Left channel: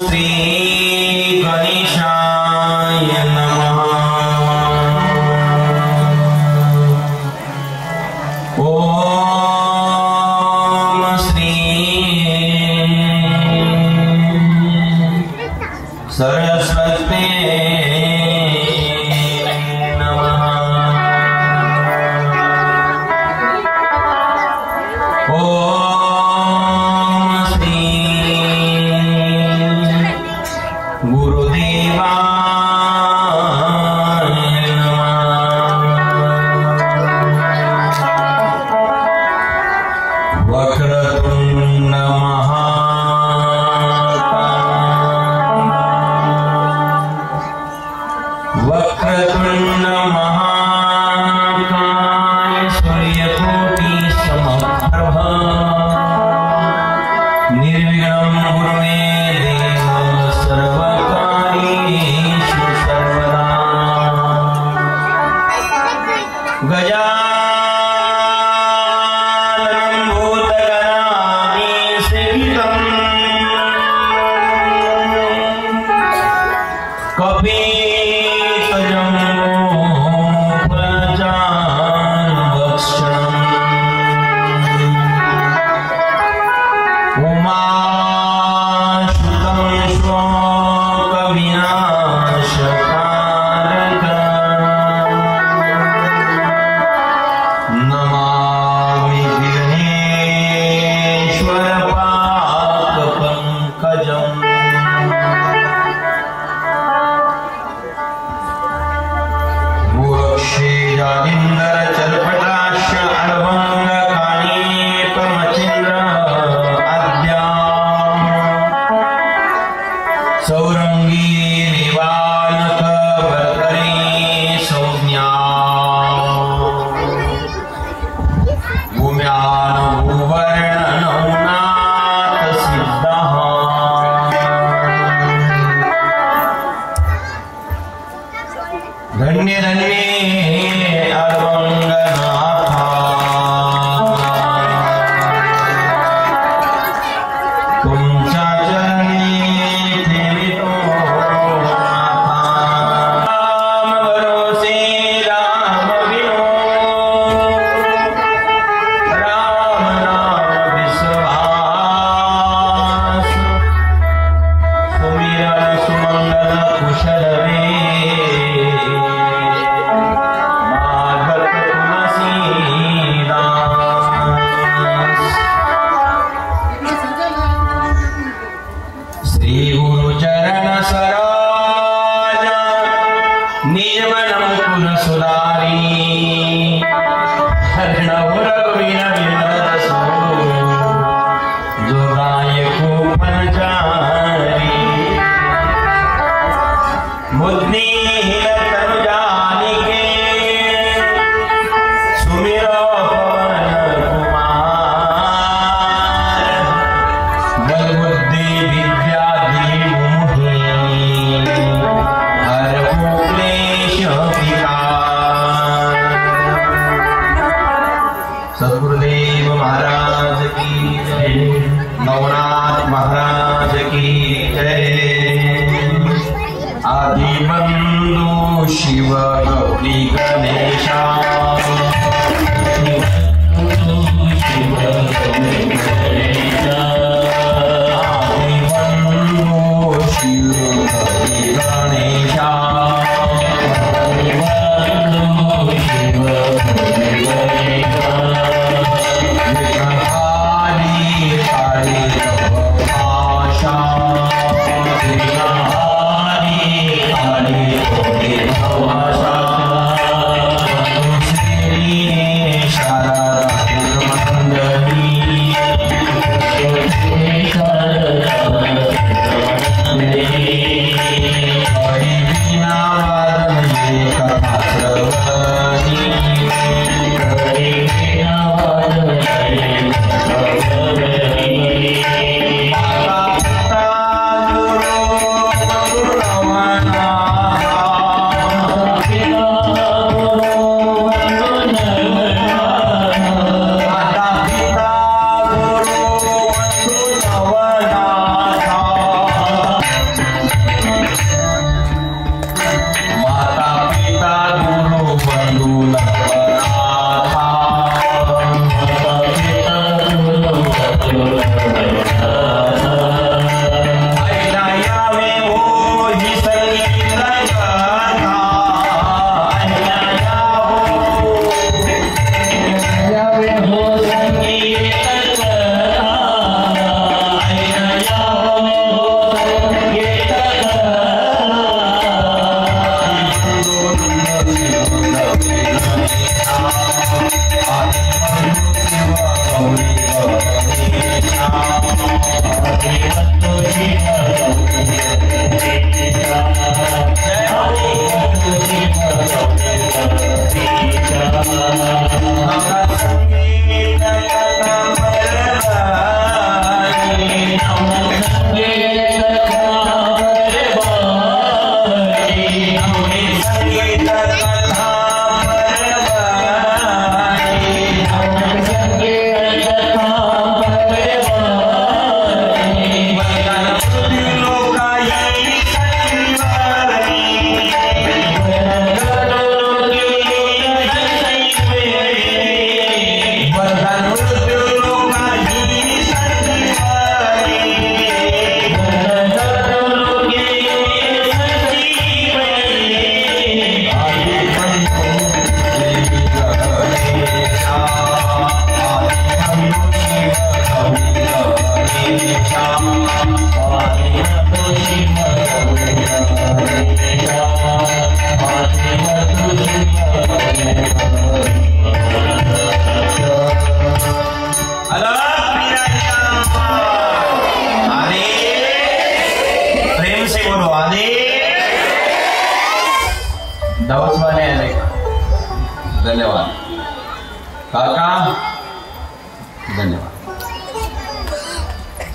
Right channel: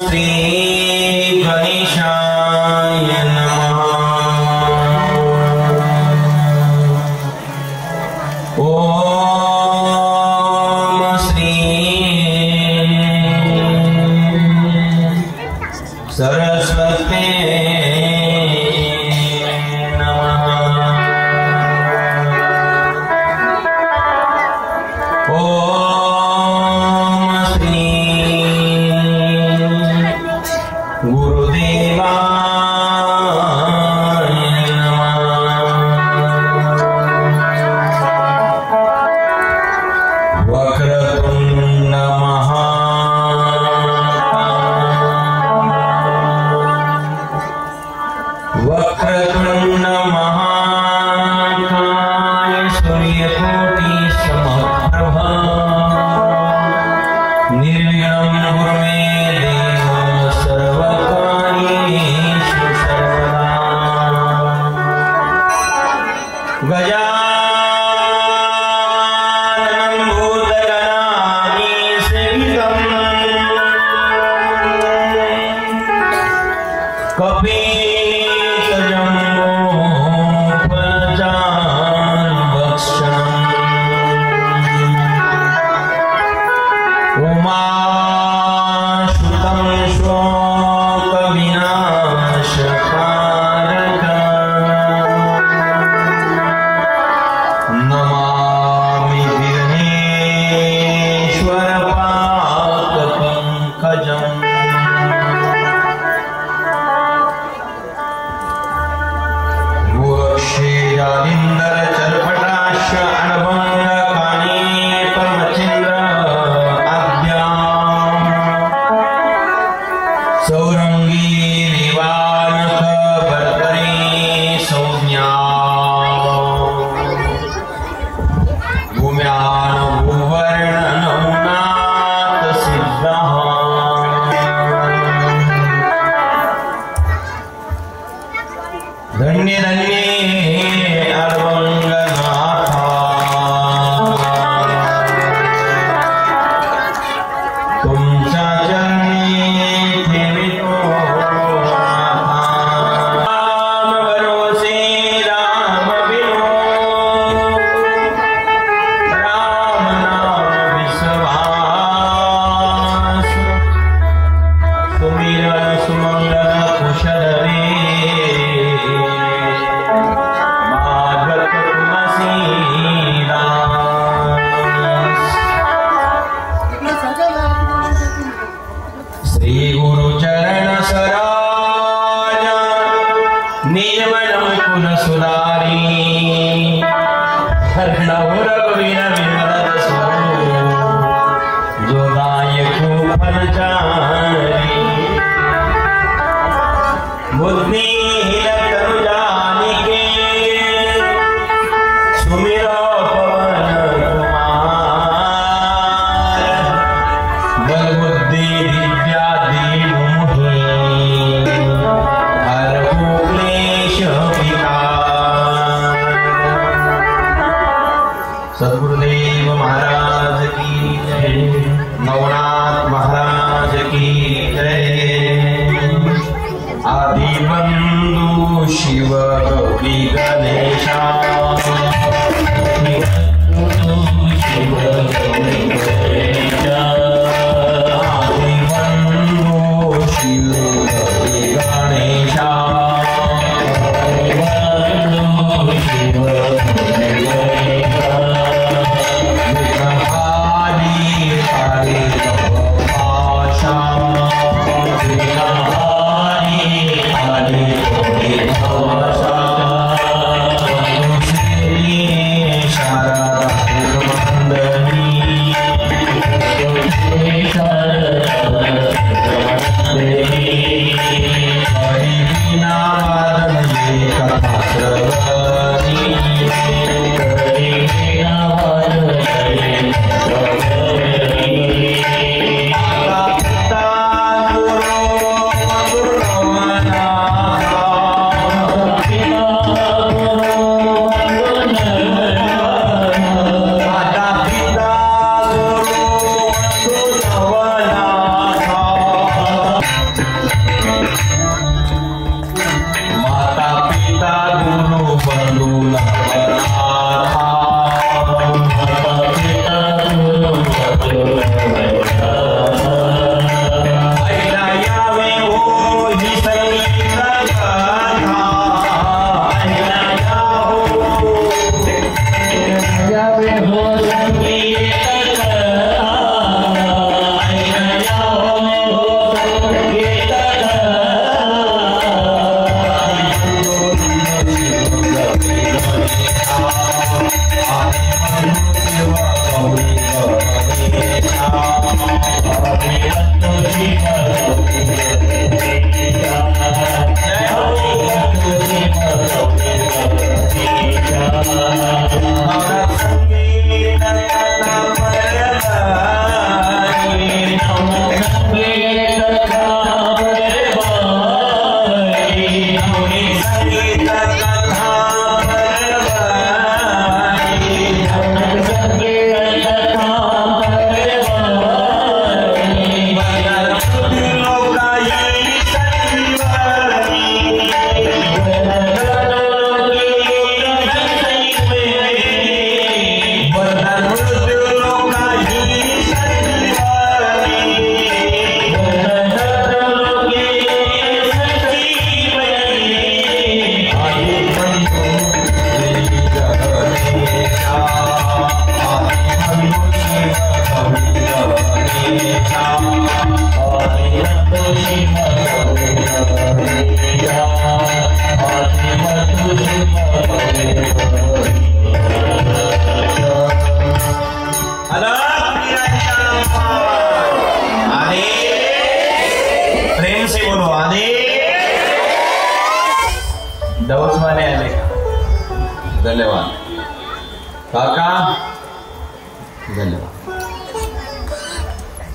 श्री गणेशाय नमः। ओम श्री सरस्वती नमः। ओम श्री गुरुदेवाय नमः। वक्रतुंड महाकाय सूर्यकोटि समप्रभा निर्विघ्नं कुरु मे देव सर्वकार्येषु सर्वदा। गजाननं भूतगणानि सेवितं धन्य धन्य अरवंगनाथा तुमच्या चरणी ठेवितो राम भरोसे राम बिनो राम नाम विश्वास सुमिरन सुमंगल कुशल श्री गुरुचरण सरोज निर्मल कुल सुधारी जोगायक फलचारी मुद्नी सद्गुरुदेव महाराज की जय। नवनाथ महाराज की जय। आदिबंधु शिव गौरी गणेशा आदिबंधु शिव गौरी गणेशा माता पिता दोनों बंधु धन्यवाद काका, धन्यवाद.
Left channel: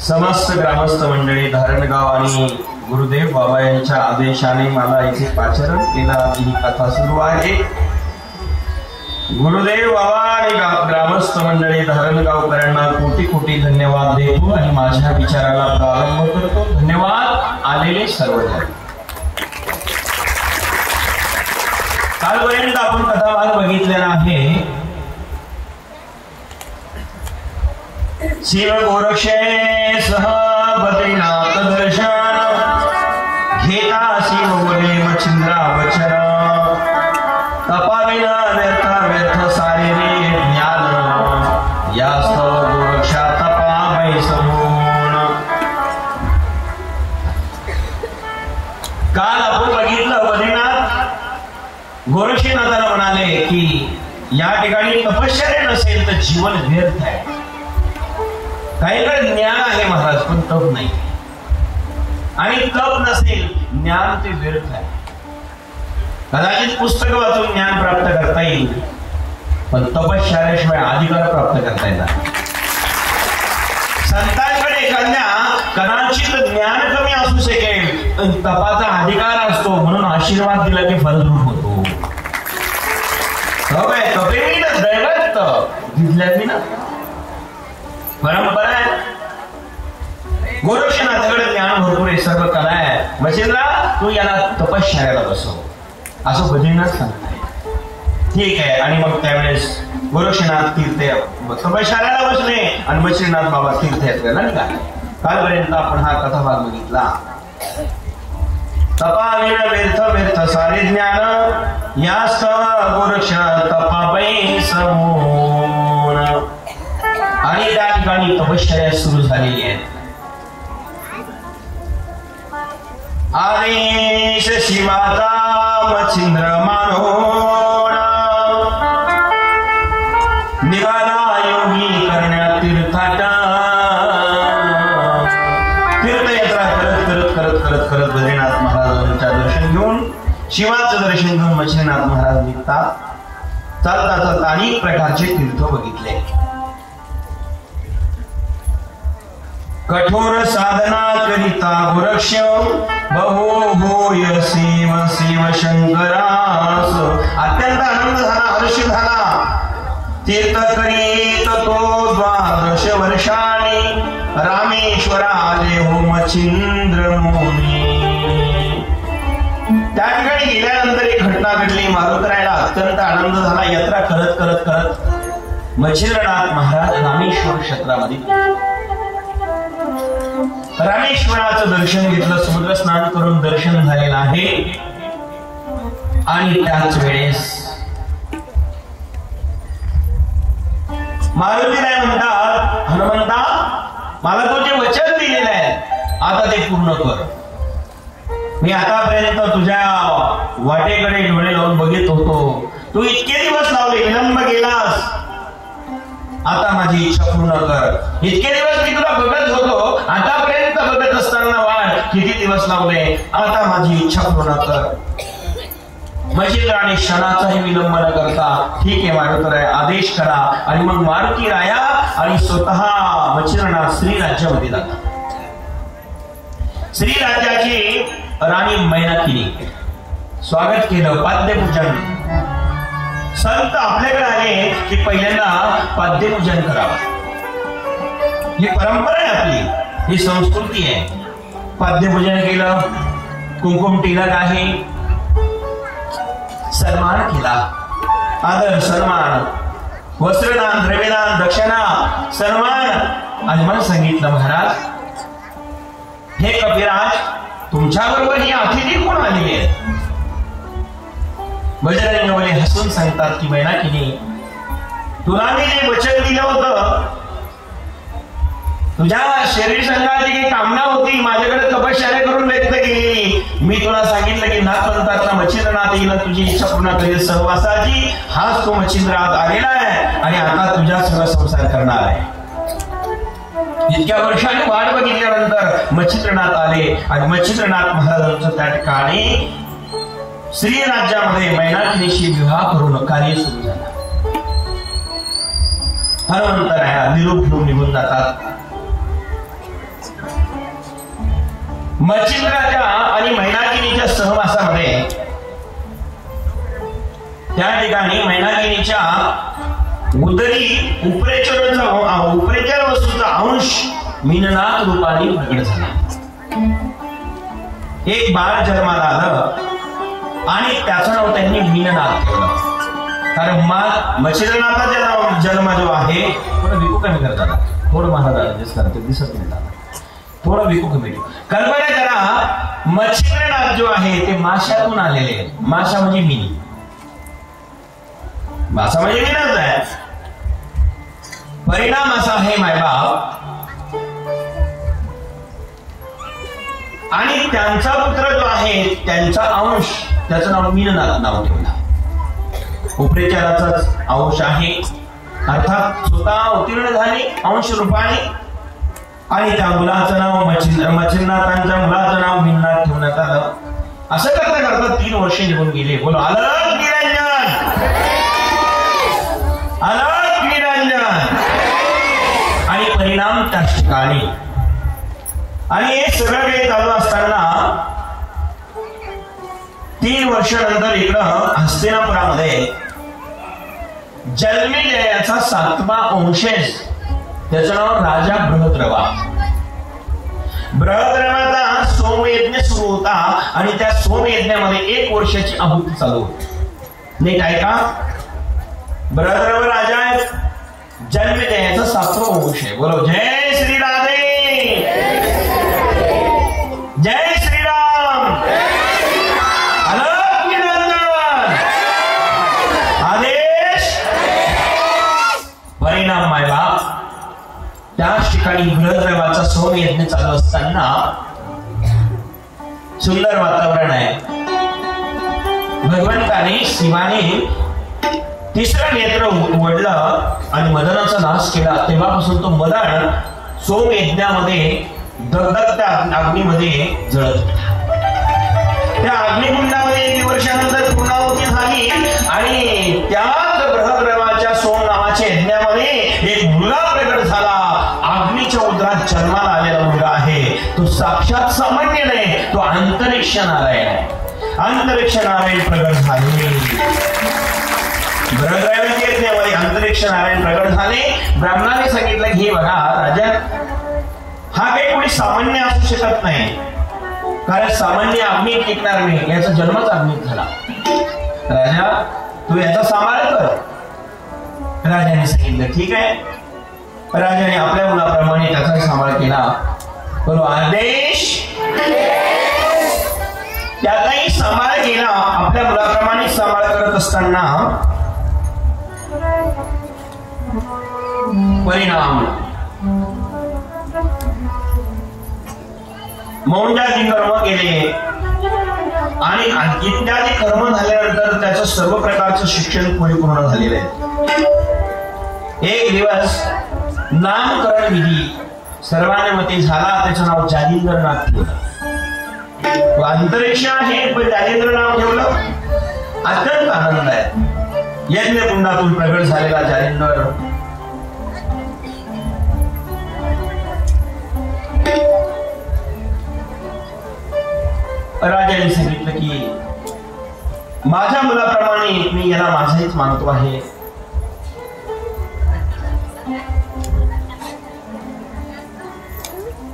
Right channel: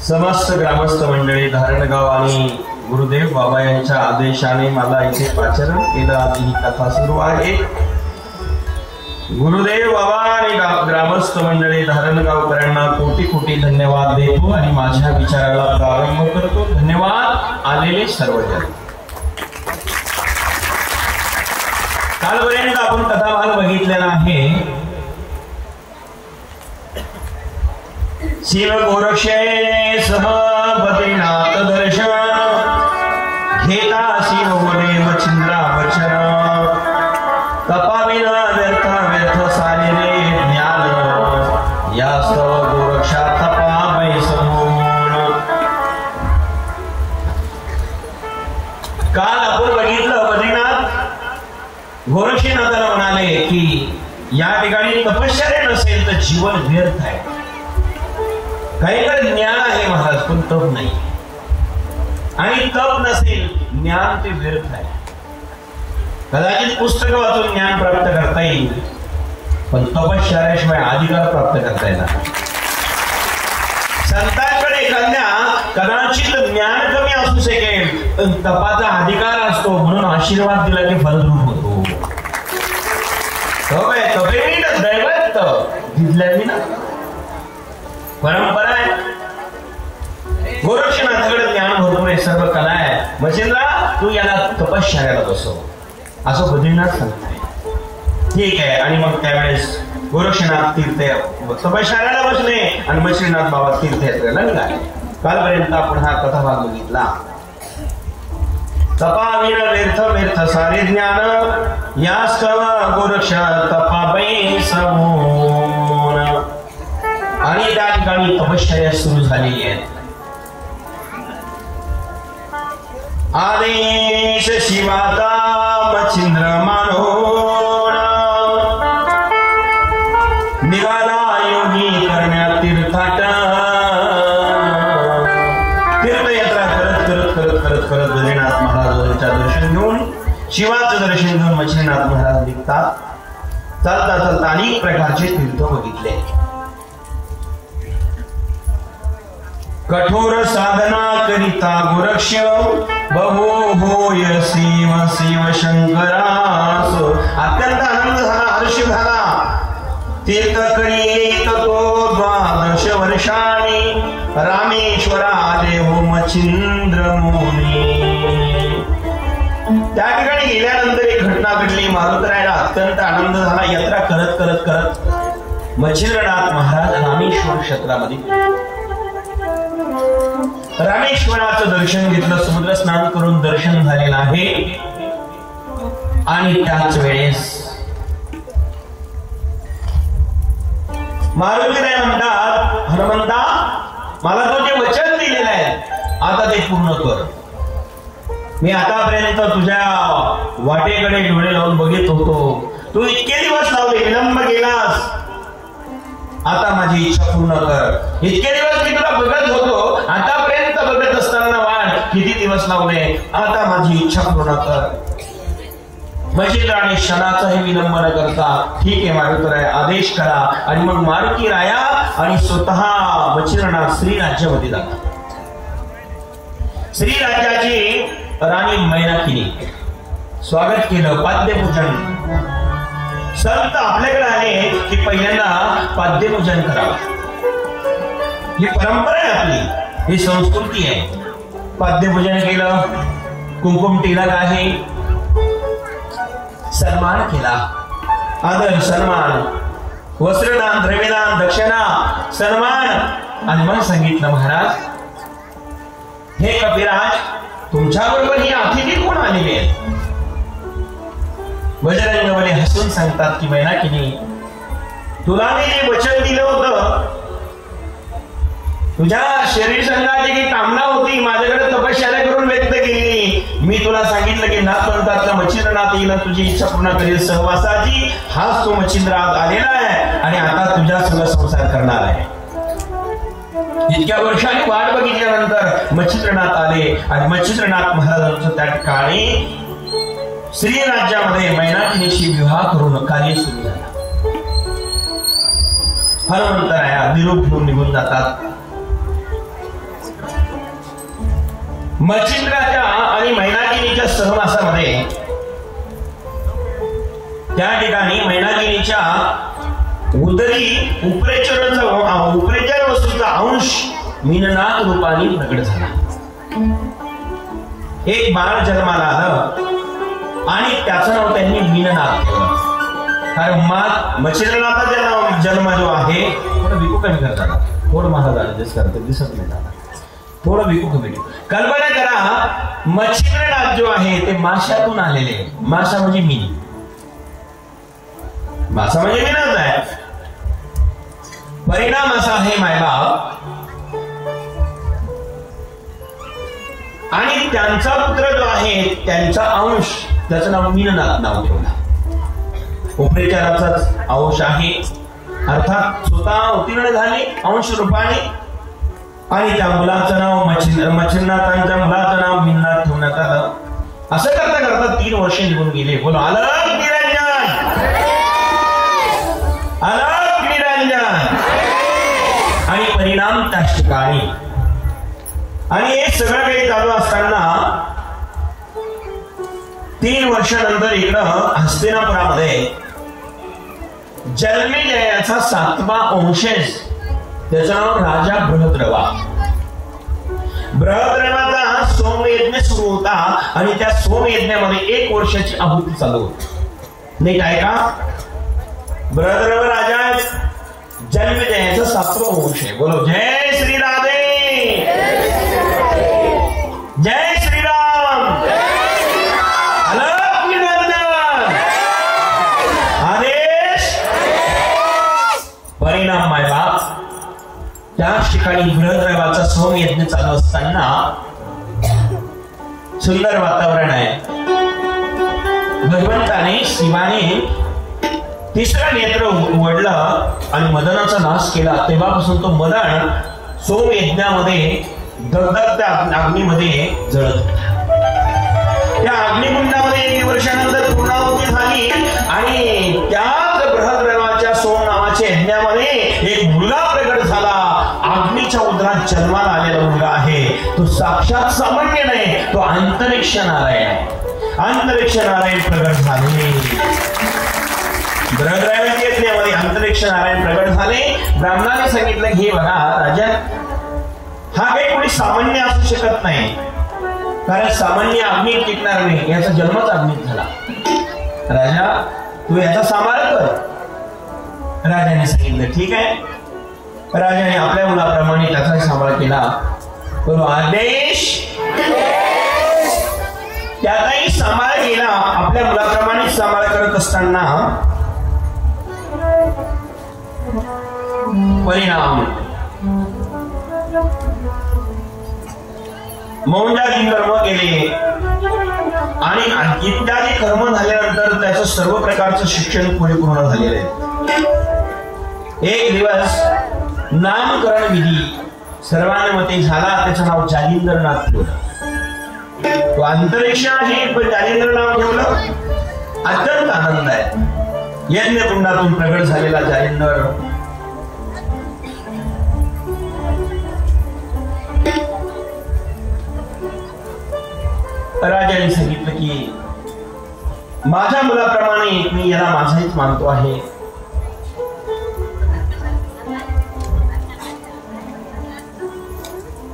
समस्त ग्रामस्थ मंडळी, धारणगाव आणि गुरुदेव बाबा यांच्या आदेशाने मला इथे पाचारण केला. ही कथा सुरू आहे. गुरुदेव बाबा आणि ग्रामस्थ मंडळी धारणगावकरांना कोटी कोटी धन्यवाद देतो आणि माझ्या विचाराला प्रारंभ करतो. धन्यवाद आलेले सर्वजण. कालपर्यंत आपण कथाभाग बघितलेला आहे. शिव गोरक्षे सह बद्रीनाथ दर्शन घेता शिव बोले मच्छिंद्रा वचन तपाविना व्यर्थ व्यर्थ सारे रे ज्ञान यास्त गोरक्षा तपावै समूळ. काल आपण बघितलं बद्रीनाथ गोरक्षनाथाला म्हणाले की या ठिकाणी तपश्चर्या नसेल तर जीवन व्यर्थ आहे. काहीकडे ज्ञान आहे महाराज पण तप नाही, आणि तप नसेल ज्ञान ते व्यर्थ आहे. कदाचित पुस्तक वाचून ज्ञान प्राप्त करता येईल पण तपश्चर्याशिवाय अधिकार प्राप्त करता येणार. संतांकडे एखाद्या कदाचित ज्ञान कमी असू शकेल पण तपाचा अधिकार असतो म्हणून आशीर्वाद दिला की फलभूत होतो. दैवत दिसल्याने ना परंपरा आहे. गोरक्षनाथाकडे ज्ञान भरपूर आहे, सर्व कला आहे. मच्छिंद्रा तू याला तपश्चर्याला बसव असं बद्रीनाथ सांगताय. ठीक आहे. आणि मग त्यावेळेस गोरक्षनाथ तीर्थ तपश्चर्याला बसले आणि मच्छिंद्रनाथ बाबा तीर्थयात्रेला निघाले. कालपर्यंत आपण हा कथाभाग बघितला. तपाविण व्यर्थ व्यर्थ सारे ज्ञान यास्त गोरक्ष तपावै समूळ. आणि त्या ठिकाणी तपश्चर्या सुरू झालेली आहे. आदेश शिवाचा मच्छिंद्र मानोन निवाला योगी करण्यात तीर्थाटन. तीर्थयात्रा करत करत करत करत करत बद्रीनाथ महाराजांच्या दर्शन घेऊन शिवाचं दर्शन घेऊन मच्छिंद्रनाथ महाराज निघतात. चालता चालता अनेक प्रकारचे तीर्थ बघितले. कठोर साधना करिता गोरक्ष बहु होय शिव शिव शंकरास. अत्यंत आनंद झाला, हर्ष झाला. तीर्थ करीत तो 12 वर्षांनी रामेश्वराले हो मच्छिंद्र मुनी. त्या ठिकाणी गेल्यानंतर एक घटना घडली. मारुतरायाला अत्यंत आनंद झाला. यात्रा करत करत करत मच्छिंद्रनाथ महाराज रामेश्वर क्षेत्रामध्ये रामेश्वराचं दर्शन घेतलं. समुद्र स्नान करून दर्शन झालेलं आहे. आणि त्याच वेळेस मारुतीराय म्हणतात, हनुमंता मला तू जे वचन दिलेलं आहे आता ते पूर्ण कर. मी आतापर्यंत तुझ्या वाटेकडे डोळे लावून बघित होतो. तू इतके दिवस लावले, विलंब केलास. आता माझी इच्छा पूर्ण कर. इतके दिवस मी तुला बघत होतो, आतापर्यंत बघत असताना वाट किती दिवस लावले. आता माझी इच्छा पूर्ण कर. मजेल आणि क्षणाचाही विलंब न करता ठीक आहे मारुतीराय आदेश करा. आणि मग मारुती राया आणि स्वतः मच्छिंद्रनाथ श्रीराज्यामध्ये जातात. श्रीराज्याची राणी मैनाकिनी स्वागत केलं. पाद्यपूजन. संत आपल्याकडे आले की पहिल्यांदा पाद्यपूजन करावं. ही परंपरा आहे आपली, ही संस्कृती आहे. पाद्यपूजन केलं, कुंकुम टिलक आहे, सन्मान केला. आदर सन्मान, वस्त्रदान, द्रव्यदान, दक्षिणा, सन्मान. आणि मग सांगितलं महाराज हे कपिराज तुमच्या बरोबर ही अतिथी कोण आलेली आहे. बजरंगबली हसून सांगतात की मैनाकिनी तुला मी जे वचन दिलं होतं, तुझ्या शरीर संघाची काही कामना होती माझ्याकडे तपश्चर्या करून व्यक्त केली. मी तुला सांगितलं की नाथपंथाचा मच्छिंद्रनाथ येईल तुझी इच्छा पूर्ण करेल सहवासाची. हाच तो मच्छिंद्रनाथ आलेला आहे आणि आता तुझ्या सगळं संसार करणार आहे. इतक्या वर्षांनी वाट बघितल्यानंतर मच्छिंद्रनाथ आले आणि मच्छिंद्रनाथ महाराजांचं त्या ठिकाणी श्री राज्यामध्ये मैनाकिनीशी विवाह करून कार्य सुरू झालं. हनुमंतराया निरोप घेऊन निघून जातात. मच्छिंद्राच्या आणि मैनाकिनीच्या सहवासामध्ये त्या ठिकाणी मैनाकिनीच्या उदरी उपरेचर वस्तूचा अंश मीननाथ रूपाने प्रगट झाला. एक बाळ जन्माला आलं आणि त्याचं नाव त्यांनी मीननाथ ठेवलं. कारण मच्छिंद्रनाथाचा जन्म जो आहे थोडं विकू कमी करतात. थोडं महाराज ऍडजस्ट करतात, दिसत नाही थोडं विकू कमी. कल्पना करा मच्छिंद्रनाथ जो आहे ते माशातून आलेले. माशा म्हणजे मीन. मासा म्हणजे मीनच आहे. परिणाम असा आहे मायबाप आणि त्यांचा पुत्र जो आहे त्यांचा अंश त्याचं नाव मीननाथ नाव ठेवलं. उपरेचराचाच अंश आहे अर्थात स्वतः उत्तीर्ण झाले अंश रूपाने. आणि त्या मुलाचं नाव मच्छिंद्रनाथांच्या मुलाचं नाव मीननाथ ठेवण्यात आलं. असं करता करता 3 वर्ष निघून गेले. बोल अलग निरंजन, अलग निरंजन. आणि परिणाम त्या ठिकाणी. आणि हे सगळं काही चालू असताना 3 वर्षानंतर इकडं हस्तिनापुरामध्ये जन्मेजयाचा 7वा वंशज त्याचं नाव राजा बृहद्रवा. बृहद्रवाचा सोमयज्ञ सुरू होता आणि त्या सोमयज्ञामध्ये 1 वर्षाची आहुती चालू होती. नीट आहे का? बृहद्रव राजा जन्मेजयाचा 7वा वंश आहे. बोलो जय श्री राधे, जय श्रीराम. परिणाम आहे त्याच ठिकाणी बृहद्रवाचा सोमयज्ञ चालू असताना सुंदर वातावरण आहे. भगवंताने शिवाने 3रं नेत्र उघडलं आणि मदनाचा नाश केला. तेव्हापासून तो मदन सोमयज्ञामध्ये दगदगत्या अग्नीमध्ये जळत होता. त्या अग्निकुंडामध्ये 1 वर्षानंतर पूर्णाहुती झाली आणि त्याच बृहद्रवाच्या सोम नावाच्या यज्ञामध्ये एक मुलगा प्रगट झाला. अग्नीच्या उदरात जन्माला आलेला मुलगा आहे. तो साक्षात सामान्य नाही, तो अंतरिक्ष नारायण आहे. अंतरिक्ष नारायण प्रगट झाले. अंतरिक्ष नारायण प्रगट झाले. ब्राह्मणाने सांगितलं हे बघा राजा, हा काही कोणी सामान्य असू शकत नाही, कारण सामान्य अग्नीत टिकणार नाही, याचा जन्मच अग्नीत झाला. राजा तू याचा सांभाळ कर. राजाने सांगितलं ठीक आहे. राजाने आपल्या मुलाप्रमाणे त्याचा सांभाळ केला. पण आदेश त्याचाही सांभाळ केला. आपल्या मुलाप्रमाणे सांभाळ करत असताना परिणाम मौंजादी कर्म केले आणि इत्यादी कर्म झाल्यानंतर त्याचं सर्व प्रकारचं शिक्षण परिपूर्ण झालेलं आहे. एक दिवस नामकरण विधी सर्वांमध्ये झाला. त्याचं नाव जालिंदरनाथ ठेवलं. तो अंतरिक्ष आहे पण जालिंदर नाव ठेवलं. अत्यंत आनंद आहे. यज्ञ कुंडातून प्रगट झालेला जालिंदर राजाने सांगितलं की माझ्या मुलाप्रमाणे मी याला माझाच मानतो आहे.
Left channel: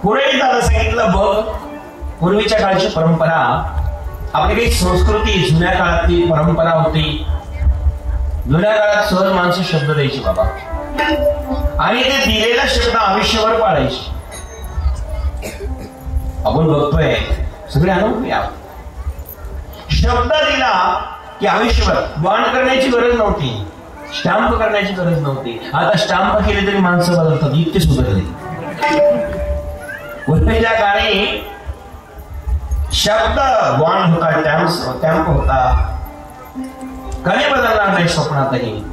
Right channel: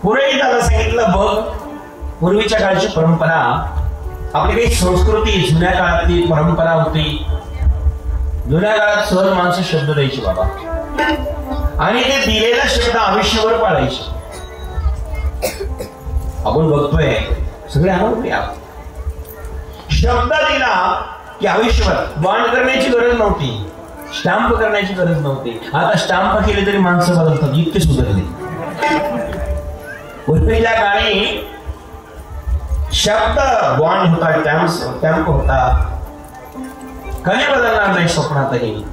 पुढे त्याला सांगितलं बघ, पूर्वीच्या काळची परंपरा, आपली काही संस्कृती जुन्या काळातली परंपरा होती. जुन्या काळात सहज माणसं शब्द द्यायची बाबा, आणि ते दिलेला शब्द आयुष्यभर पाळायचे. आपण बघतोय सगळे अनुभव या शब्द दिला की आयुष्यभर बॉन्ड करण्याची गरज नव्हती, स्टॅम्प करण्याची गरज नव्हती. आता स्टॅम्प केले तरी माणसं बदलतात, इतके सुधारले. पूर्वीच्या काळी शब्द बॉन्ड होता, स्टॅम्प होता, काही बदलणार नाही स्वप्नातही.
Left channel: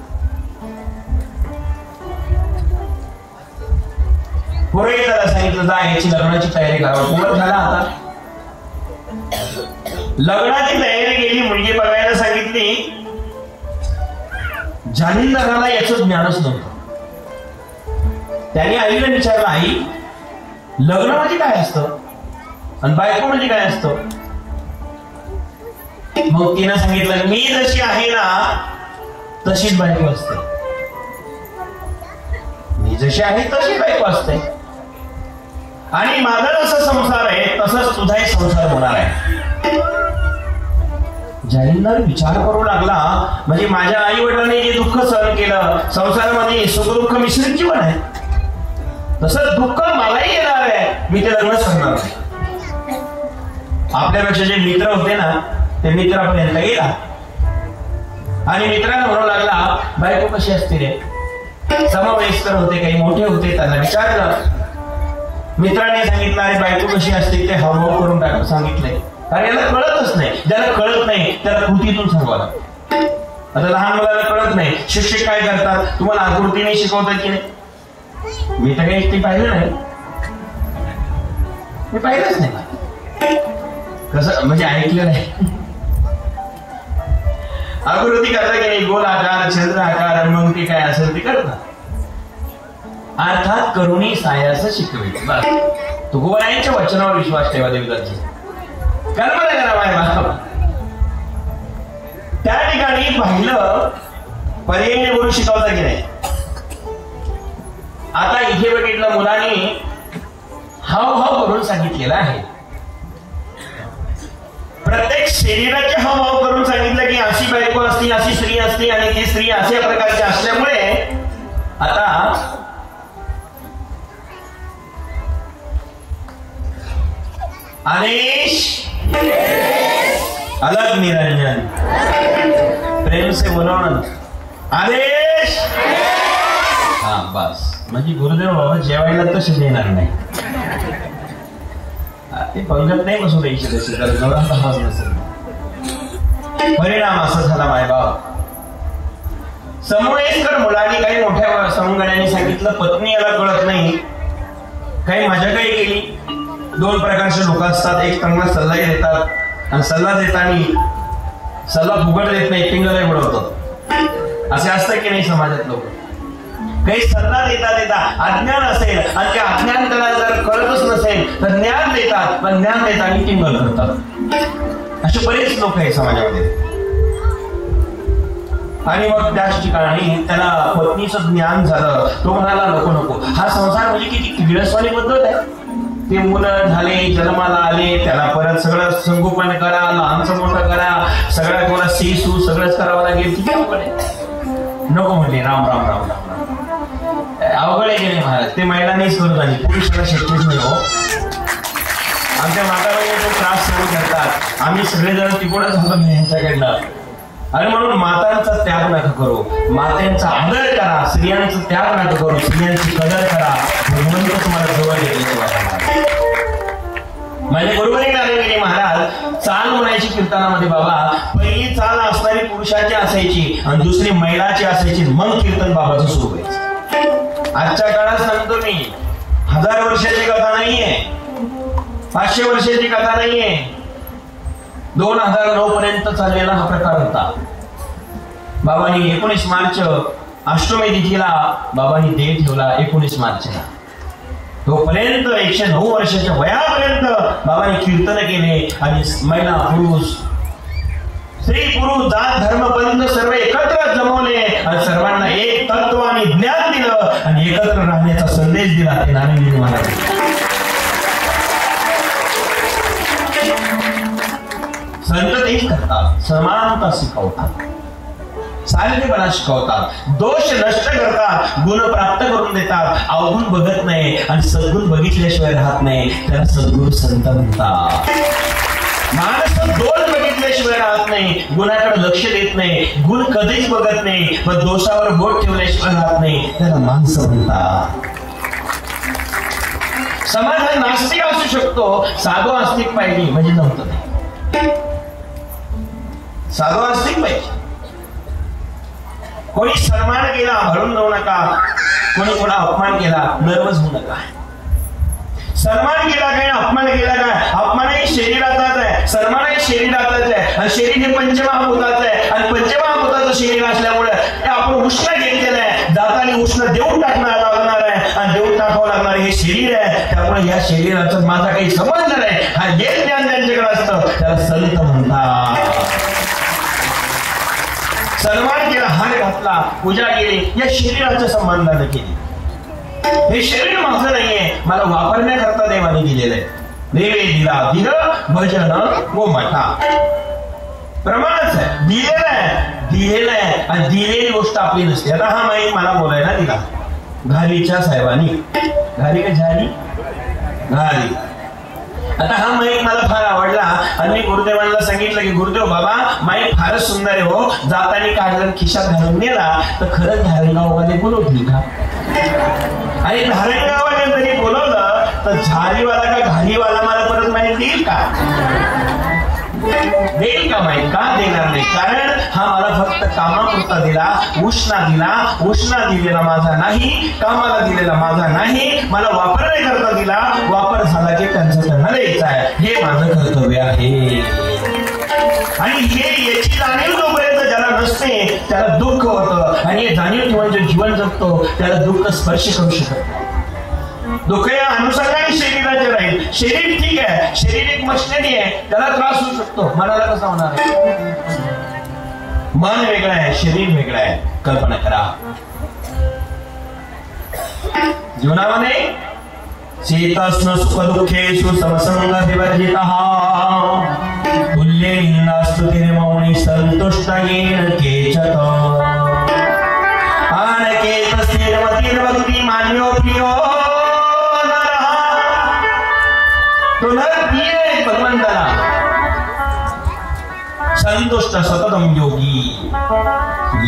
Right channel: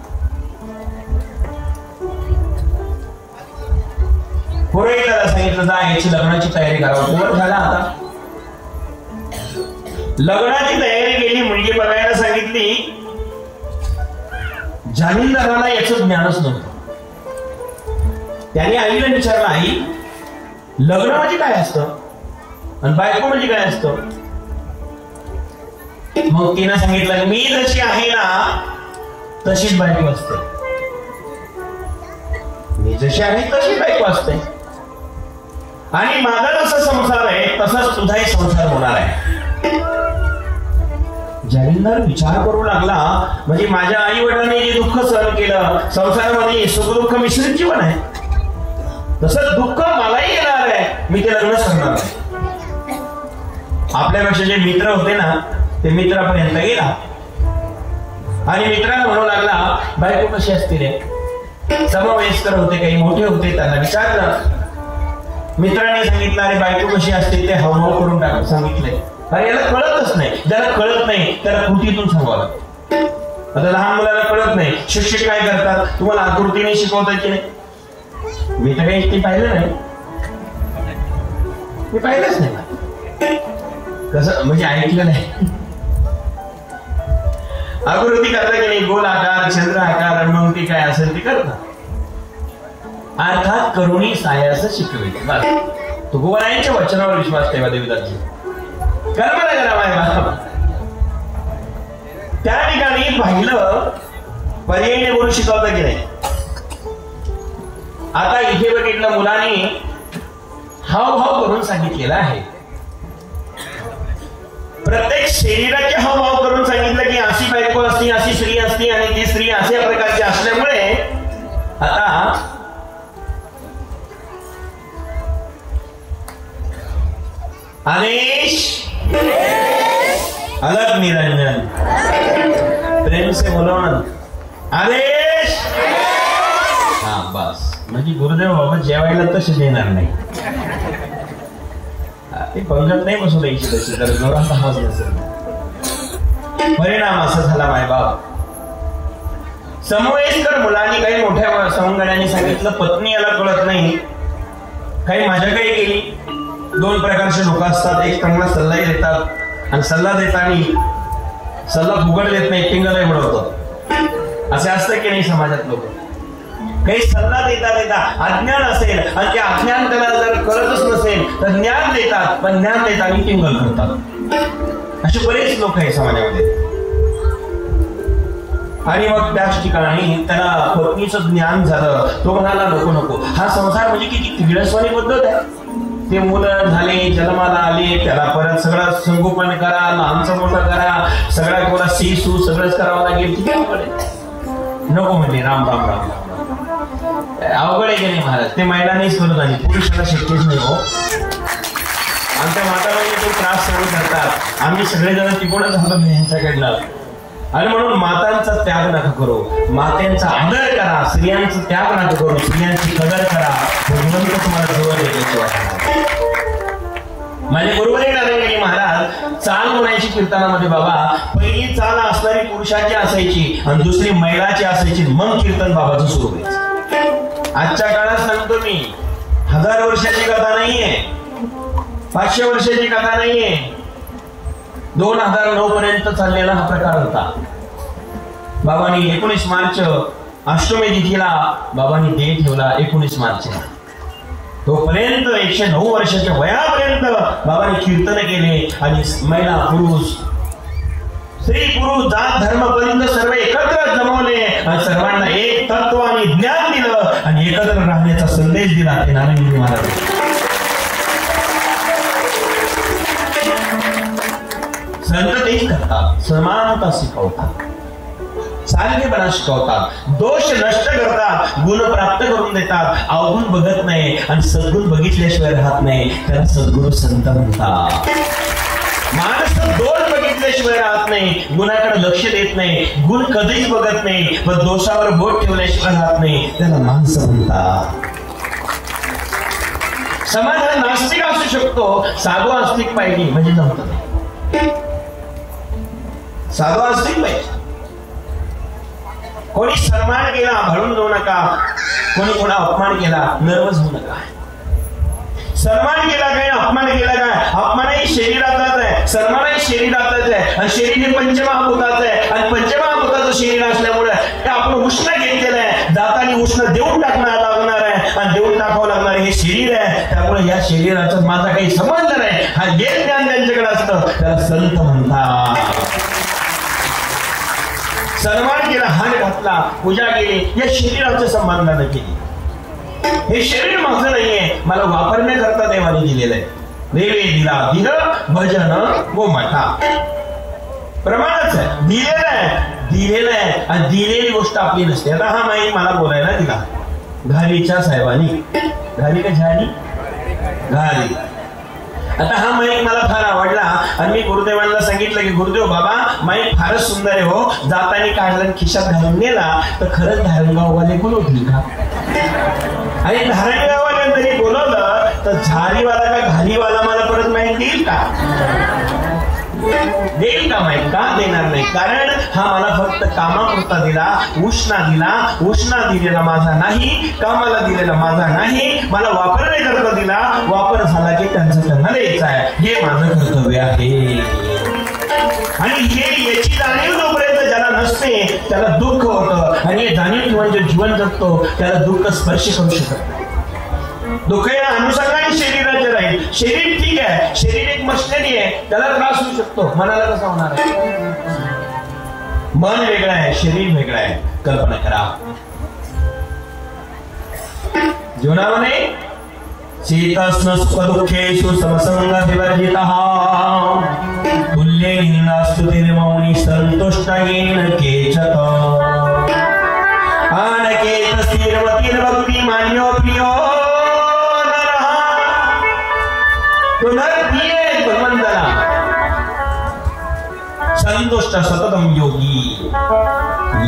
पुढे त्याला सांगितलं जा याची लग्नाची तयारी करावं. झाला आता लग्नाची तयारी केली, मुलगी बघायला सांगितली. जालिंदराला याचं ज्ञानच नव्हतं. त्याने आईला विचारलं आई लग्न म्हणजे काय असतं आणि बायको म्हणजे काय असतं. मग तिनं सांगितलं मी जशी आहे ना तशीच बायको असते, मी जशी आहे तशी बायको असते, आणि माझा जसा संसार आहे तसाच तुझाही संसार होणार आहे. जालिंदर विचार करू लागला, म्हणजे माझ्या आई वडिलांनी जे दुःख सहन केलं संसारामध्ये सुख-दुःख मिश्रित जीवन आहे, तसंच दुःख मलाही येणार आहे. मी ते लग्न करणार आहे. आपल्यापेक्षा जे मित्र होते ना ते मित्रापर्यंत गेला आणि मित्रांना म्हणू लागला बायको कशी असते रे. समवयस्कर होते, काही मोठे होते, त्याला विचारलं. मित्रांनी सांगितलं अरे बायको कशी असते ते हावभाव करून टाक सांगितलंय. अरे याला कळतच नाही. ज्याला कळत नाही त्याला कृतीतून सांगावं. आता लहान मुलाला कळत नाही, शिक्षक काय करतात तुम्हाला आकृतीने शिकवतात की नाही. मी तर काही ते पाहिलं नाही, मी पाहिलंच नाही. कसं म्हणजे ऐकलं नाही. आकृती करता की नाही, गोल आकार, चंद्र आकार, अनुमती काय असेल ते करतात. अर्थात करुणी सायास शिकवे. तुकोबारायांच्या वचनावर विश्वास ठेवा देवदासी. कल्पना करा. त्या ठिकाणी पाहिलं पर्यायी बोलू शिकवता की नाही. आता इथे बघितलं मुलांनी हावभाव करून सांगितलेला आहे. प्रत्येक शरीराचे हावभाव करून सांगितलं की अशी बायको असती, अशी स्त्री असती आणि ती स्त्री अशा प्रकारची असल्यामुळे आता आदेश अलग निरंजन प्रेम से बोलून आदेश. हा बस, म्हणजे गुरुदेव बाबा जेवायला तसे देणार नाही. ते पंगत नाही बसून द्यायची. परिणाम असा झाला मायबाप. समवयस्कर मुलांनी काही मोठ्या समगड्यांनी सांगितलं पत्नी याला कळत नाही, काही माझ्याकडे गेली. दोन प्रकारचे लोक असतात, एक त्यांना सल्ला देतात आणि सल्ला देताना सल्ला फुकट देत नाही, टिंगल बनवतो. असे असतं की नाही समाजात लोक. काही सल्ला देता अज्ञान असेल आणि त्या अज्ञान त्याला जर कळतच नसेल तर ज्ञान देतात, पण ज्ञान देताना टिंगल करतात. असे बरेच लोक आहेत समाजामध्ये. आणि मग त्याच ठिकाणी त्याला पत्नीचं ज्ञान झालं. तो म्हणाला नको नको, हा संसार म्हणजे किती किळसवाणी पद्धत आहे. ते मुलं झाले, जन्माला आले, त्याला परत सगळं संगोपन करा, लहानचं मोठं करा, सगळ्या तुम्हाला सीसू सगळंच करावं लागेल. किती नको म्हणजे राम राम राम अवघड आहे गेले महाराज. ते महिलांनीच करत आली, पुरुषाला शक्यच नाही. आमच्या माताला त्रास सहन करतात, आम्ही सगळेजण तिकडूनच झालो यांच्याकडनं. आणि म्हणून मातांचा त्याग नका करू, मात्यांचा आदर करा, स्त्रियांचा त्याग नका करू, स्त्रियांची कदर करा. तुम्हाला जवळ येण्याची वाटत माझे बरोबर आहे महाराज. चाल म्हणायची कीर्तनामध्ये बाबा, पहिली चाल असणारी पुरुषाची असायची आणि दुसरी महिलाची असायची, मग कीर्तन बाबाचं सुरू व्हायचं. आजच्या काळात सांगतो मी, 1000 वर्षाची कथा नाहीये, 500 वर्षाची कथा नाहीये, 2009 पर्यंत चाललेला हा प्रकार होता. बाबांनी 19 मार्च अष्टमी तिथीला बाबांनी देह ठेवला. 19 मार्चला तोपर्यंत 109 वर्षाच्या वयापर्यंत बाबांनी कीर्तन केले. आणि महिला पुरुष, स्त्री पुरुष, जात धर्म बंध सर्व एकत्र जमवले आणि सर्वांना एक तत्व आणि ज्ञान दिलं आणि एकत्र राहण्याचा संदेश दिला. ते नारायण महाराज संत तेच करतात, समानता शिकवतात, सारखेपणा शिकवतात, दोष नष्ट करतात, गुण प्राप्त करून देतात. अवगुण बघत नाही आणि सद्गुण बघितल्याशिवाय राहत नाही, त्याला सद्गुण संत म्हणतात. माणूस दोष बघितल्याशिवाय राहत नाही, गुणाकडे लक्ष देत नाही, गुण कधीच बघत नाही, पण दोषावर बोट ठेवल्याशिवाय राहत नाही, त्याला माणसं म्हणतात. समाजात नास्तिक असू शकतो, साधू आस्तिक पाहिजे म्हणजे नव्हतं नाही. साधू आस्तिक पाहिजे. कोणी सन्मान केला हळून जाऊ नका, कोणी कोणा अपमान केला नर्वस होऊ नका. सन्मान केला काय, अपमान केला काय, अपमानही शरीराचाच आहे, सन्मानही शरीराचाच आहे. आणि शरीर हे पंचमहाभूताचं आहे आणि पंचमहाभूताचं शरीर असल्यामुळे आपण उष्ण घेतलेलं आहे. जाताना उष्ण देऊन टाकणार लागणार आहे आणि देऊन टाकावं लागणार हे शरीर आहे. त्यामुळे या शरीराचा माझा काही संबंध नाही. हा जे ज्ञान त्यांच्याकडे असतं त्याला संत म्हणतात. सन्मान केला, हार घातला, पूजा केली, या शरीराच्या संबंधाने केली. हे शरीर माझं नाहीये, मला वापरण्याकरता देवाने दिलेलं आहे. नैवेद्य दिला, दिलं भजन व मठा प्रमाणच आहे. दिलेलं आहे आणि दिलेली गोष्ट आपली नसते. आता हा माहीत मला बोलायला दिला घालीच्या साहेबांनी, घाली का झाली घाली. आता हा माईक मला फार आवडला आणि मी गुरुदेवांना सांगितलं की गुरुदेव बाबा माईक फारच सुंदर आहे हो, जाताना काढून खिशात घालून नेला तर खरंच धारणगावमध्ये बोलवली का. आणि धारणगावाने तरी बोलवलं तर झालीवाला का घालीवाला मला परत माहीत देईल का, देईल का माहीत, का देणार नाही. कारण हा मला फक्त कामापुरता दिला, उष्णा दिला, उष्णा दिलेला माझा नाही, कामाला दिलेला माझा नाही, मला वापरण्याकरता दिला, वापर झाला की त्यांचं त्यांना द्यायचं आहे, हे माझं कर्तव्य आहे. आणि हे याची जाणीव जोपर्यंत ज्याला नसते त्याला दुःख होतं आणि जाणीव म्हणजे जीवन जगतो त्याला दुःख स्पर्श करू शकत. दुःखाला अनुसंधान शरीराचे राहील. शरीर ठीक आहे, शरीर एक मशिनरी आहे, त्याला त्रास होऊ शकतो, मनाला कसं होणार. मन वेगळं आहे, शरीर वेगळं आहे. कल्पना करा जीवनामध्ये चेतस्न सुखदुःखेषु समसंगतिवर्जितः तुल्येनास्तुतिर्मौनि सन्तुष्टयेन केचत आनकेतस्थिरमतिर्भक्ति मान्यो प्रियो संतुष्ट सततम योगी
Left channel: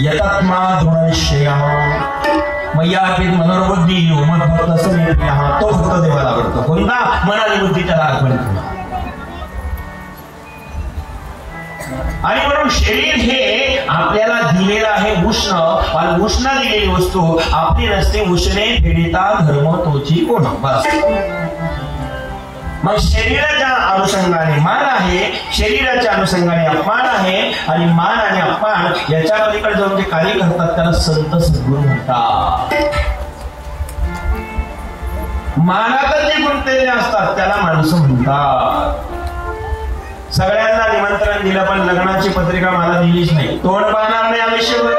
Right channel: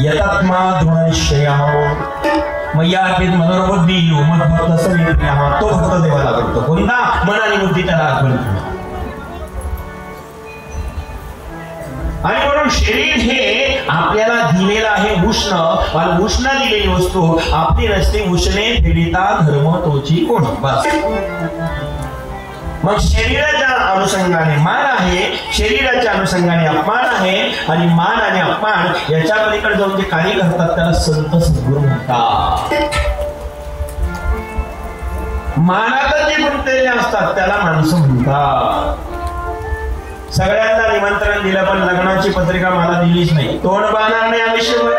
यतात्मा गुणनिश्चयः मय्यार्पित मनोबुद्धी मद्भक्त समेप्यः. तो फक्त देवाला करतो. कोणता मन आणि बुद्धी त्याला अर्पण करतो. आणि म्हणून शरीर हे आपल्याला दिलेलं आहे उष्ण, आणि उष्ण दिलेली वस्तू आपली नसते. उष्णे पीडिता धर्म तोची कोण. बस मग शरीराच्या अनुषंगाने मान आहे, शरीराच्या अनुषंगाने अपमान आहे आणि मान आणि अपमान याच्या पलीकडे जाऊन जे कार्य करतात त्याला संत सद्गुरू म्हणतात. मानाला जे गुंतलेले असतात त्याला माणसं म्हणतात. सगळ्यांना निमंत्रण दिलं पण लग्नाची पत्रिका मला दिलीच नाही. तोंड बघणार नाही आयुष्यभर.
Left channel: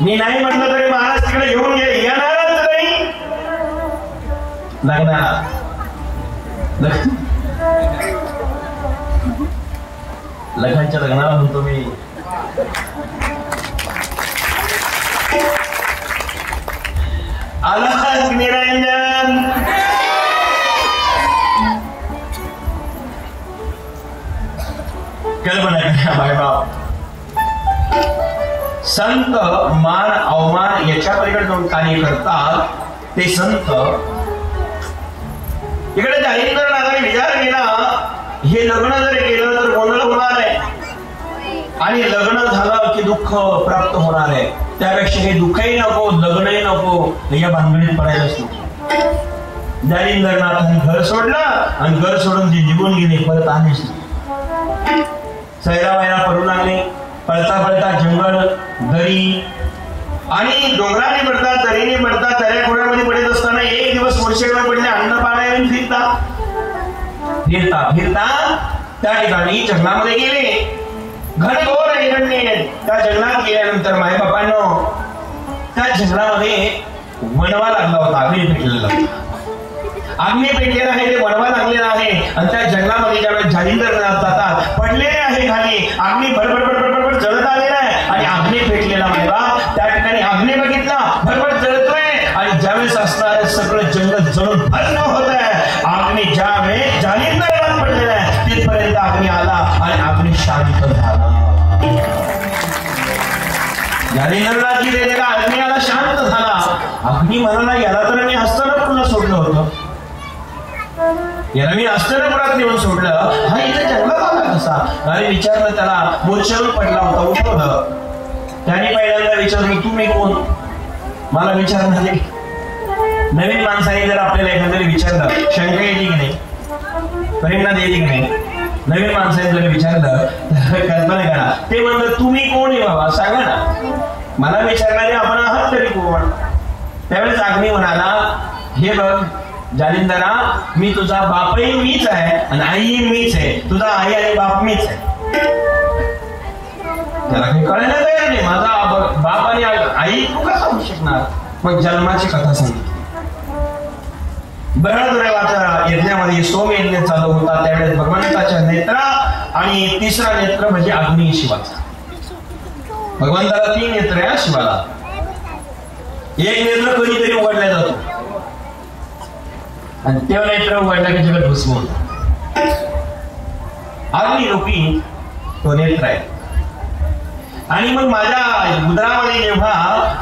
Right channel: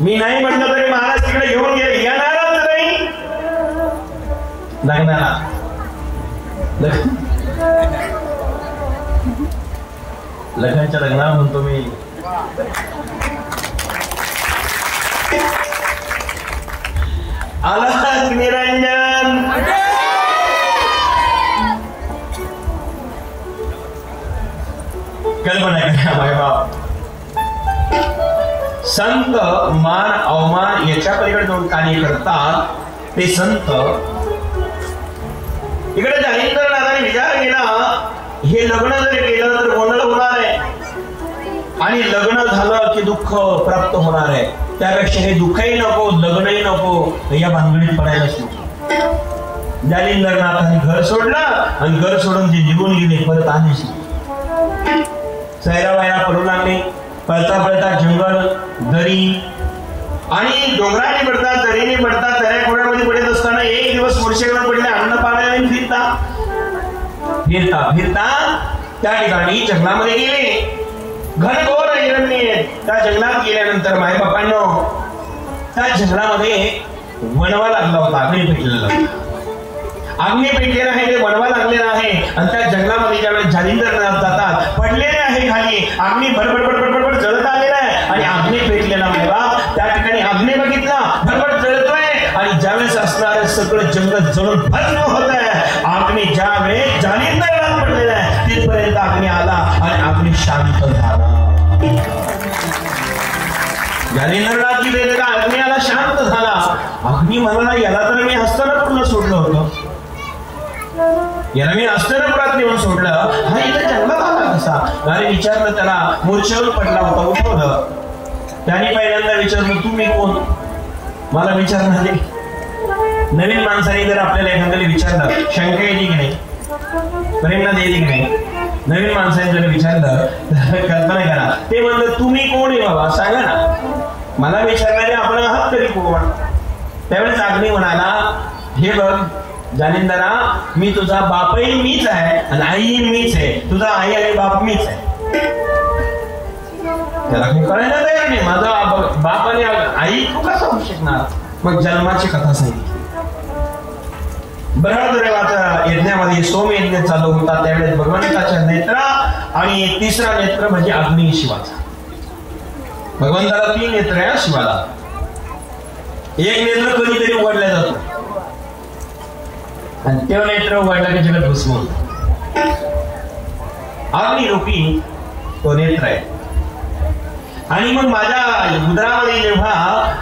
मी नाही म्हटलं तरी महाराज तिकडे घेऊन गेले. येणारच नाही लग्नाला. लग्नाच्या लग्नाला म्हणतो मी. आला निरंजन. कल्पना संत मान अवमान याच्या पलीकडे काही करतात ते संत. इकडे जाहीर विचार केला हे लग्न जर केलं तर गोंधळ होणार आहे आणि लग्न झालं की दुःख प्राप्त होणार आहे. त्यापेक्षा हे दुःखही नको लग्नही नको या भानगडीत पडायलाच नको. जालिंदरनाथांनी घर सोडलं आणि घर सोडून जे निघून गेले परत आलेच नाही. सैराबाईला पडून आले. पळता पळता जंगल दरी आणि डोंगराने पडतात दरीने पडतात दऱ्या खोडामध्ये पडत असताना एक दिवस वर्षेकडे पडले. अन्न पाण्याने फिरता फिरता फिरता त्या ठिकाणी जंगलामध्ये गेले. घनघोर हिरण्य. त्या जंगलात गेल्यानंतर माय बापांनो त्या जंगलामध्ये वणवा लागला होता. अग्नी पेटलेला अग्नी पेटलेला आहे ते वणवा लागलेला आहे. आणि त्या जंगलामध्ये ज्यावेळेस जालिंदरनाथ जातात पडलेले आहे खाली. अग्नी भडभड जळत आलेला आहे आणि अग्नी पेटलेला आहे. त्या ठिकाणी अग्नी बघितला भडभड जळतोय आणि ज्यावेळेस असणारे सगळं जंगल जळून भस्म होत आहे. अग्नी ज्यावेळेस जालिंदरनाथ पडलेला आहे तिथपर्यंत अग्नी आला आणि अग्नी शांत झाला. जालिंदरनाथ की का अग्नी आला शांत झाला. अग्नी म्हणाला याला तर मी हस्तनपुरात सोडलं होतं. याला मी हस्तनपुरात नेऊन सोडलं. हा इथे जन्म आला कसा. अरे विचारलं त्याला. मोर्चावर पडला होता उठवलं. त्याने पहिल्यांदा विचारलं तुम्ही कोण. मला विचार झाले. नवीन माणसाने जर आपल्याला एखाद्याने विचारलं शंका येते की नाही प्रेरणा देते की नाही. नवीन माणसाने जर विचारलं तर कल्पना करा ते म्हणलं तुम्ही कोण आहे बाबा सांगा ना. मला विचारल्याने आपण आहात तरी कोण. त्यावेळेस अग्नी म्हणाला हे बघ जालिंदरा मी तुझा बापही मीच आहे आणि आईही मीच आहे. तुझा आई आणि बाप मीच आहे. त्याला काही कळायला तयार नाही. माझा बाप आणि आई तू कसं होऊ शकणार. मग जन्माची कथा सांगितली. बृहद्देवाचा यज्ञामध्ये सोमयज्ञ चालू होता. त्यावेळेस भगवंताच्या नेत्रा आणि तिसरा नेत्र म्हणजे अग्नी शिवाचा. भगवंताला 3 नेत्र आहे शिवाला. एक नेत्र कधीतरी उघडला जातो आणि त्या नेत्र उघडला की जगत भस्म होतं. अग्निरूपी तो नेत्र आहे. आणि मग माझ्या उदरामध्ये जेव्हा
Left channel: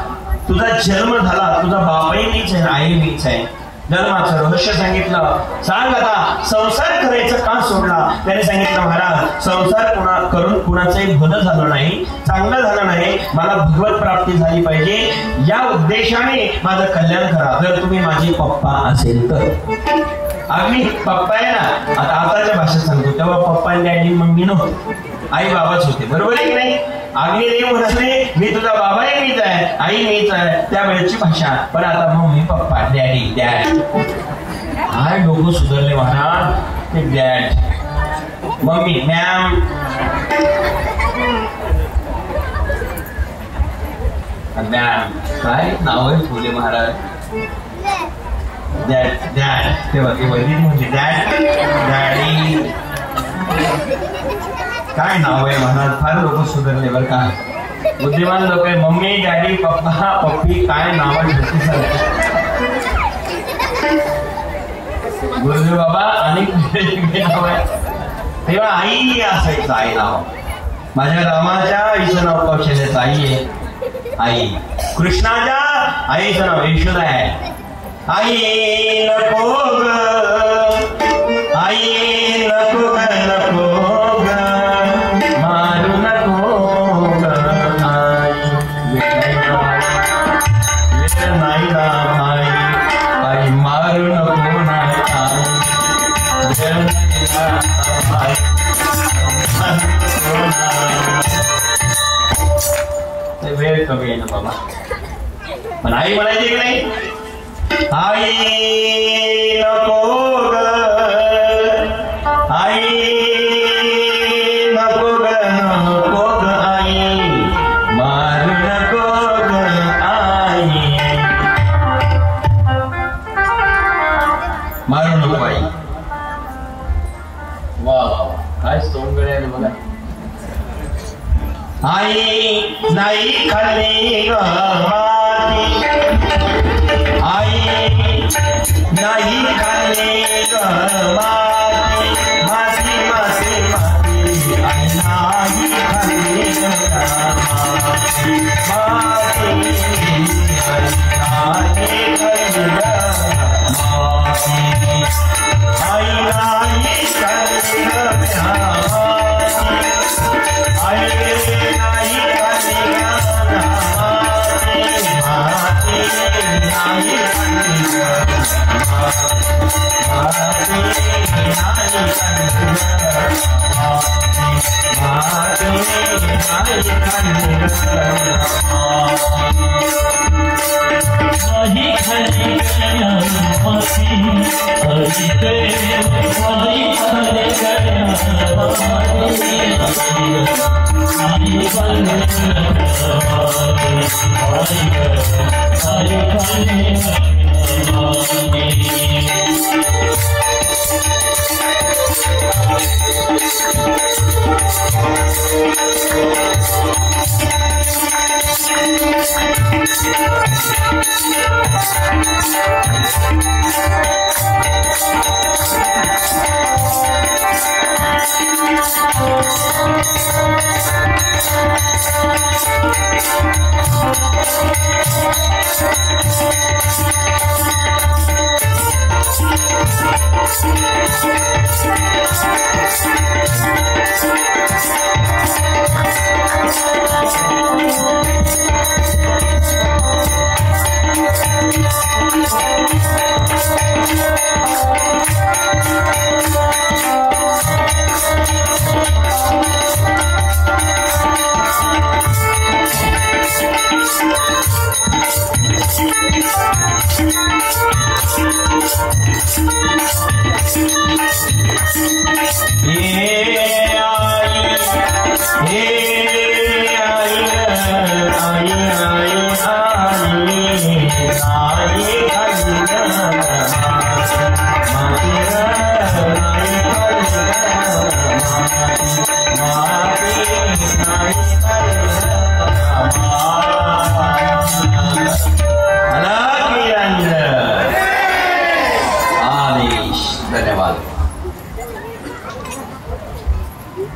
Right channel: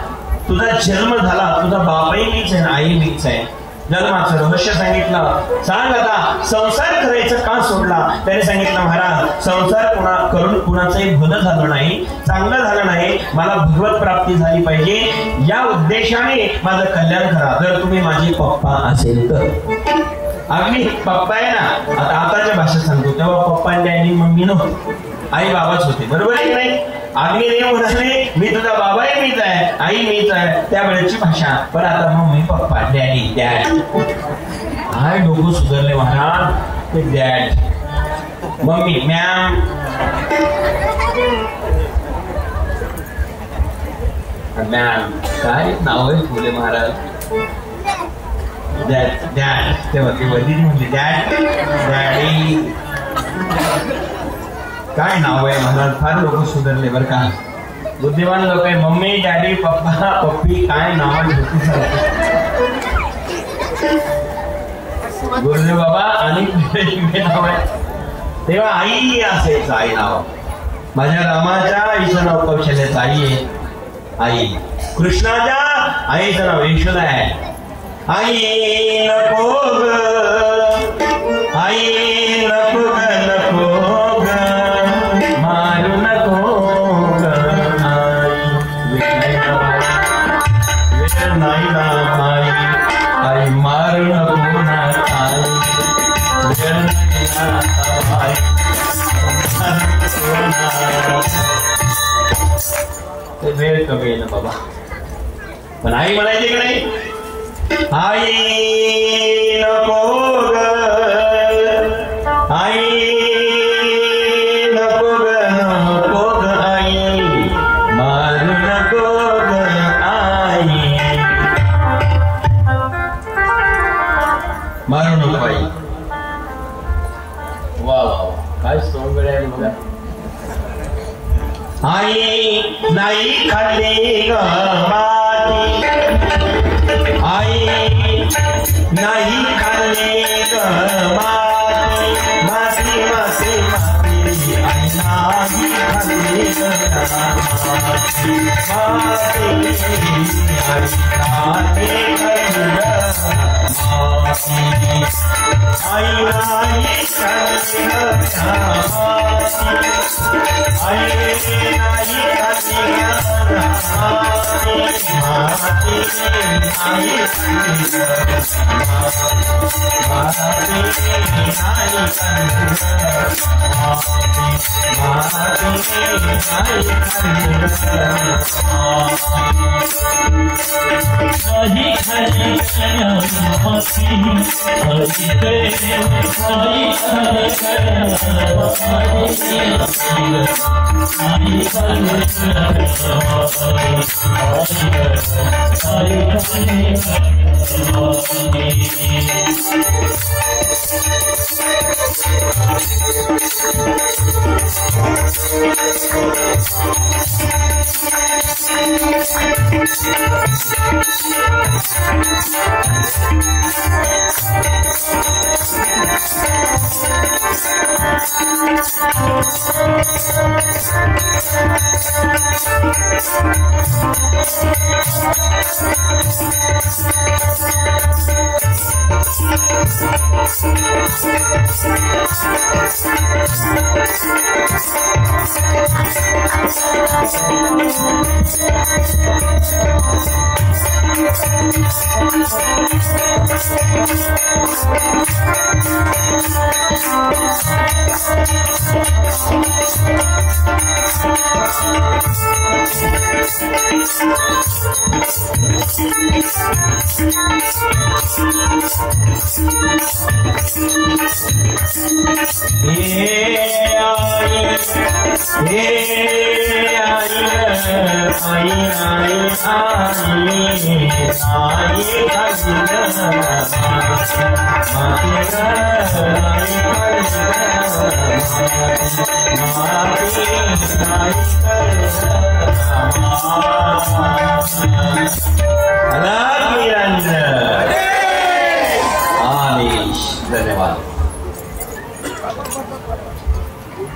तुझा जन्म झाला तुझा बापही मीच आहे आई मीच आहे. जन्माचं रहस्य सांगितलं. सांग आता संसार करायचं का सोडला. त्याने सांगितलं महाराज संसार करून कुणाचंही भलं झालं नाही चांगलं झालं नाही. मला भगवत प्राप्ती झाली पाहिजे या उद्देशाने माझं कल्याण करा. जर तुम्ही माझे पप्पा असेल तर. अगदी पप्पा आहे ना. आता आताच्या भाषेत सांगतो तेव्हा पप्पा आणि डॅडी मम्मी नव्हते आई बाबाच होते. बरोबर आहे की नाही. अग्नी देव म्हणाले मी तुझा बाबा आहे मीच आहे आई मीच आहे त्यावेळेची भाषा. पण आता मम्मी पप्पा डॅडी डॅड हाय डोकं सुधारले म्हणा ते डॅड मम्मी मॅम. मॅम काय नाव आहे फुले महाराज. डॅड डॅड तेव्हा वडील म्हणजे डॅड डॅडी काय नाव आहे महाराज. फार लोक सुधारले बरं का. बुद्धिमान लोक आहे. मम्मी डॅडी पप्पा पप्पी काय नाव आहे गुरुदेव बाबा आणि नाव आहे. तेव्हा आई असायचं आई नाव. माझ्या रामाच्या आईचं नाव कौशल्याचं आई आहे. आई कृष्णाच्या आईचं नाव यशोदा आहे. आई नको आई नको नको मारू नको आई मारू नको ते वेळ कमी आहे ना बाबा. पण आई म्हणायची की नाही आई नको आई काय सोंगळे मला आई नाही खाल्ली गवाती आई नाही खाल्ली गवाती माती माती माती नाही खाल्ली गवाती आई नाही खाल्ली गवाती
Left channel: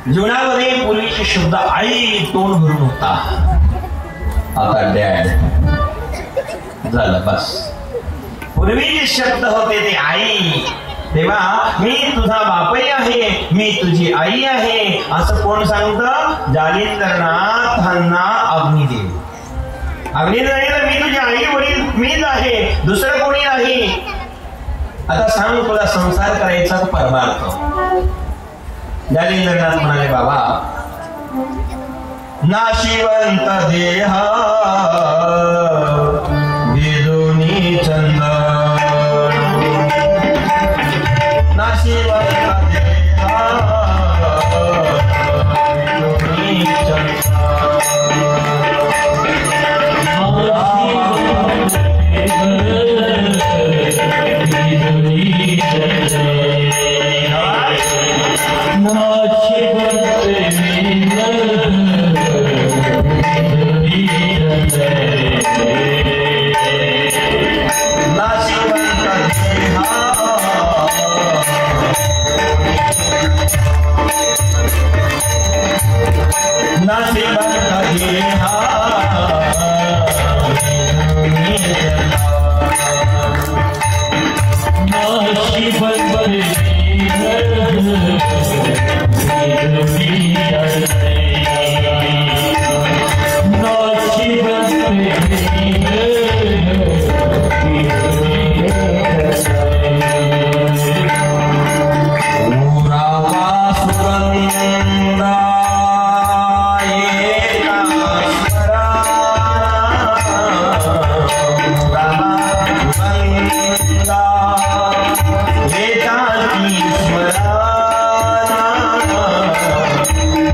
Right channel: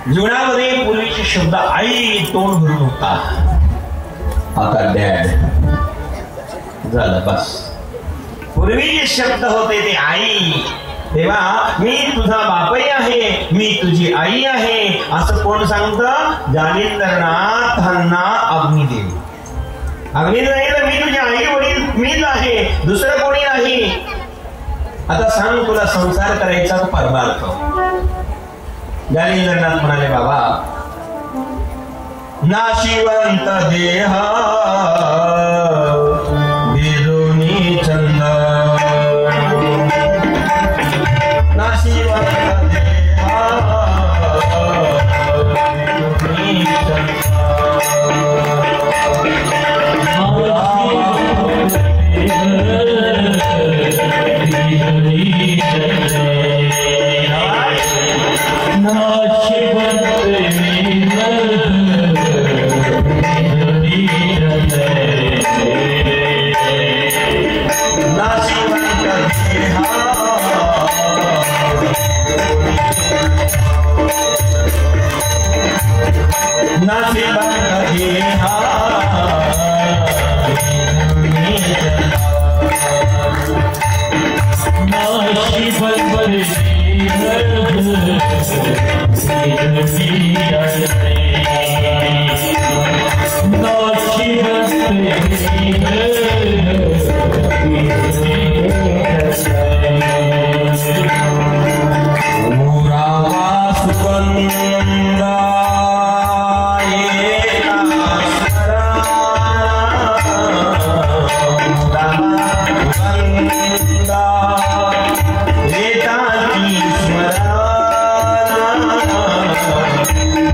जीवनामध्ये पूर्वीचे शब्द आई तोंड भरून होता, आता डॅड झालं बस. पूर्वी शब्द होते ते आई, तेव्हा मी तुझा बापही आहे, मी तुझी आई आहे असं कोण सांगतं? जालिंद्रनाथांना अग्निदेव. अग्निदेव मी तुझी आई वडील मीच आहे, दुसरं कोणी नाही. आता सांग तुला संसार करायचा परमार्थ. जालिंद्रनाथ म्हणाले बाबा नाशिवंत देह बिरुनी चंद नाशिवंत देह बिरुनी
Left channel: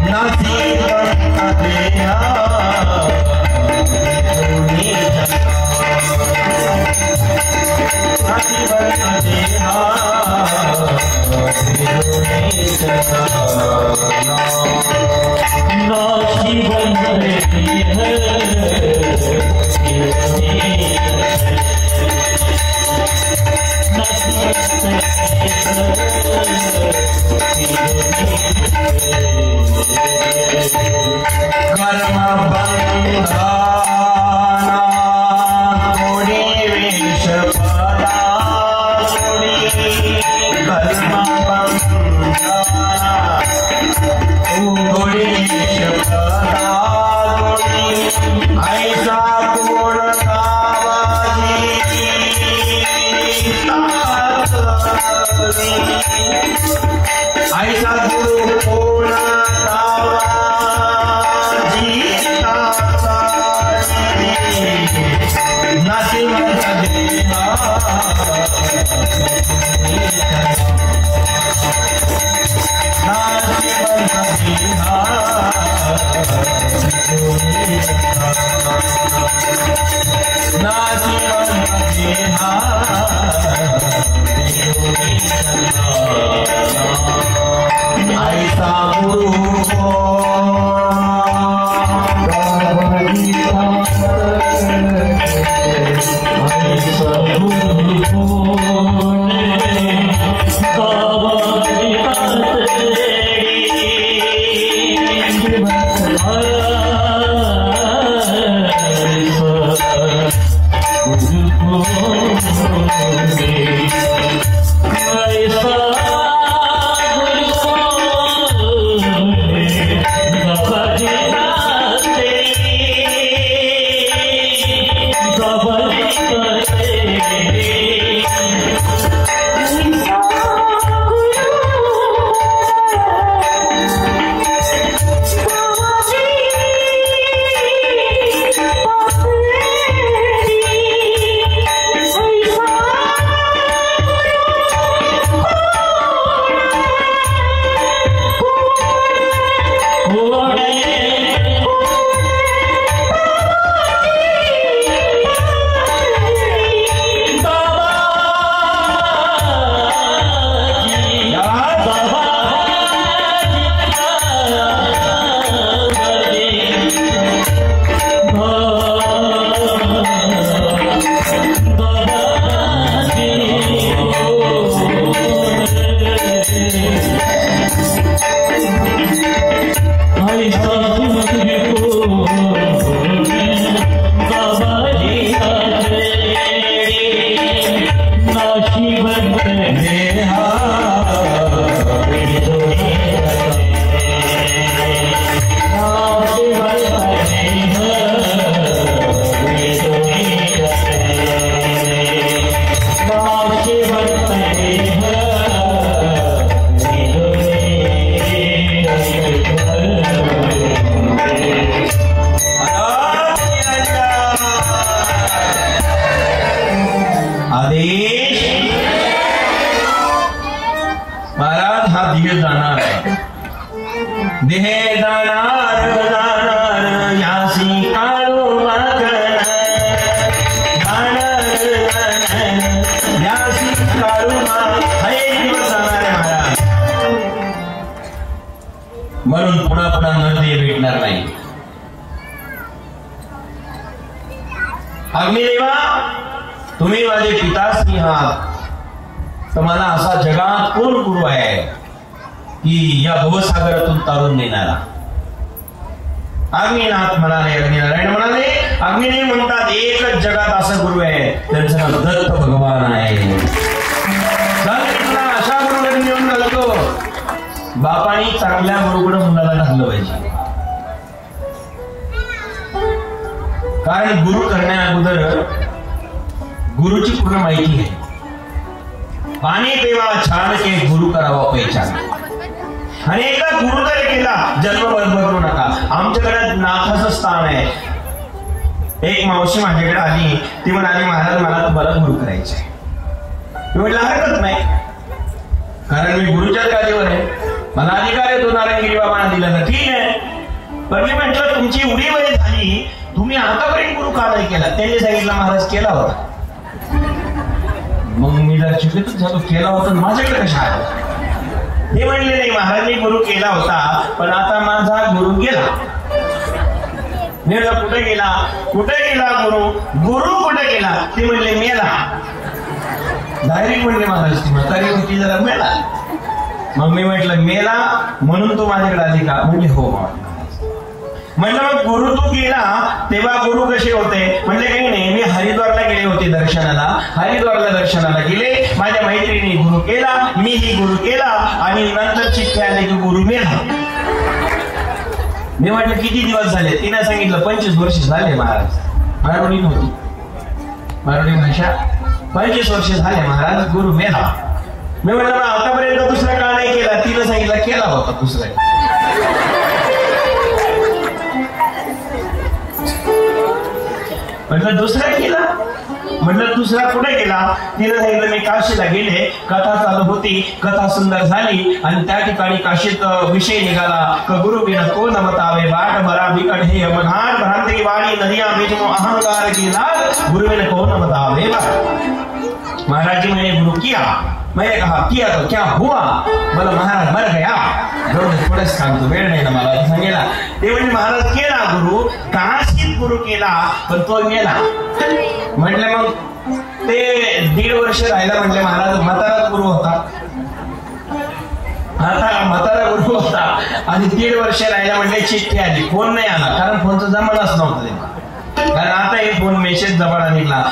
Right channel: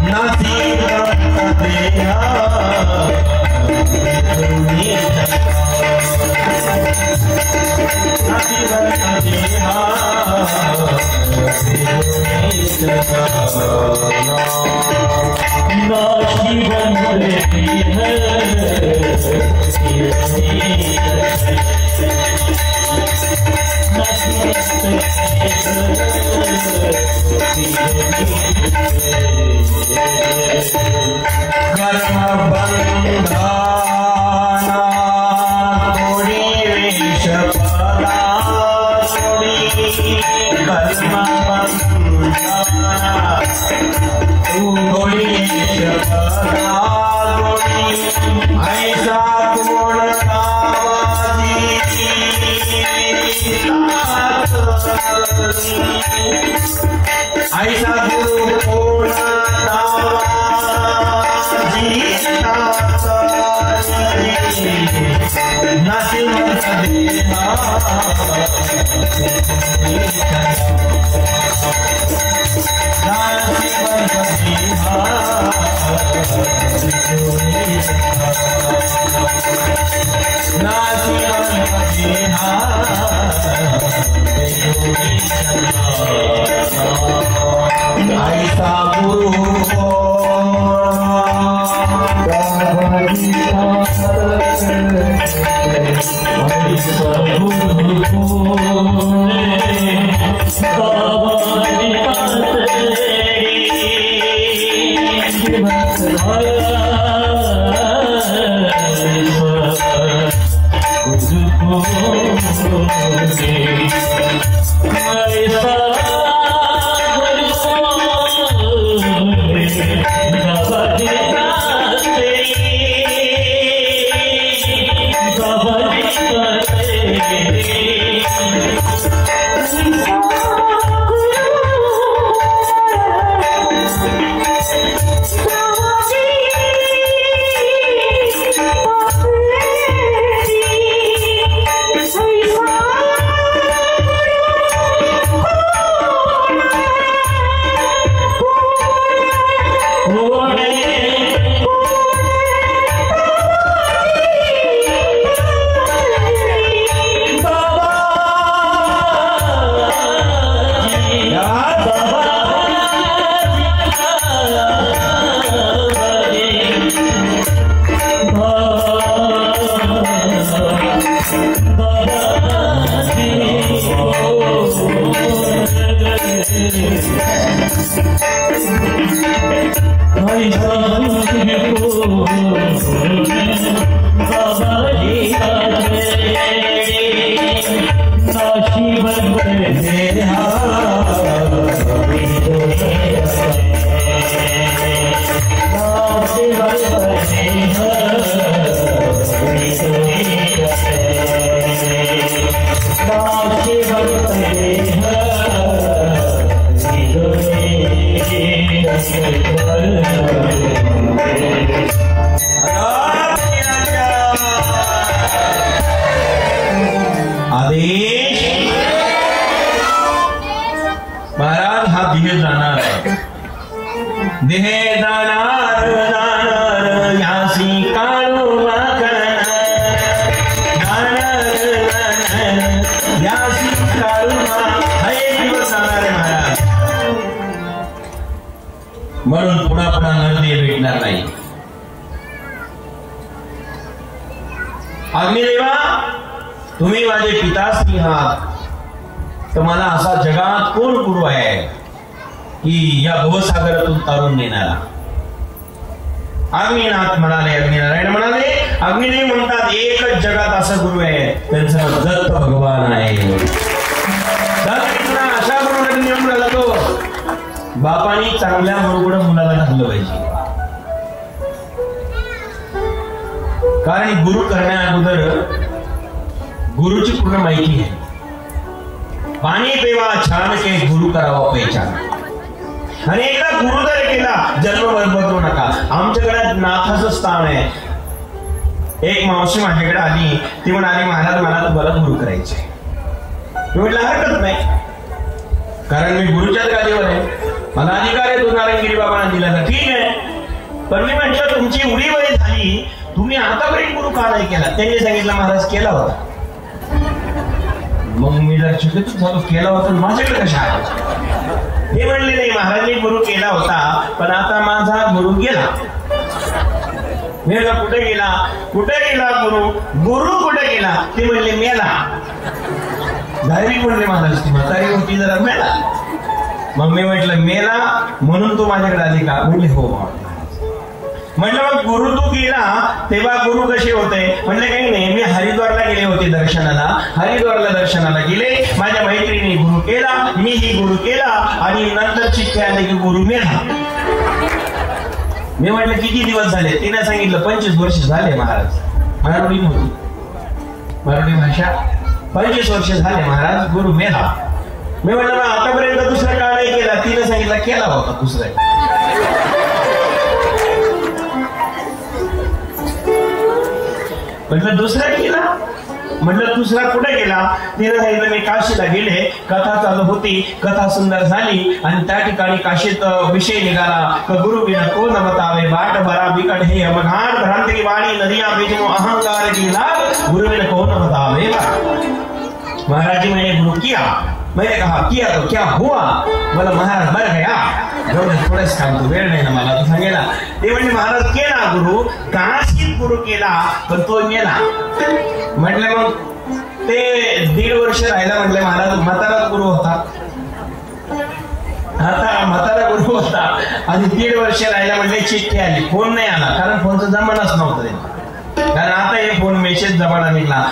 Nothing म्हणून पुन्हा पुन्हा नदी भेटणार नाही. अग्निदेवा, तुम्ही माझे पिताश्री आहात, तर मला असा जगात कोण गुरु आहे की या भवसागरातून तारून नेणारा? अग्निनाथ म्हणाले, अग्निनारायण म्हणाले, अग्निदेव म्हणतात एकच जगात असं गुरु आहे, त्यांचा दत्त भगवान आहे. अशा गुरुकडे घेऊन लागतो, बापाने चांगल्या बरोबर मुलाला घातलं पाहिजे. कारण गुरु करण्या अगोदर गुरुची पूर्ण माहिती आहे. पाणी पेवा छान के गुरु करावा पहिचान. आणि एकदा गुरु जर केला जन्म बदलू नका. आमच्या घरात नाथाचं स्थान आहे. एक मावशी माझ्याकडे आली, ती म्हणाली महाराज मला तुम्हाला गुरु करायचे. मी म्हटलं हरकत नाही, कारण मी गुरुच्या जागेवर आहे, मला अधिकार आहे. तो नारायणगिरी बाबांना दिला तर ठीक आहे, पण मी म्हटलं तुमची एवढी वेळ झाली, तुम्ही आतापर्यंत गुरु का नाही केला? त्यांनी सांगितलं महाराज केला होता. मग मी जर चुकीतच झालो, केला होता माझ्याकडे कशा आहे? ते म्हणले नाही, महाराजांनी गुरु केला होता पण आता माझा गुरु गेला. मी कुठे गेला, कुठे गेला गुरु, गुरु कुठे गेला? ते म्हणले मेला. डायरेक्ट म्हणले महाराज म्हातारी होती जरा मेला. मग मी म्हटलं मेला म्हणून तू माझ्याकडे आली का? म्हणले हो. म्हणलं मग गुरु तू गेला तेव्हा गुरु कसे होते? म्हणले काही नाही, मी हरिद्वारला गेले होते दर्शनाला, हरिद्वारला दर्शनाला गेले, माझ्या मैत्रिणी गुरु केला, मीही गुरु केला आणि नंतर चिठ्ठी आली की गुरु मेला. मी म्हटलं किती दिवस झाले? तिने सांगितलं 25 वर्ष झाले महाराज. मराठी नव्हती, मराठी भाषा. 25 वर्ष झाले महाराज, गुरु मेला. मी म्हटलं आतापर्यंत दुसरा काळ नाही केला? तिने सांगितलं केला होता दुसरा. म्हटलं दुसरा केला? म्हटलं दुसरा कुठे गेला? तिने सांगितलं मी काशीला गेले, कथा चालू होती, कथा सुंदर झाली आणि त्या ठिकाणी काशीत विषय निघाला गुरु बिना तो नमतावे बाट बरा बिकट हे अवघाट भ्रांति की वाणी नदिया बेचो अहंकार की नाद गुरु बिना तो नमतावे. महाराज जी मैंने गुरु किया, मैंने कहा किया तो क्या हुआ? बोला महाराज मर गया. थोडंच काम तो वेळ नाही मला तसा गेला. ते म्हणजे महाराज केला गुरु, काशीत गुरु केला पण तो गेला. म्हटलं मग ते 1.5 वर्ष राहिला. म्हटले महाराज म्हातारा गुरु होता, आता म्हातारा गुरु होता आणि 1.5 वर्ष राहिला. म्हणजे चिठ्ठी आली, फोन नाही आला कारण फोनचा जमानाच नव्हता तेव्हा. कारण आता हे फोन मेसेज जमाना निघला.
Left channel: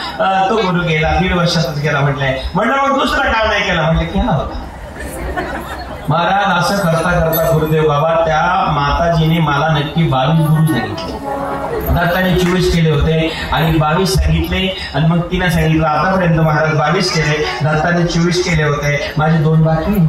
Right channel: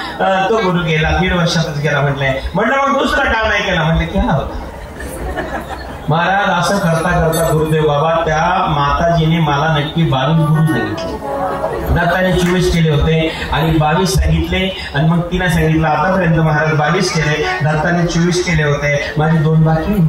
तो गुरु गेला, 1.5 वर्षातच गेला. म्हटलं मग दुसरा काम नाही केला? म्हणजे केला होता महाराज. असं करता करता गुरुदेव बाबा त्या माताजीने मला नक्की 22 गुरु सांगितले. दत्ताने 24 केले होते आणि 22 सांगितले आणि मग तिने सांगितलं आतापर्यंत महाराज 22 केले, दत्ताने 24 केले होते, माझे 2 बाकी.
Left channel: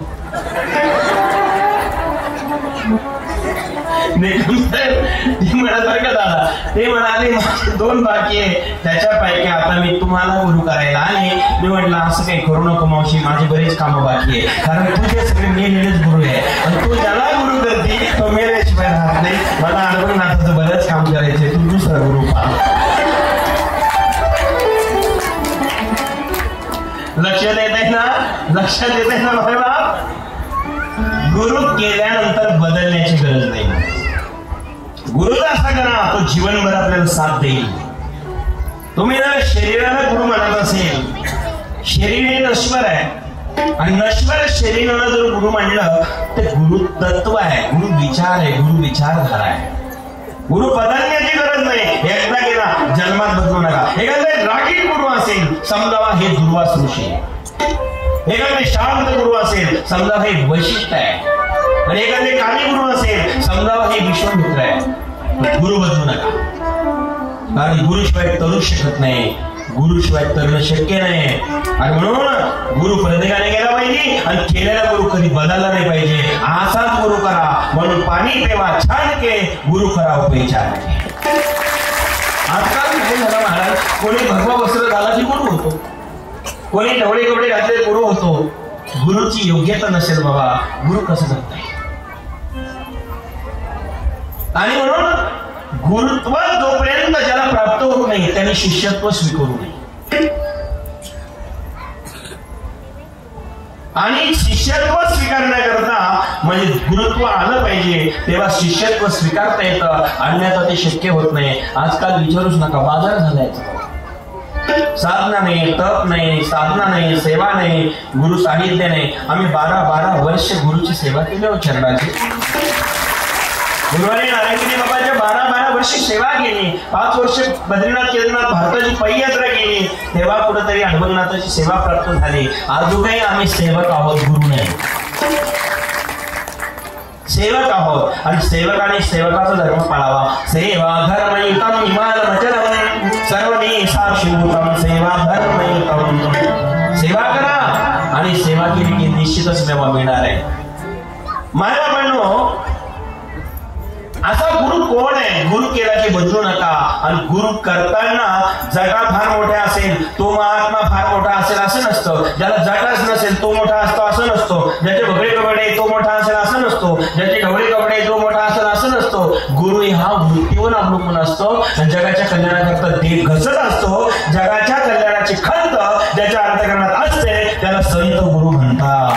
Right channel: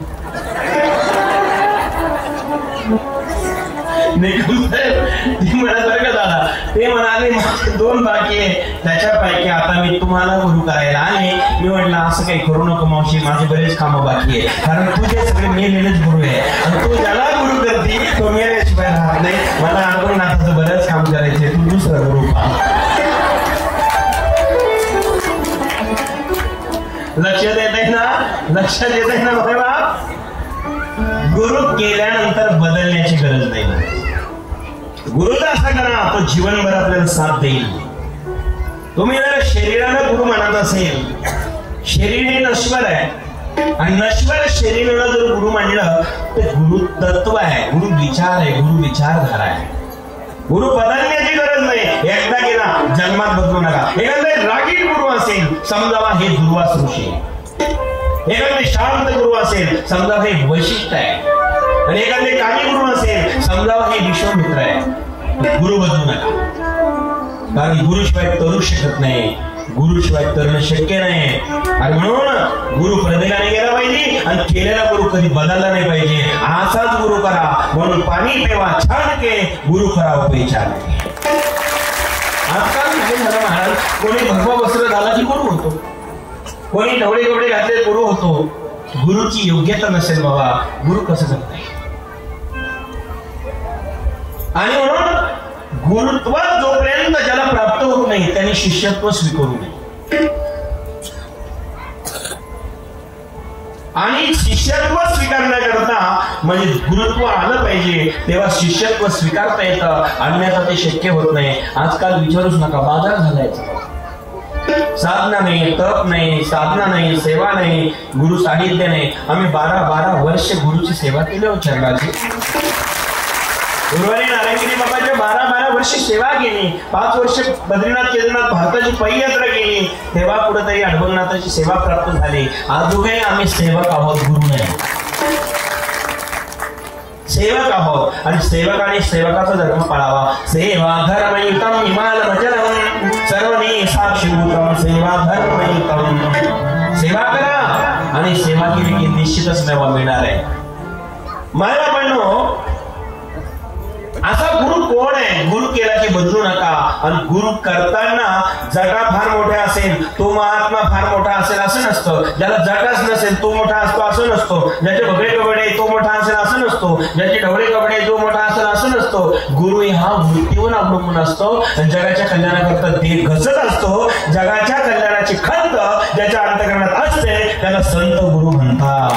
ते म्हणाले 2 बाकी आहे, त्याच्यापैकी आता मी तुम्हाला गुरु करायला आहे. मी म्हटलं असं काही करू नको मावशी, माझे बरेच कामं बाकी आहे, कारण तुझे सगळे मेलेच गुरु आहे आणि तू ज्याला गुरु करते तो मेल्याशिवाय राहत नाही. मला अनुभवनाथाचं बरंच काम करायचंय, तू दुसरा गुरु लक्ष देत आहे ना, लक्षात येत आहे ना बाबा. गुरु केल्यानंतर बदलण्याची गरज नाही. गुरुचा असा करा तो जीवनभर आपल्याला साथ देईल. तुम्ही जर शरीराला गुरु मानत असेल, शरीर हे नश्वर आहे आणि नश्वर शरीराला जर गुरु मानलं तर गुरु तत्व आहे, गुरु विचार आहे, गुरु विचारधारा आहे. गुरु बदलण्याची गरज नाही. एकदा गेला जन्मात बदलू नका. एखादा रागीट गुरु असेल समजावा हे दुर्वास ऋषी, एखादे शांत गुरु असेल समजा हे वैशिष्ट्य आहे आणि एखादे कामी गुरु असेल समजावा हे विष्णुमित्र आहे. गुरु बदलू नका, कारण गुरुशिवाय तरू शकत नाही, गुरुशिवाय तरण शक्य नाही. आणि म्हणून गुरु प्रत्येकाने गेला पाहिजे आणि केलेला गुरु कधी बदलला नाही पाहिजे. असाच गुरु करा म्हणून पाणी पेवा छान के गुरु करावं पेचार. आजकाल कोणी भगवा वस्त्र घाला की गुरु होतो, कोणी डबडे डबडे घातले गुरु होतो. गुरुची योग्यता नसेल बाबा, गुरु कसं करत नाही. आणि म्हणून गुरुत्व जोपर्यंत ज्याला प्राप्त होत नाही त्याने शिष्यत्व स्वीकारू नये. आणि शिष्यत्व स्वीकारण्याकरता म्हणजे गुरुत्व आलं पाहिजे, तेव्हा शिष्यत्व स्वीकारता येतं, अन्यथा ते शक्य होत नाही. आजकाल विचारूच नका, बाजार झालायचा. साधना नाही, तप नाही, साधना नाही, सेवा नाही, गुरु साहित्य नाही. आम्ही 12 वर्ष गुरुची सेवा केली चरणाची. नारायणगिरी बाबाच्या 12 वर्ष सेवा केली, 5 वर्ष बद्रीनाथ केदारनाथ भारताची पदयात्रा केली, तेव्हा कुठेतरी अनुभवनाथाची सेवा प्राप्त झाली. अजूनही आम्ही सेवक आहोत, गुरु नाही. सेवक आहोत आणि सेवकाने सेवकाचा धर्म पाळावा. सेवा धर्मयुतम इमाल भजन सर्वने साक्षीभूतम सेवा धर्मयुतम. सेवा करा आणि सेवा केली की निश्चितच सेवा मिळणार आहे. मला म्हणलो असा गुरु कोण आहे? गुरु केला की बदलू नका. आणि गुरु करताना जगा फार मोठा असेल तो महात्मा फार मोठा असेल असं नसतं. ज्याला जगाच नसेल तो मोठा असतो असं नसतो. ज्याचे ढोबळे कपडे तो मोठा असेल असं नसतो. ज्याचे ढोबळे कपडे तो मोठा असेल असं नसतो. गुरु हा मूर्तीवर अवलंबून असतो. जगाच्या कल्याणाकरता ते घसत असतो. जगाच्या कल्याणाची खंत ज्याच्या अंतःकरणात असते त्याला संत गुरु म्हणतात.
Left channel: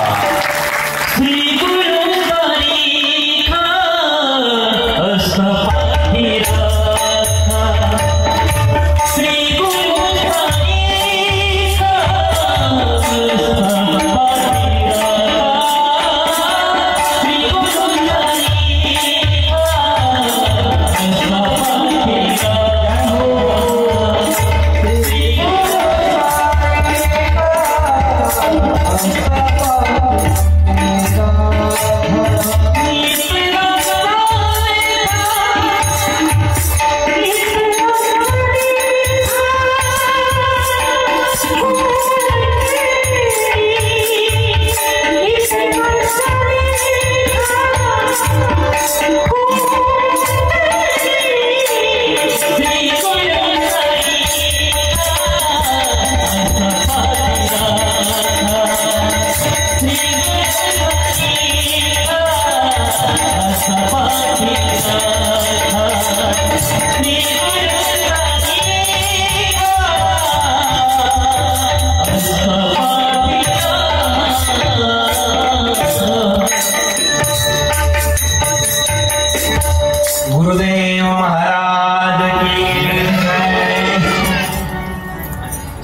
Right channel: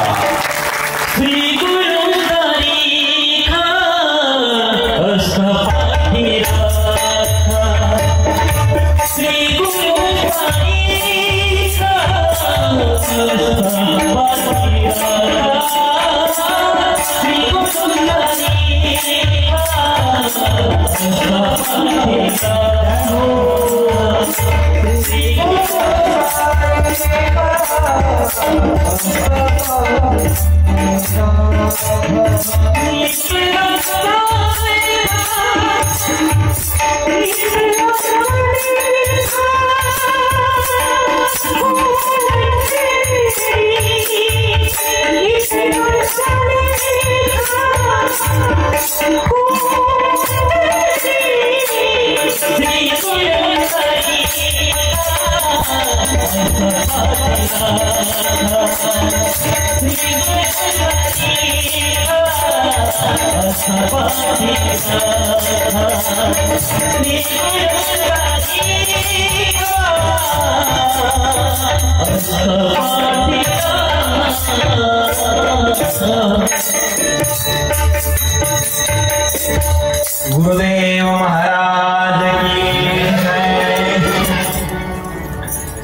गुरुदेव महाराज की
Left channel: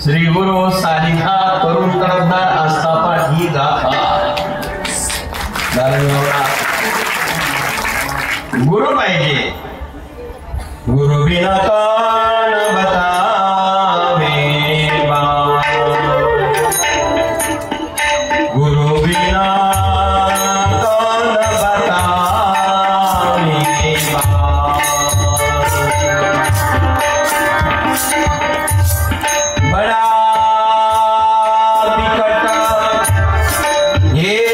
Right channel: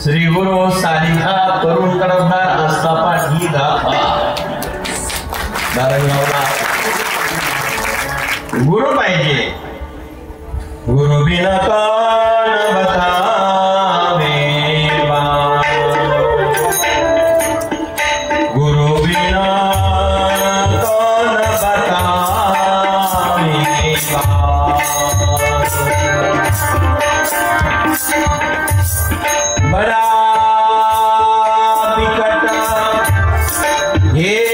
श्री गुरु सानिधा करून करता असता ही गाथा गुरु पाहिजे गुरु बिना कौन बतावे गुरु बिना कौन बतावे बड़ा विकट ये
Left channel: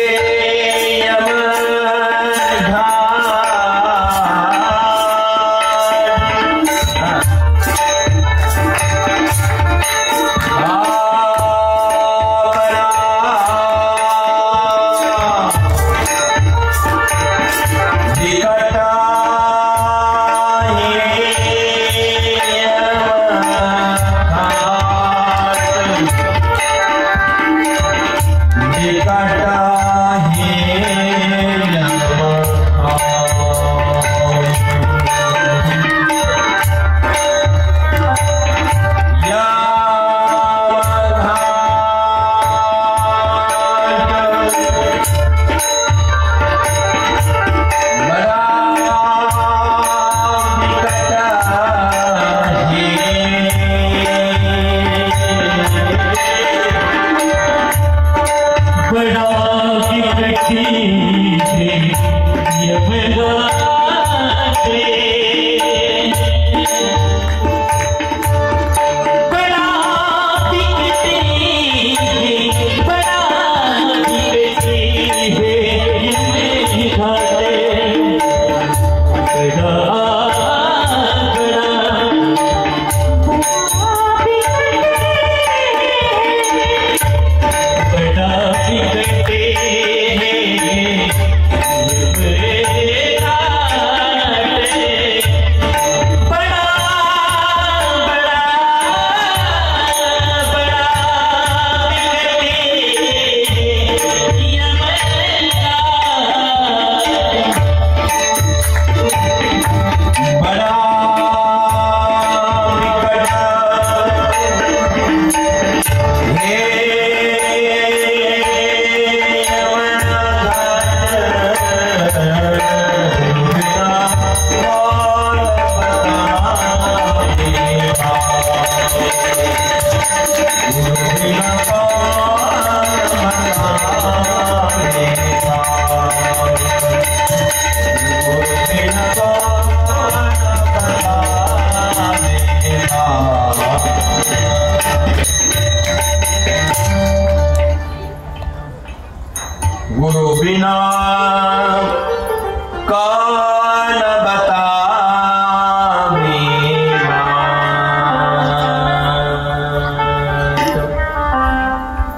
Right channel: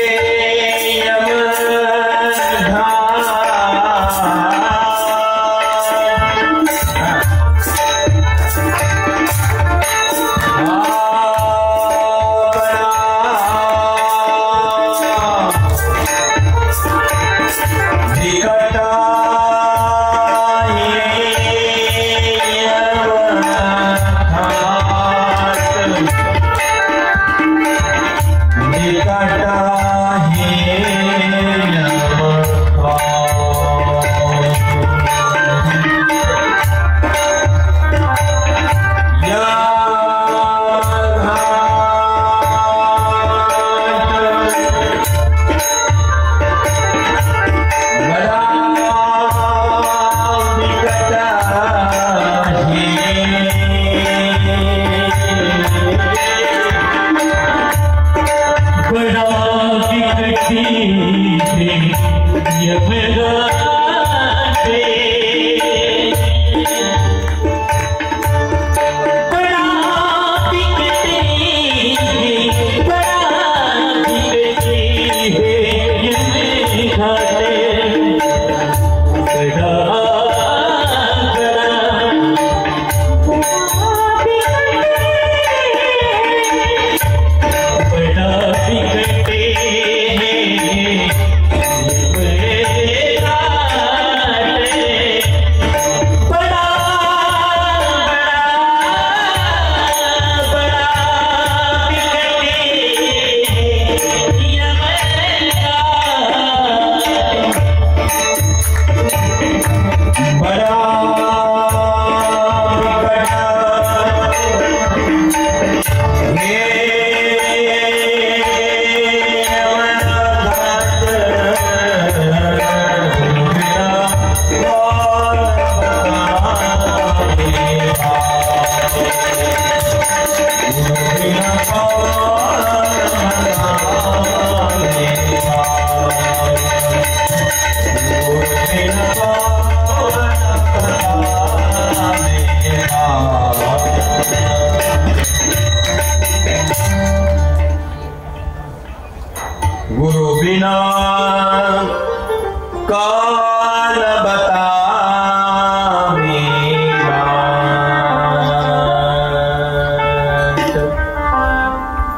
गुरु बिना कौन बतावे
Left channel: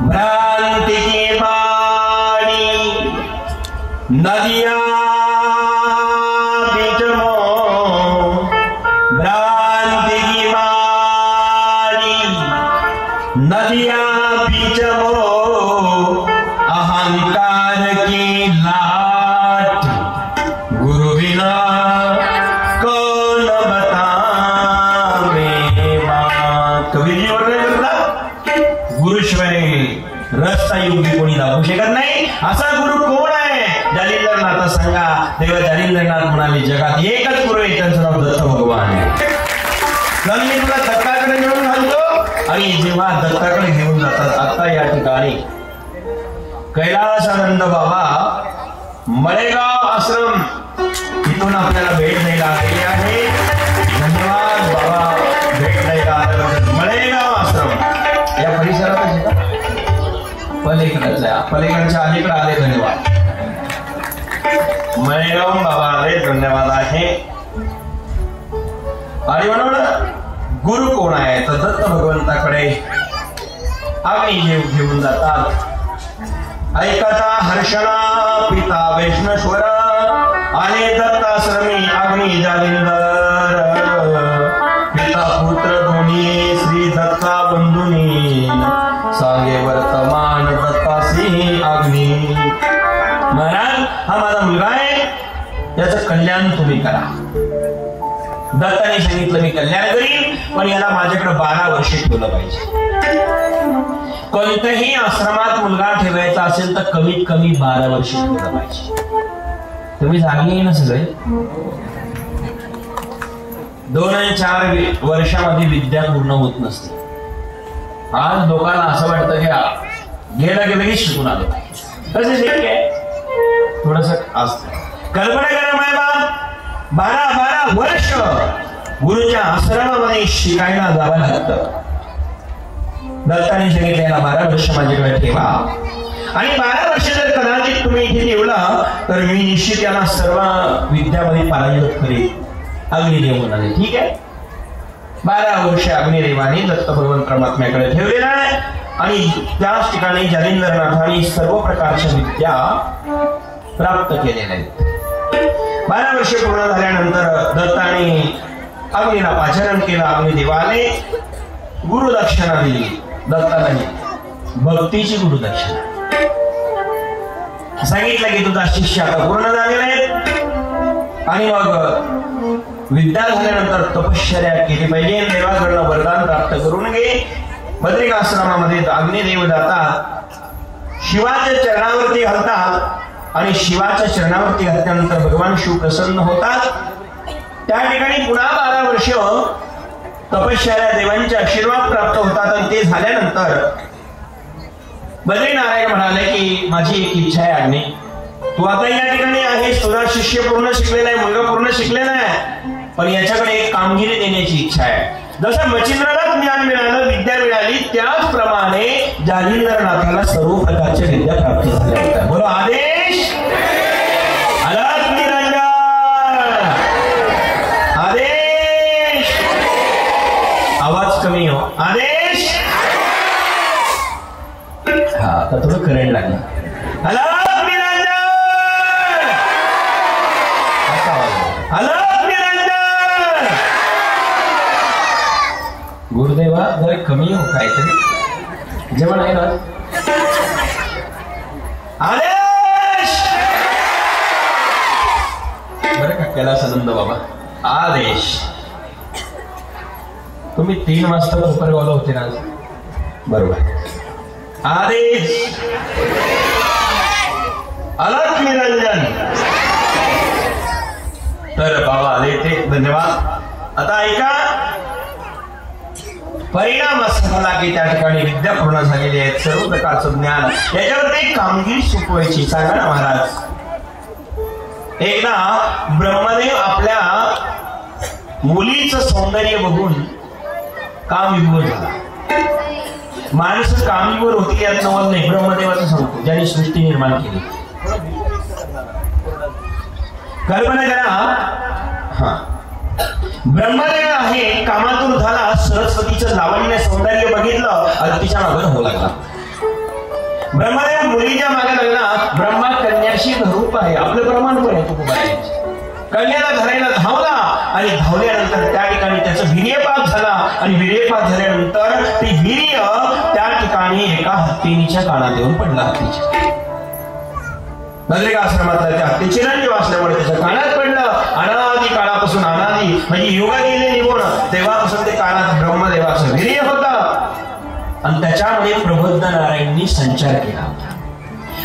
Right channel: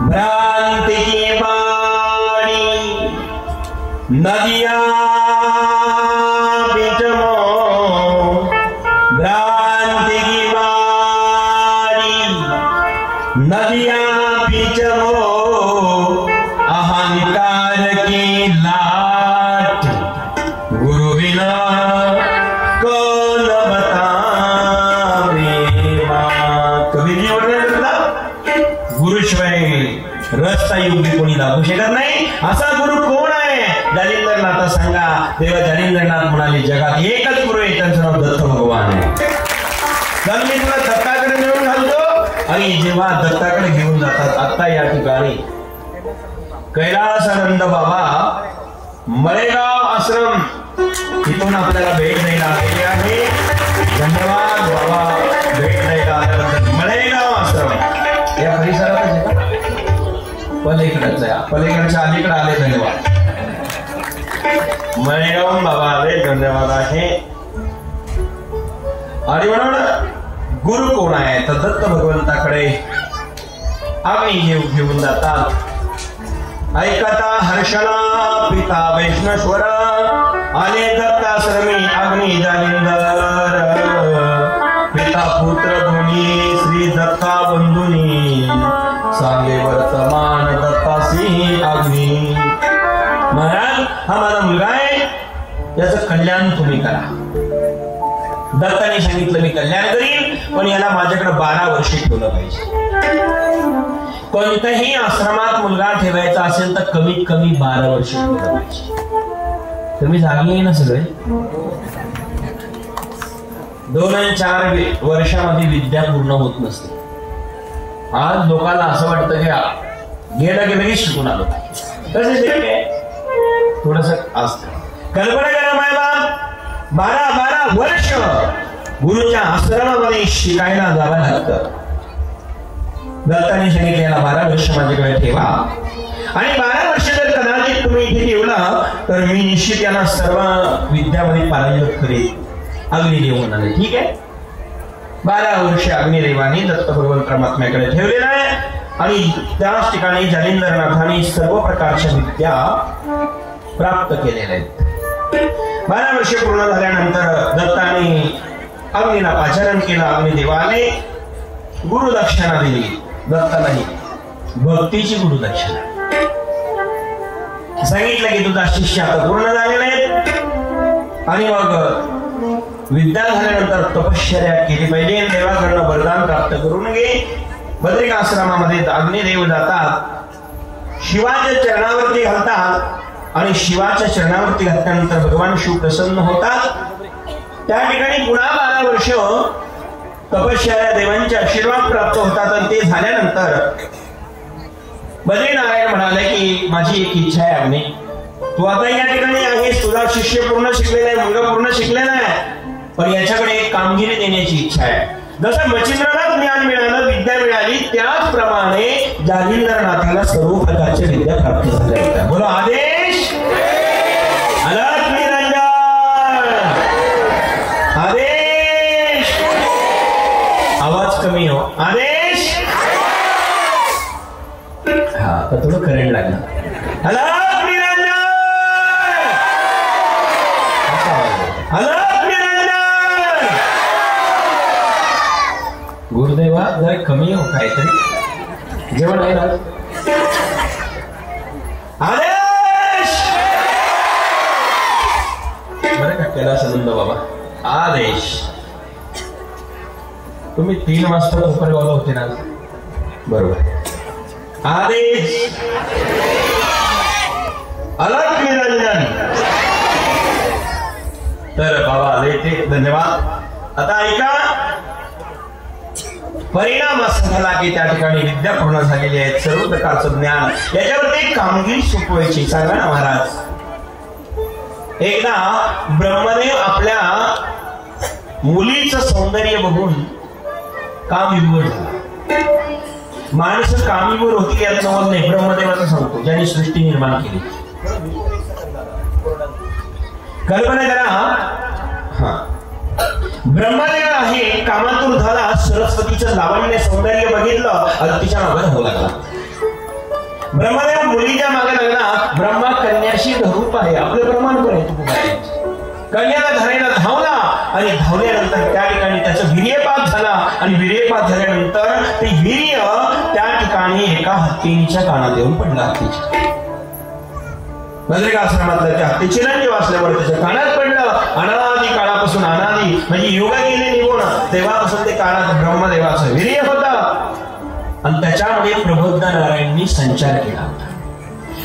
भ्रांति की बाड़ी नदिया बिचरो भ्रांति की बाड़ी नदिया बिचरो अहंकार की लाट गुरु बिना कौन बतावे कभी गुरुशिवाय रस्ता योगी कोणी लावू शकत नाही असा गुरु कोण आहे जालिंदरनाथ सांगा देव जालिंदरनाथ म्हणाले जगात एकच गुरु आहे त्यांचं नाव दत्त भगवान आहे कल्लीतला दत्ताकडे घेऊन घालतो आणि जेव्हा दत्ताकडे घेऊन जातात आता या ठिकाणी कैलासानंद बाबा मळेगाव आश्रम इथून आपल्याला भेट द्यायला आलेली आहे धन्यवाद बाबा भेट द्यायला आल्याबद्दल मळेगाव आश्रम या परिसरात पलीकडे पलीकडच्या अलीकडे आले धन्यवाद मळेगाव बाबा आले गुरु कोण आहे तर दत्त भगवंताकडे आम्ही घेऊन जातात. ऐकता हर्षण पिता वैष्णेश्वर आले दत्ताश्रमी आम्ही जालिंदर. पिता पुत्र दोन्ही श्री दत्ता बंधुनी सांगे वर्तमान दत्तासी आम्ही. महाराज हा माझा मुलगा आहे, त्याचं कल्याण तुम्ही करा. दत्ताने सांगितलं मी कल्याण करीन, पण याला माझ्याकडे 12 वर्ष ठेवलं पाहिजे. कोणत्याही आश्रमात मुलगा ठेवायचा असेल तर कमीत कमी 12 वर्ष ठेवलं पाहिजे. तुम्ही जागी आहे ना सगळे? 2-4 वर्षामध्ये विद्या पूर्ण होत नसते. आज लोकांना असं वाटतं की गेलं की लगेच शिकून आलं कसं शक्य आहे? थोडस असतं. कल्पना करा, 12 वर्ष गुरुच्या आश्रमामध्ये शिकायला जावं लागतं. दत्ताने सांगितलेला 12 वर्ष माझ्याकडे ठेवा आणि 12 वर्ष जर कदाचित तुम्ही इथे ठेवला तर मी निश्चित यांना सर्व विद्यामध्ये पारंगत करेन. अग्निदेव म्हणाले ठीक आहे. 12 वर्ष अग्निदेवाने दत्त भगवंत परमात्म्याकडे ठेवलेला आहे आणि त्याच ठिकाणी जालिंदरनाथांनी सर्व प्रकारच्या विद्या प्राप्त केलेल्या आहेत. 12 वर्ष पूर्ण झाल्यानंतर दत्ताने अग्नीला आचरण केलं. अग्निदेवाने गुरुदक्षिणा दिली. दत्ताने भक्तीची गुरुदक्षिणा सांगितलं की तुझा शिष्य आता पूर्ण झालेले आणि मग विद्या झाल्यानंतर तपश्चर्या केली पाहिजे. देवाकडून वरदान प्राप्त करून घे. बद्रिकाश्रमामध्ये अग्निदेव जातात, शिवाच्या चरणावरती हलतात आणि शिवाच्या चरणावरती हलल्यानंतर भगवान शिव प्रसन्न होतात. त्या ठिकाणी पुन्हा 12 वर्ष तपश्चर्या देवांचे आशीर्वाद प्राप्त होतात आणि ते झाल्यानंतर बद्रीनारायण म्हणाले की माझी एक इच्छा आहे अग्नी, तू आता या ठिकाणी आहेस, तुझा शिष्य पूर्ण शिकलेला आहे, मुलगा पूर्ण शिकलेला आहे, पण याच्याकडे एक कामगिरी देण्याची इच्छा आहे. जसं मच्छिंद्राला ज्ञान मिळालं, विद्या मिळाली, त्याचप्रमाणे जालिंदरनाथाला सर्व प्रकारच्या विद्या प्राप्त झाल्या. बरोबर आदेश आदेश आवाज कमी हो. आदेश हा तर तुला करंट लागलं. गुरुदेवा जरा कमी हो काहीतरी जेवण आहे ना. आदेश बरं का कैलासानंद बाबा आदेश. तुम्ही 3 वाजता उपरवाला होते ना बरोबर. आदेश अलग निरंजन. तर बाबा आले ते धन्यवाद. आता ऐका परिणाम असा झाला की त्या ठिकाणी विद्या पूर्ण झालेली आहेत, सर्व प्रकारचं ज्ञान याच्यावरती कामगिरी शिकवायची. सांगा ना महाराज. एकदा ब्रह्मदेव आपल्या मुलीचं सौंदर्य बघून कामविभोर झाला. माणसं कामविभोर होती याचा समज नाही, ब्रह्मदेवाचा सांगतो ज्याने सृष्टी निर्माण केली. कल्पना करा हा ब्रह्मदेव आहे, कामातून झाला, सरस्वतीचं लावण्य सौंदर्य बघितलं आणि तिच्या मागे होऊ लागला. ब्रह्मदेव मुलीच्या मागे लागला. ब्रह्मा कन्याशी भरूप आहे, आपलं ब्रह्मांड आहे. कन्याला धरायला धावला आणि धावल्यानंतर त्या ठिकाणी त्याचं वीर्यपात झाला आणि वीर्यपात झाल्यानंतर ते वीर्य त्या ठिकाणी एका हत्तीच्या कानात येऊन पडला. हत्तीच्या बद्रिकाश्रमातल्या त्या हत्ती चिरंजीव असल्यामुळे त्याच्या कानात पडलं. अनादी काळापासून अनादी म्हणजे युग गेले निघून तेव्हापासून ते कानात ब्रह्मदेवाचं वीर्य होतं आणि त्याच्यामुळे प्रबुद्ध नारायणांनी संचार केला.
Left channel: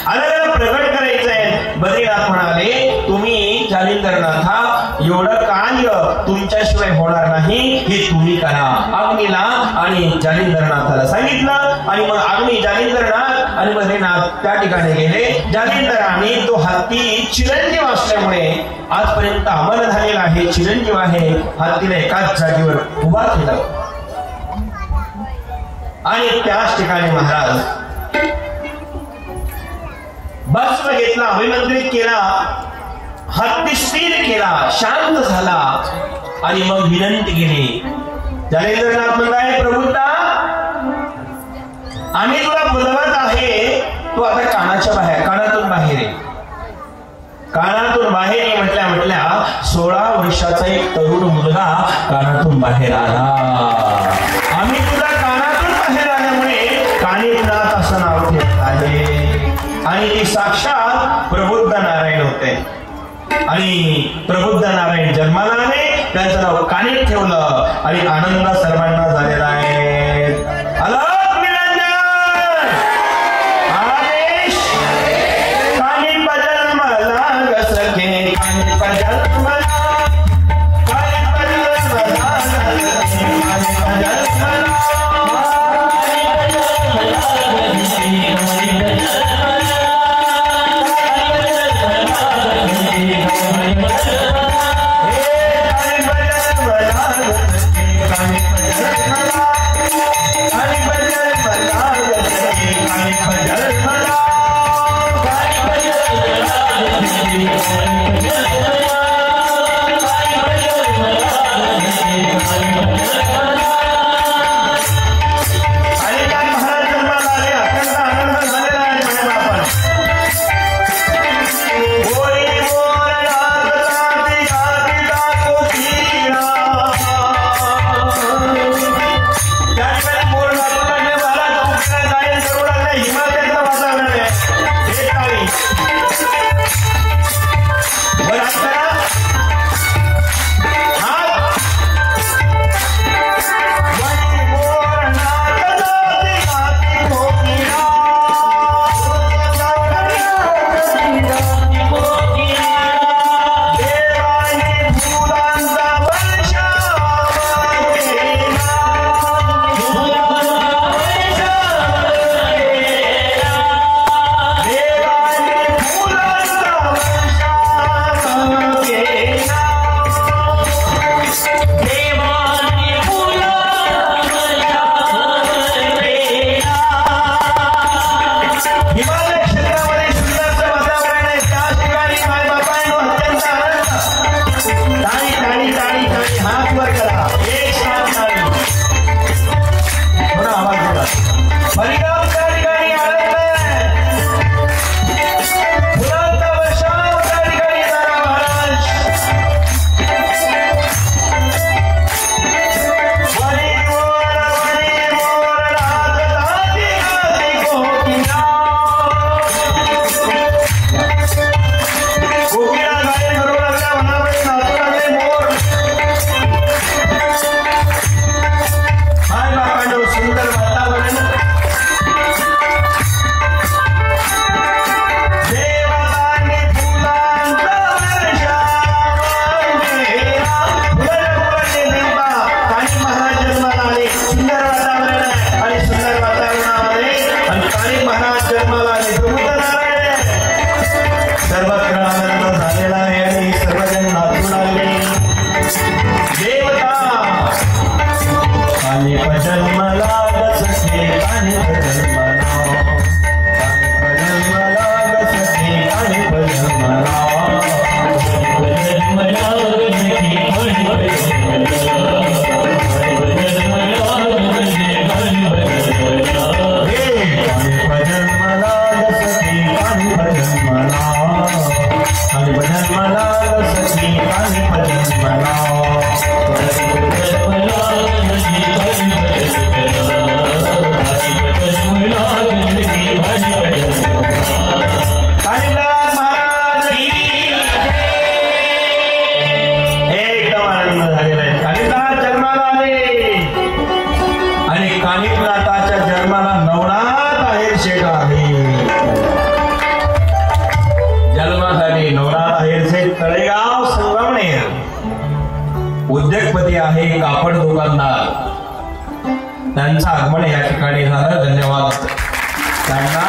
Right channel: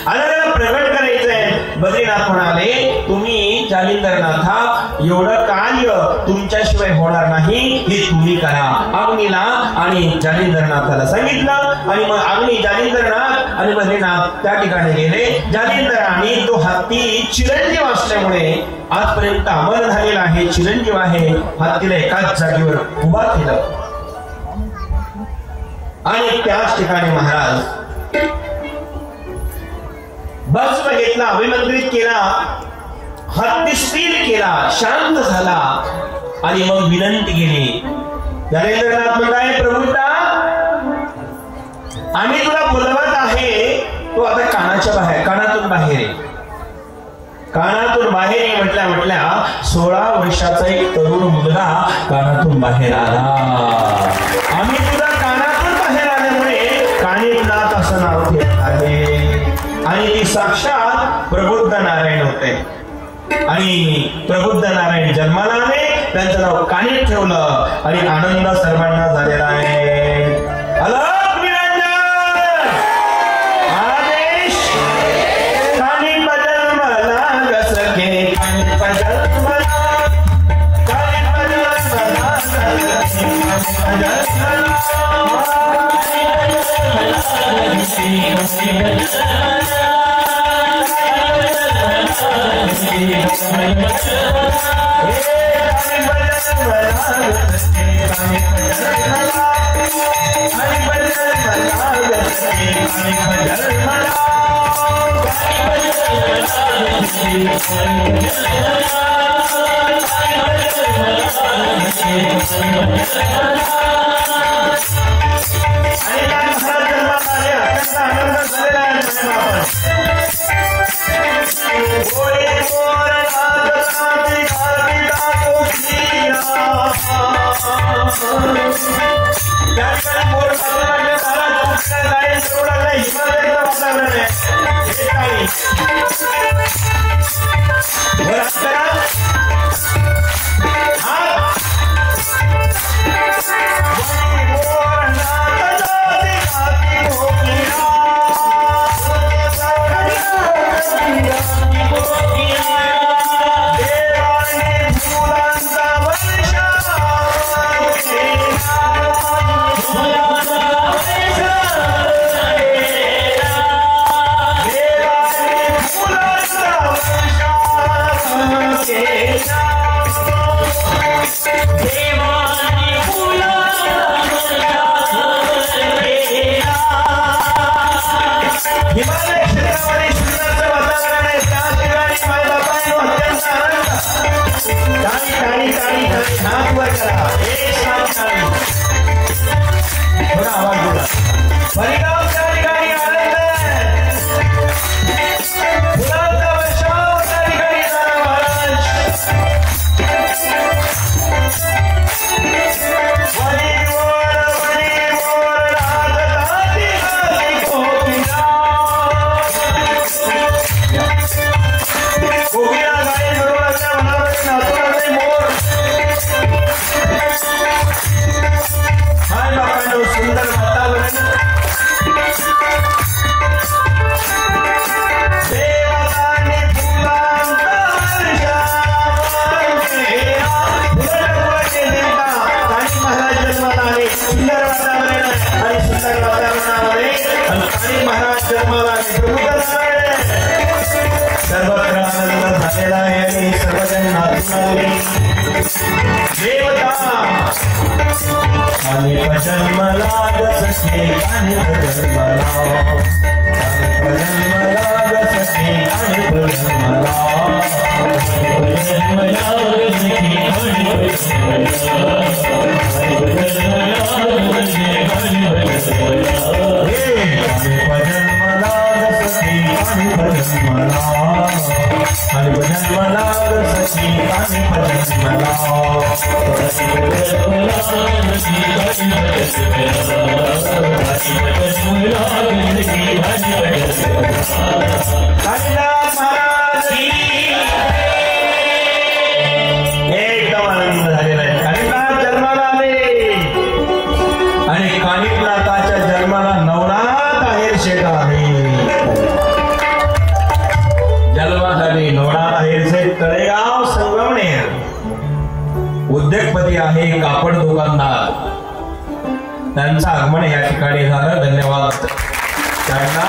आणि त्याला प्रगट करायचंय. बद्रीनाथ म्हणाले तुम्ही जालिंदरनाथा एवढं कार्य तुमच्याशिवाय होणार नाही, हे तुम्ही करा. अग्नीला आणि जालिंदरनाथाला सांगितलं आणि मग अग्नी जालिंदरनाथ आणि बद्रीनाथ त्या ठिकाणी गेले. जालिंदराने तो हत्ती चिरंजीव असल्यामुळे आजपर्यंत अमर झालेला आहे, चिरंजीव आहे. हत्तीला एकाच जागेवर उभा केलं आणि त्याच ठिकाणी महाराज भस्म घेतला, अभिमंत्रित केला, हत्ती स्थिर केला, शांत झाला आणि मग विनंती केली. ज्ञानेंद्रनाथ म्हणताय प्रभूता आम्ही तुला बोलवत आहे, तो आता कानाच्या बाहेर, कानातून बाहेर आहे, कानातून बाहेर म्हटल्या 16 वर्षाचा एक तरुण मुलगा कानातून बाहेर आला. आम्ही तुला कानातून बाहेर आल्यामुळे कानिनाथ असं नाव ठेवत आहे. आणि ती साक्षात प्रबुद्ध नारायण होते. आणि प्रबुद्ध नारायण जन्माला आले, त्यांचं नाव कानित ठेवलं आणि आनंद सर्वांना झालेला आहे. आणि कानिनाथाच्या जन्माला नवनाथ आहेर शेठ आहे. जन्मासाठी नवनाथ आहेर शेठ तळेगाव संगमनेर उद्योगपती आहे, कापड दुकानदार. त्यांचं आगमन या ठिकाणी झालं. धन्यवाद त्यांना.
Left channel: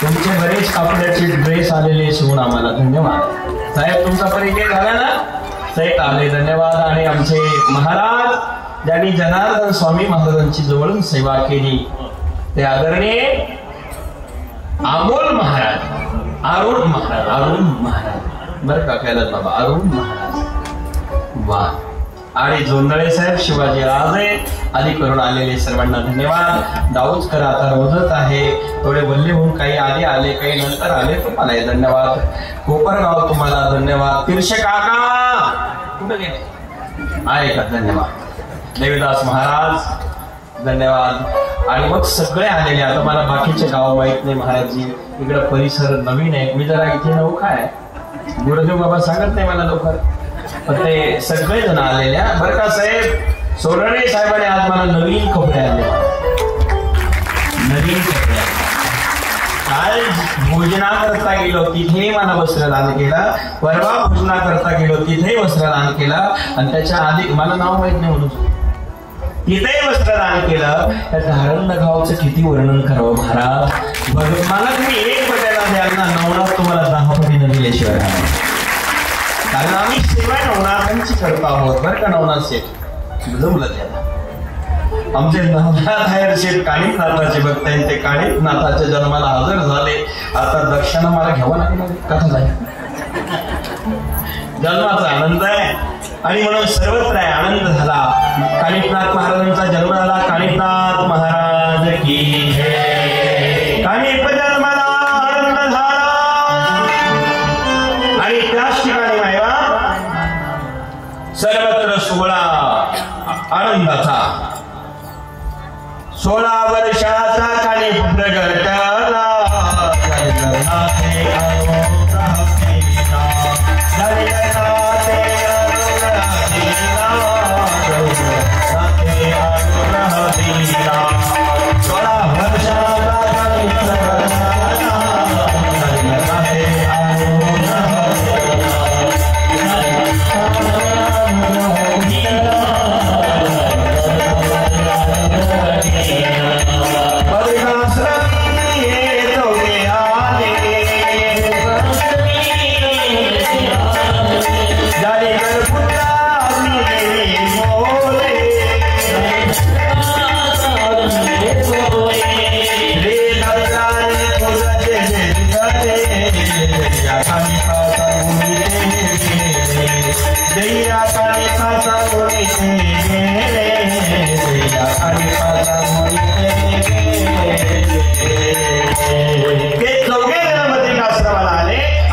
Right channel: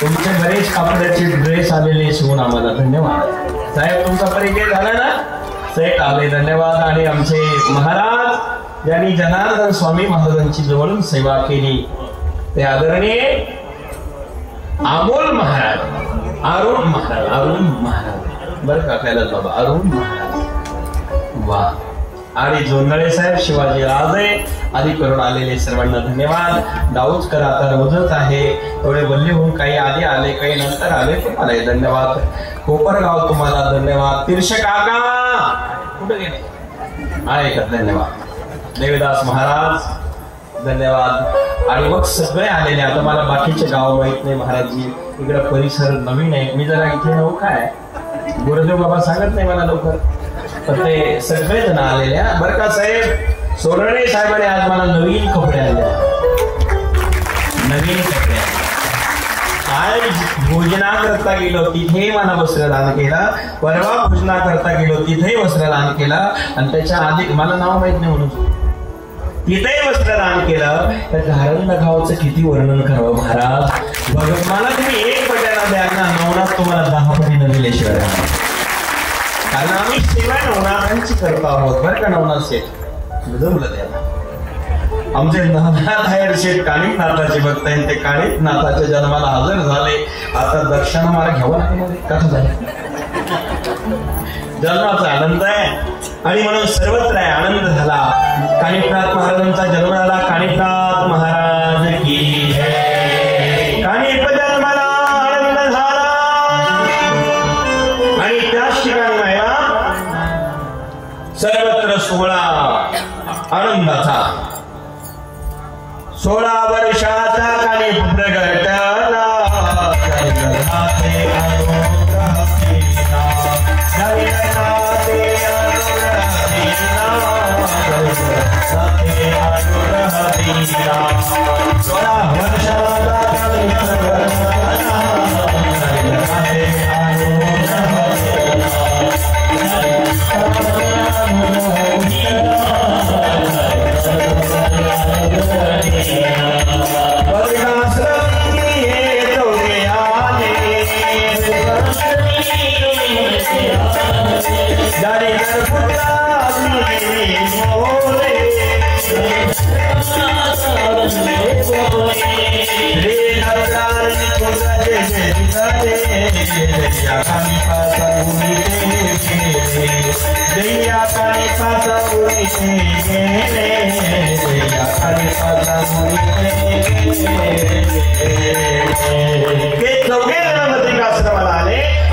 तुमचे बरेच कापडाचे ड्रेस आलेले शिवून आम्हाला धन्यवाद. साहेब तुमचा परिचय झाला ना, सेट आले. धन्यवाद. आणि आमचे महाराज ज्यांनी जनार्दन स्वामी महाराजांची जवळून सेवा केली ते आदरणीय अमोल महाराज, अरुण महाराज, अरुण महाराज बरं का, आपल्याला बाबा अरुण महाराज. वा आणि जोंधळे साहेब, शिवाजी राजे आदी करून आलेले सर्वांना धन्यवाद. दाऊदकर आता रोजच आहे, थोडे बल्ले होऊन काही आले काही नंतर आले, तुम्हाला धन्यवाद. कोपरगाव तुम्हाला धन्यवाद. तीर्षे काका आहे का, धन्यवाद. देवदास महाराज धन्यवाद. आणि मग सगळे आलेले. आता मला बाकीचे गाव माहित नाही महाराजजी, इकडे परिसर नवीन आहे, मी जरा इथे लोक आहे, गुरुदेव बाबा सांगत नाही मला लवकर, पण ते सगळे जण आलेले बरं का साहेब. सोरणे साहेबांनी आज मला नवीन कपडे आले, नवीन कपडे. आज भोजना करता गेलो तिथे मला वस्त्रदान केला, परवा भोजना करता गेलो तिथे वस्त्रदान केला, आणि त्याच्या आधी मला नाव माहित नाही म्हणून तिथेही वस्त्रदान केलं. त्या धारण गावचं किती वर्णन करावं महाराज. मला तुम्ही एक बघायला द्या ना, नवनाथ तुम्हाला 10 कोटी न दिल्याशिवाय. कारण आम्ही सेवा नवनाथांची करतो आहोत बरं का. नवनाथ शेठ जमलं त्याला. आमचे नवनाथ शेठ काळीनाथाचे भक्त आहेत, ते काळीनाथाच्या जन्माला हजर झाले. आता दर्शन मला घ्यावं लागेल, कसं झालं जन्माचा आनंद आहे. आणि म्हणून सर्वत्र आनंद झाला. काणिकनाथ महाराजांचा जन्म झाला. काणिकनाथ महाराज की जय. काणिक जन्माला आनंद झाला. आणि त्याच ठिकाणी महिला सर्वत्र सोहळा आनंदाचा. 16 वर्षाचा काणिक प्रगटाला.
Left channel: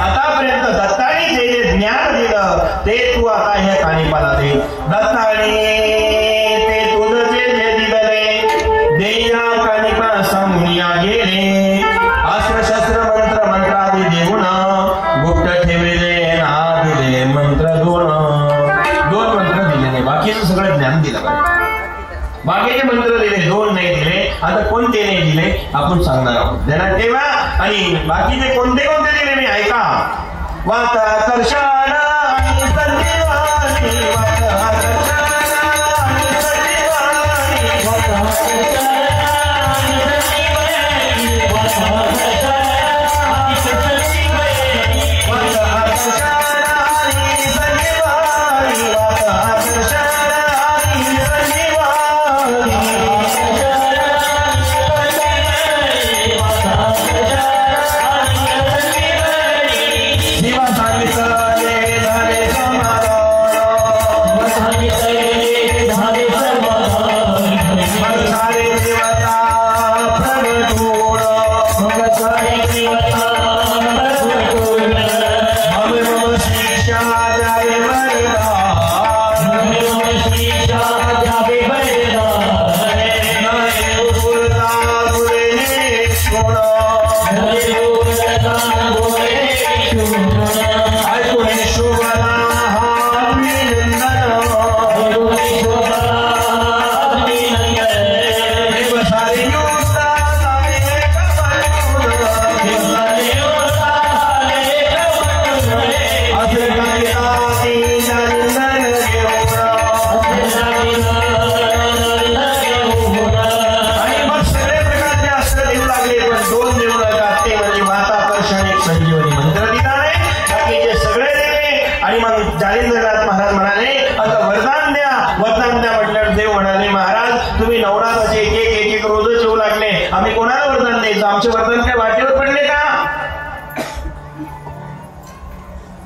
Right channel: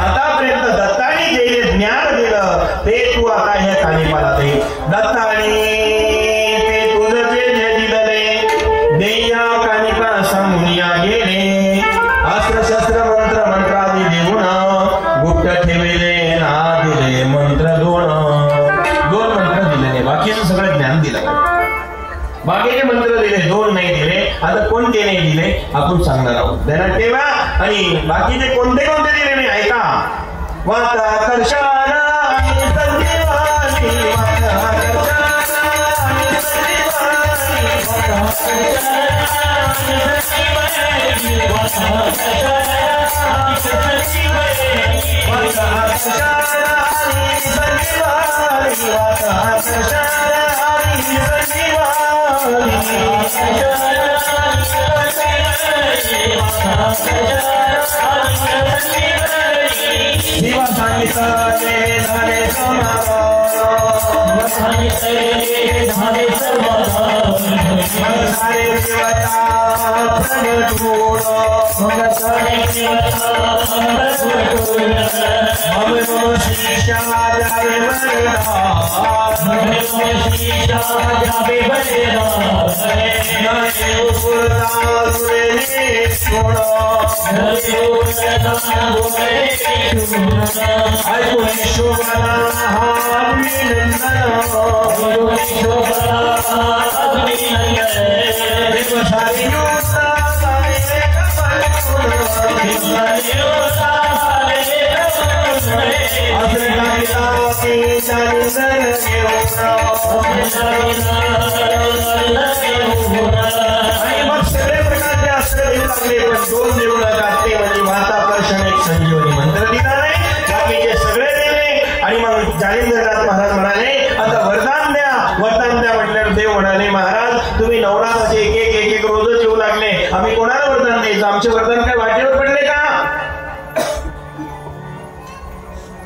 आतापर्यंत दत्ताने जे ज्ञान दिलं ते तू आता हे काणिपाला दे. दत्ताने ते तुझं जे दिलं रे देया काणिपा समूया गेले. अस्त्र शस्त्र मंत्र मंत्रादी देऊन गुप्त ठेवले ना दिले मंत्र दोन मंत्र दिले. बाकीचं सगळं ज्ञान दिलं, बाकीचे मंत्र दिले, 2 नाही दिले. आता कोणते नाही दिले आपण सांगणार आहोत, ध्यानात ठेवा. आणि बाकीचे कोणते दिले मी ऐका. वाता कर्षाला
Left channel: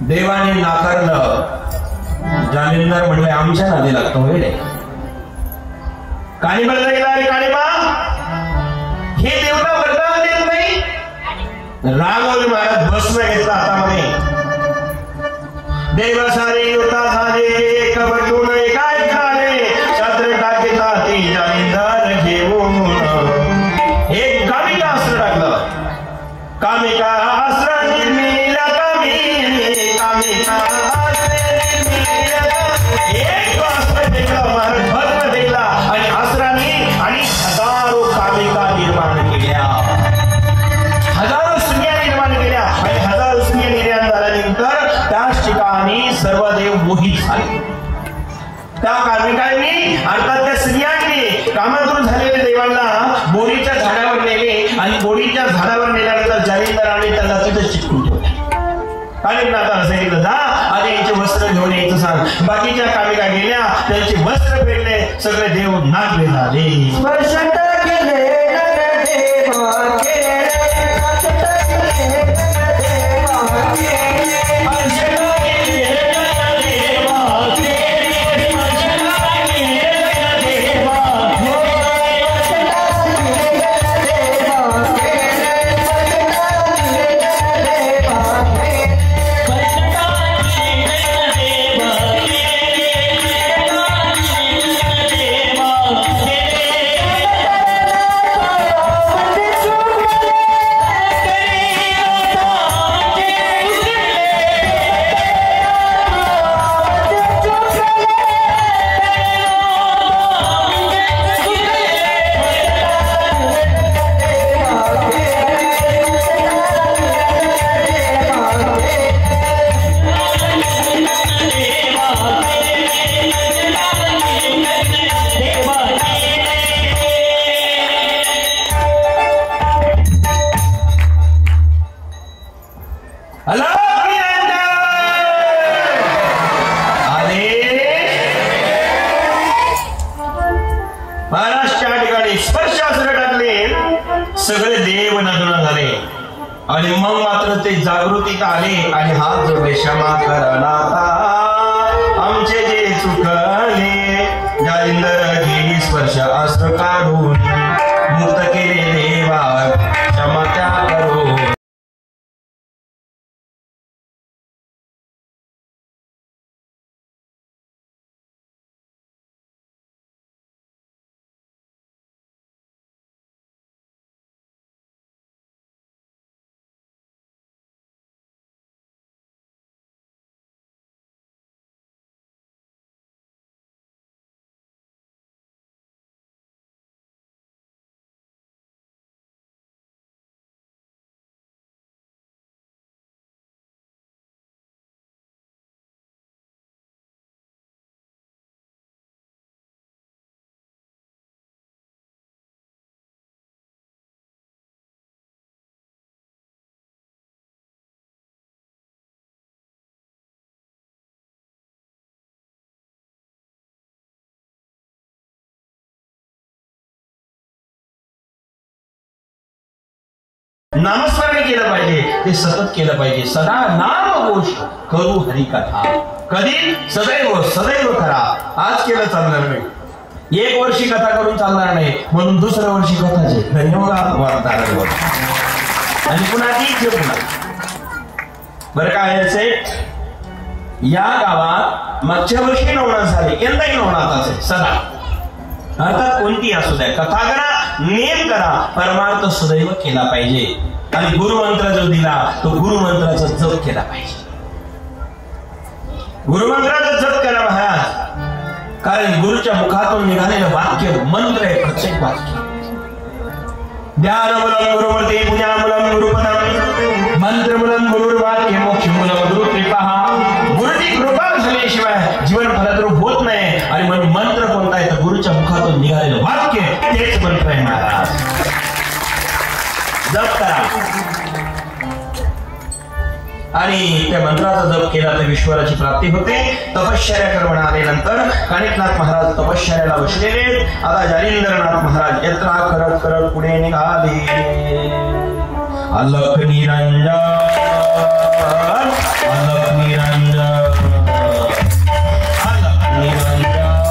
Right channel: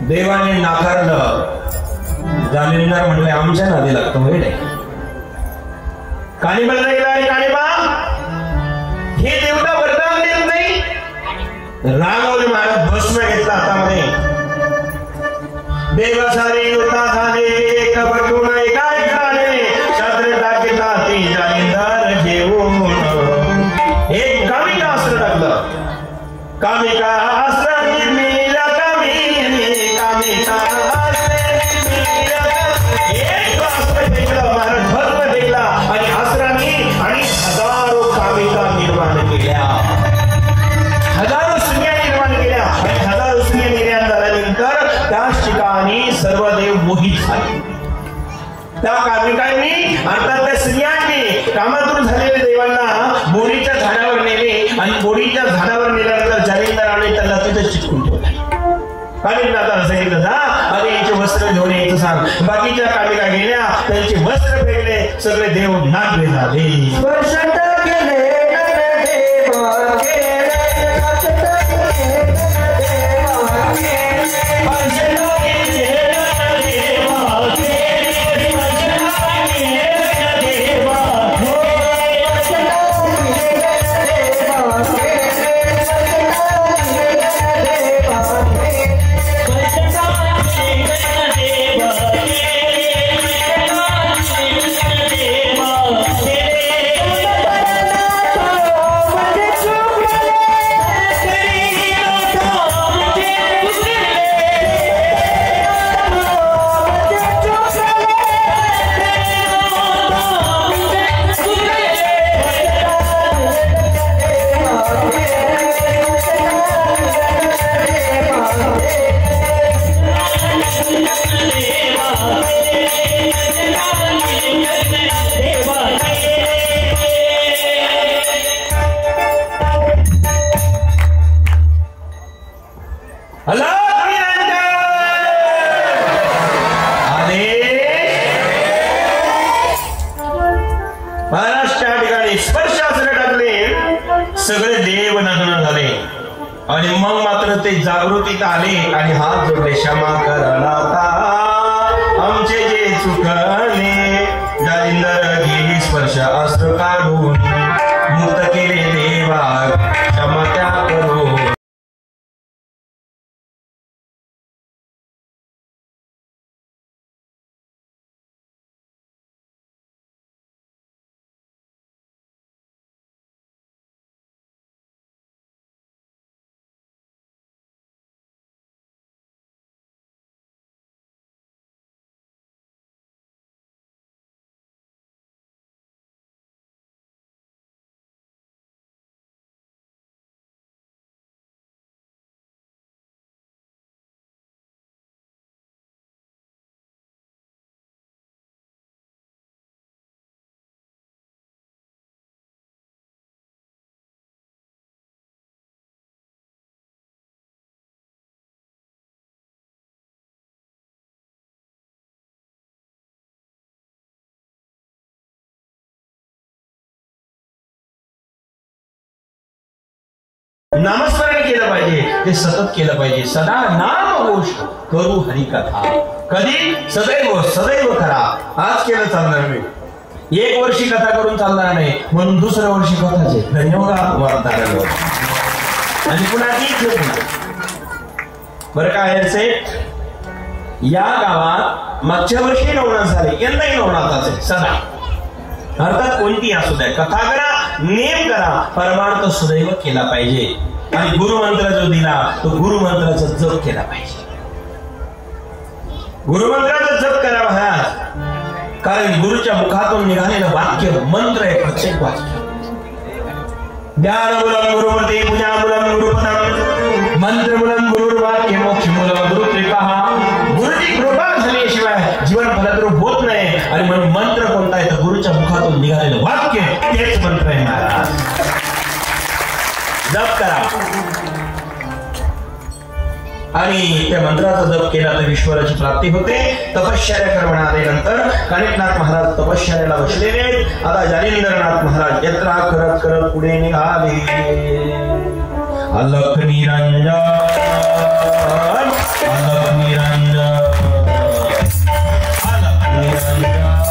देवाने नाकारलं. जालिंदर म्हणले आमच्या नादी लागतो होईल काळीबाला गेला आणि काळीबा हे देवता वरदान देत नाही रामावर महाराज भस्म घेतला हातामध्ये देव सारे देवता झाले कपटून काय झाले छत्र टाकीता ती जाईंदर घेऊन एक कामिका अस्त्र टाकलं कामिका अस्त्र नीला कामिका एक अस्त्र फेकलं भस्म फेकला आणि अस्त्राने आणि हजारो कामिका निर्माण केल्या हजारो स्त्रिया निर्माण केल्या आणि हजारो स्त्रिया निर्माण झाल्यानंतर त्याच ठिकाणी सर्व देव मोहित झाले त्या कामिकांनी अर्थात त्या स्त्रियांनी कामातून झालेल्या देवांना बोरीच्या झाडावर नेले आणि बोरीच्या झाडावर नेल्यानंतर जाईंदराने त्याला तिथे चिकटून ठेवले आणि आता सांगितलं जा आणि याचे वस्त्र घेऊन यायचं सांग बाकीच्या कामिका गेल्या त्यांचे वस्त्र फेकले सगळे देव नाचले झाले सगळे देव नजर झाले आणि मग मात्र ते जागृतीत आले आणि हात जोडले क्षमा करा नाथा आमचे जे चुकले जालिंदर गेली स्पर्श अस्त्र काढून मुक्त केले देवा क्षमा करो नामस्मरण केलं पाहिजे ते सतत केलं पाहिजे सदा नाम घोष करू हरी कथा कधी सदैव करा आज केलं चालणार नाही एक वर्षी कथा करून चालणार नाही म्हणून दुसऱ्या वर्षी कथाची धन्यवाद आणि कुणाची ठेवू बरं काय यायचे या गावात मागच्या वर्षी नवनाथ झाले यंदाही नवनाथ असेल सदा अर्थात कोणती असू द्या कथा करा नेम करा परमार्थ सदैव केला पाहिजे आणि गुरुमंत्र जो दिला तो गुरुमंत्राचा जप केला पाहिजे गुरुमंत्राचा जप करा महाराज कारण गुरुच्या मुखातून निघालेलं वाक्य मंत्र आहे प्रत्येक वाक्य ज्ञानमूलम गुरुपती ज्ञानमूलम गुरुपदम मंत्रमूलम गुरुवाक्य मोक्षमूलम गुरुकृपा गुरुची कृपा झाल्याशिवाय जीवन फलद्रूप होत नाही आणि म्हणून मंत्र कोणता आहे तर गुरुच्या मुखातून निघालेलं वाक्य तेच मंत्र आहे महाराज जप करा आणि त्या मंत्राचा जप केला तर ईश्वराची प्राप्ती होते तपश्चर्या करण्यात आल्यानंतर कानिकनाथ महाराज तपश्चर्याला बसलेले आता जालिंदरनाथ महाराज यात्रा करत करत पुढे निघाले अलख निरंजन अलख निरंजन अलख निरंजन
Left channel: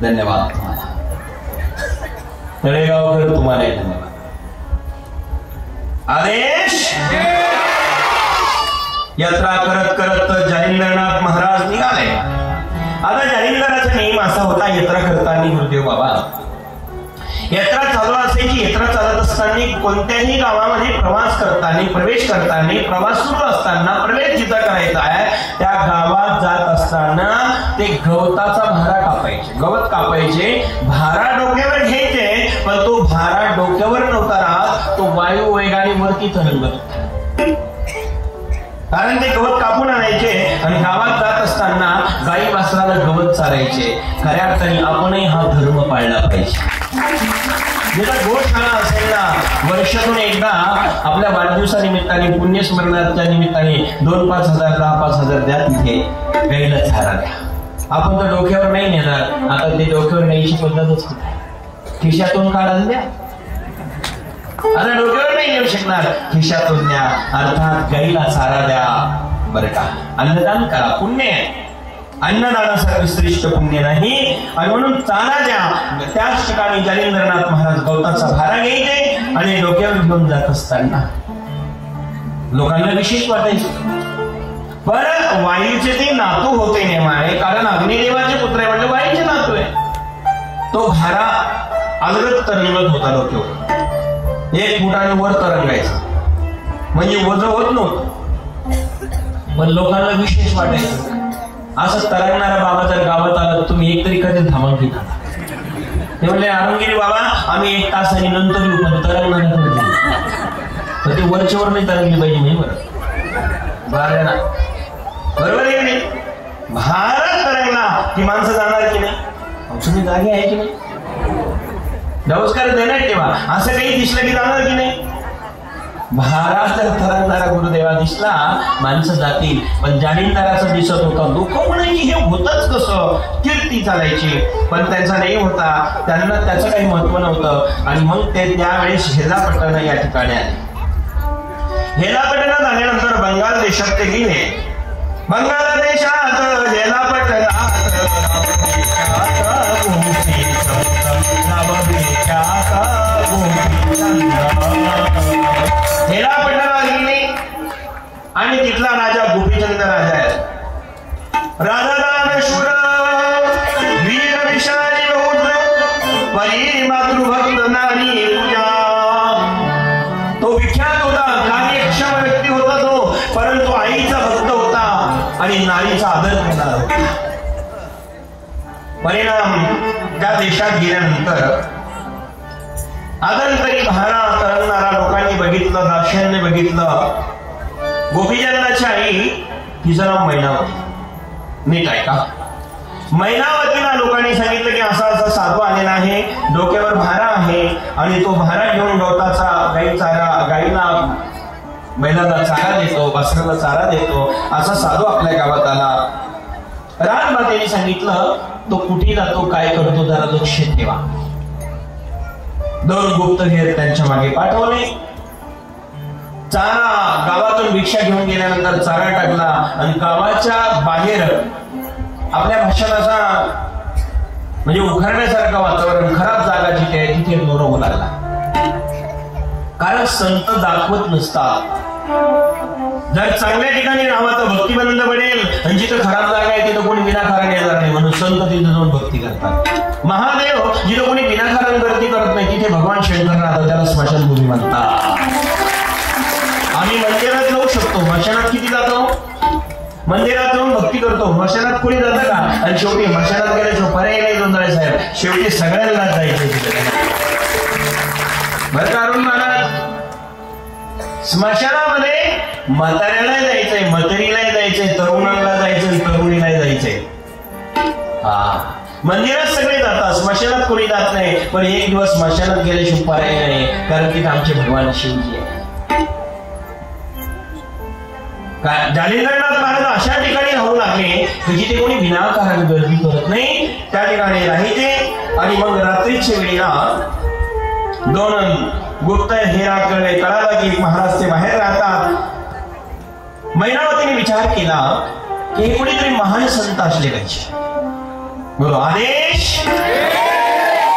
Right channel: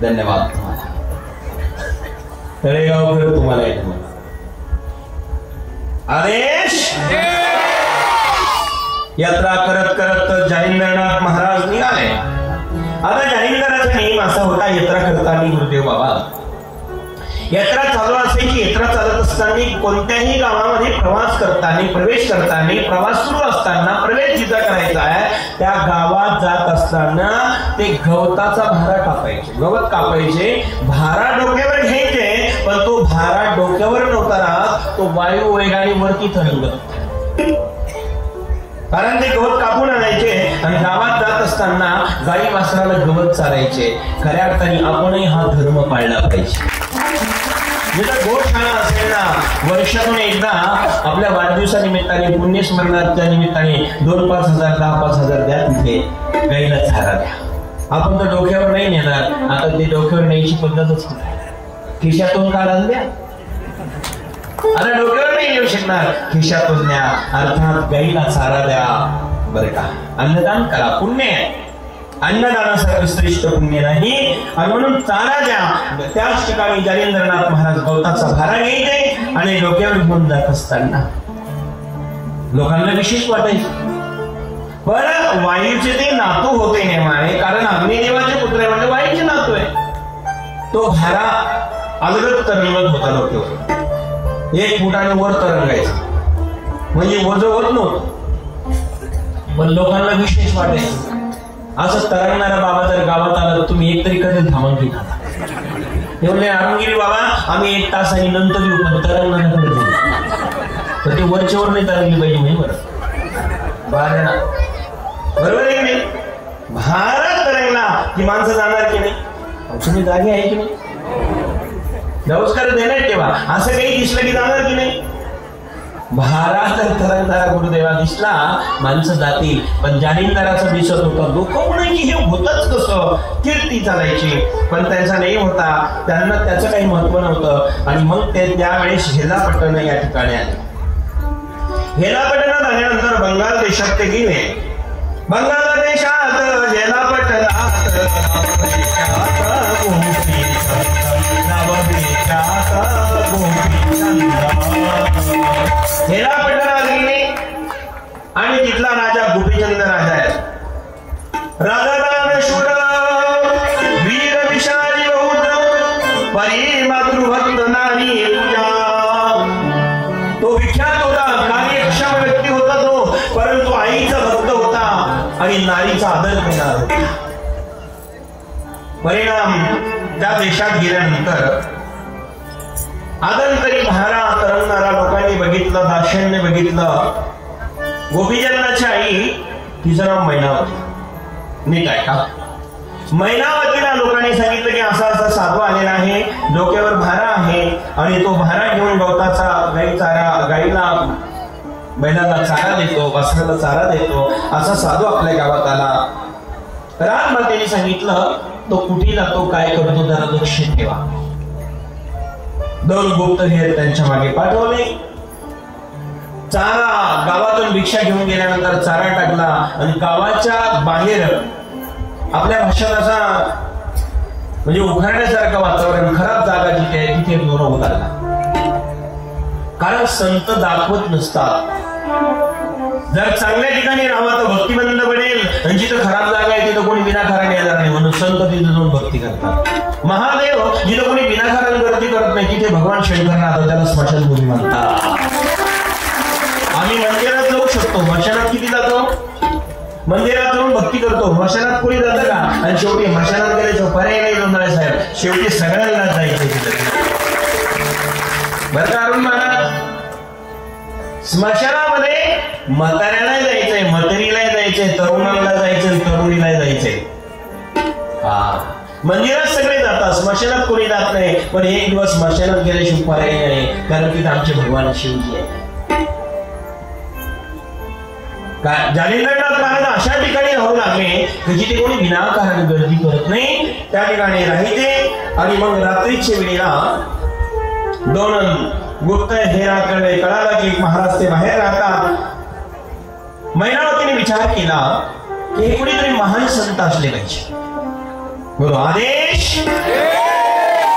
धन्यवाद. तळेगावकर तुम्हाला एक आदेश. यात्रा करत करत जालिंदरनाथ महाराज निघाले. आता जालिंदराचा नेम असा होता, यात्रा करताना गुरुदेव बाबा यात्रा चालू असायची. यात्रा चालत असताना कोणत्याही गावामध्ये प्रवास करताना, प्रवेश करताना, प्रवास सुरू असताना प्रवेश जिथं करायचा आहे त्या गावात जात असताना ते गवताचा भारा कापायचे, गवत कापायचे, भारा डोक्यावर घ्यायचे. पण तो भारा डोक्यावर नव्हता राहत, तो वायू वेगाने वरती चढवत, कारण ते गवत कापून आणायचे आणि गावात जात असताना गाई वासराला गवत चालायचे. खऱ्या अर्थाने आपणही हा धर्म पाळला पाहिजे. वर्षातून एकदा आपल्या वाढदिवसानिमित्ताने, पुण्यस्मरणाच्या निमित्ताने 2-5 हजार 10-5 हजार द्या तिथे गाईला चारा द्या. आपण तर डोक्यावर नाही नेणार. आता ते डोक्यावर न्यायची पद्धतच खिशातून काढायला द्या. आता डोक्यावर नाही येऊ शकणार, खिशातून द्या. अर्थात गाईला चारा द्या. बरं का, अन्नदान करा, पुण्य आहे. अन्नदानासारखं श्रेष्ठ पुण्य नाही. आणि म्हणून चारा द्या. त्याच ठिकाणी जालिंदरनाथ महाराज गवताचा भारा घ्यायचे आणि डोक्यावर घेऊन जात असताना लोकांना विशेष वाटायचे. पण वायूचे ते नातू होते नेमाळे, कारण अग्निदेवाचे पुत्र म्हणजे वायूचे नातू आहे. तो भारा अलगद तरंगत होता डोक्यावर. 1 फुटाने वर तरंगायचा, म्हणजे ओझं होत नव्हतं. पण लोकांना विशेष वाटायचं. असं तरंगणारा बाबा जर गावात आला, तुम्ही एक तरी कधी थांबा घेता. ते म्हणजे आम्ही बाबा आम्ही 1 तास आणि नंतर येऊ, पण तरंगणारा तर ते वरच्यावर नाही तरंगली पाहिजे. नाही बरं, बरोबर आहे की नाही? भारत तरंगला की माणसं जाणार की नाही? तुम्ही जागे आहे की नाही? नमस्कार देणार ठेवा. असं काही दिसलं की जाणार की नाही? भारत तरंगणारा गुरुदेवा दिसला, माणसं जातील. पण जालिंदराचं दिसत होतं दुःख की हे होतच कसं, कीर्ती चालायची. पण त्याचा नाही होता, त्यांना त्याचं काही महत्व नव्हतं. आणि मग ते त्यावेळेस हेलापट्टण या ठिकाणी आले. हेलापट्टणात आल्यानंतर बंगाल देशात ते गेले. बंगाल देशात हेलापट्टणाला गेले आणि तिथला राजा गोपीचंद राजा आहे. राजा वीर विशाली परी मातृभक्त नारी, तो विख्यात होता. कार्यक्षम व्यक्ती होता तो, परंतु आईचा भक्त होता आणि नारीचा आदर केला होता. परिणाम त्या देशात गेल्यानंतर आदरतरी भारा तरंगणारा लोकांनी बघितलं, दाशांनी बघितलं. गोपीचंदाची आई, तिचं नाव मैनावती. नीट आहे का? मैनावतीला लोकांनी सांगितलं की असा असा साधू आलेला आहे, डोक्यावर भारा आहे आणि तो भारा घेऊन गवताचा गाई चारा गाईला बैलाला चारा देतो, वासराला चारा देतो. असा साधू आपल्या गावात आला. रामराजांनी सांगितलं तो कुठे जातो, काय करतो, त्याला लक्ष ठेवा. 2 गुप्तहेर त्यांच्या मागे पाठवले. चारा गावातून भिक्षा घेऊन गेल्यानंतर चारा टाकला आणि गावाच्या बाहेर आपल्या भाषेत असा म्हणजे उघडण्यासारखं वातावरण, खराब जागा जिथे आहे तिथे मोर लागला. कारण संत दाखवत नसतात. जर चांगल्या ठिकाणी राहावं तर भक्तिमंद बनेल, आणि जिथं खराब जागा आहे तिथं कोणी विनाकारण येणार नाही, म्हणून संत तिथं जाऊन भक्ती करतात. महादेव जिथं कोणी विनाकारण भक्ती करत नाही तिथे भगवान शंकर राहतात, त्याला स्मशानभूमी म्हणतात. आम्ही मंदिरात जाऊ शकतो, स्मशानात किती जातो? मंदिरात जाऊन भक्ती करतो, स्मशानात कोणी जातं का? आणि शेवटी स्मशानात गेल्याचं पर्याय नाही जोंधळे साहेब, शेवटी सगळ्यांना जायचं. स्मशानामध्ये म्हाताऱ्याला जायचंय, म्हातारीला जायचंय, तरुणाला जायचंय, तरुणीला जायचंय. मंदिरात सगळे जातात, स्मशानात कोणी जात नाही. पण एक दिवस स्मशानात गेल्याशिवाय पर्याय नाही, कारण की आमचे भगवान शिवजी आहे. जालिंदरनाथ महाराज अशा ठिकाणी राहू लागले की जिथे कोणी विनाकारण गर्दी करत नाही, त्या ठिकाणी राहायचे. आणि मग रात्रीच्या वेळेला 2 गुप्तहेराकडे कळालं की महाराज ते बाहेर राहतात. मैनावतीने विचार केला की कोणीतरी महान संत असले पाहिजे. बोलो आदेश.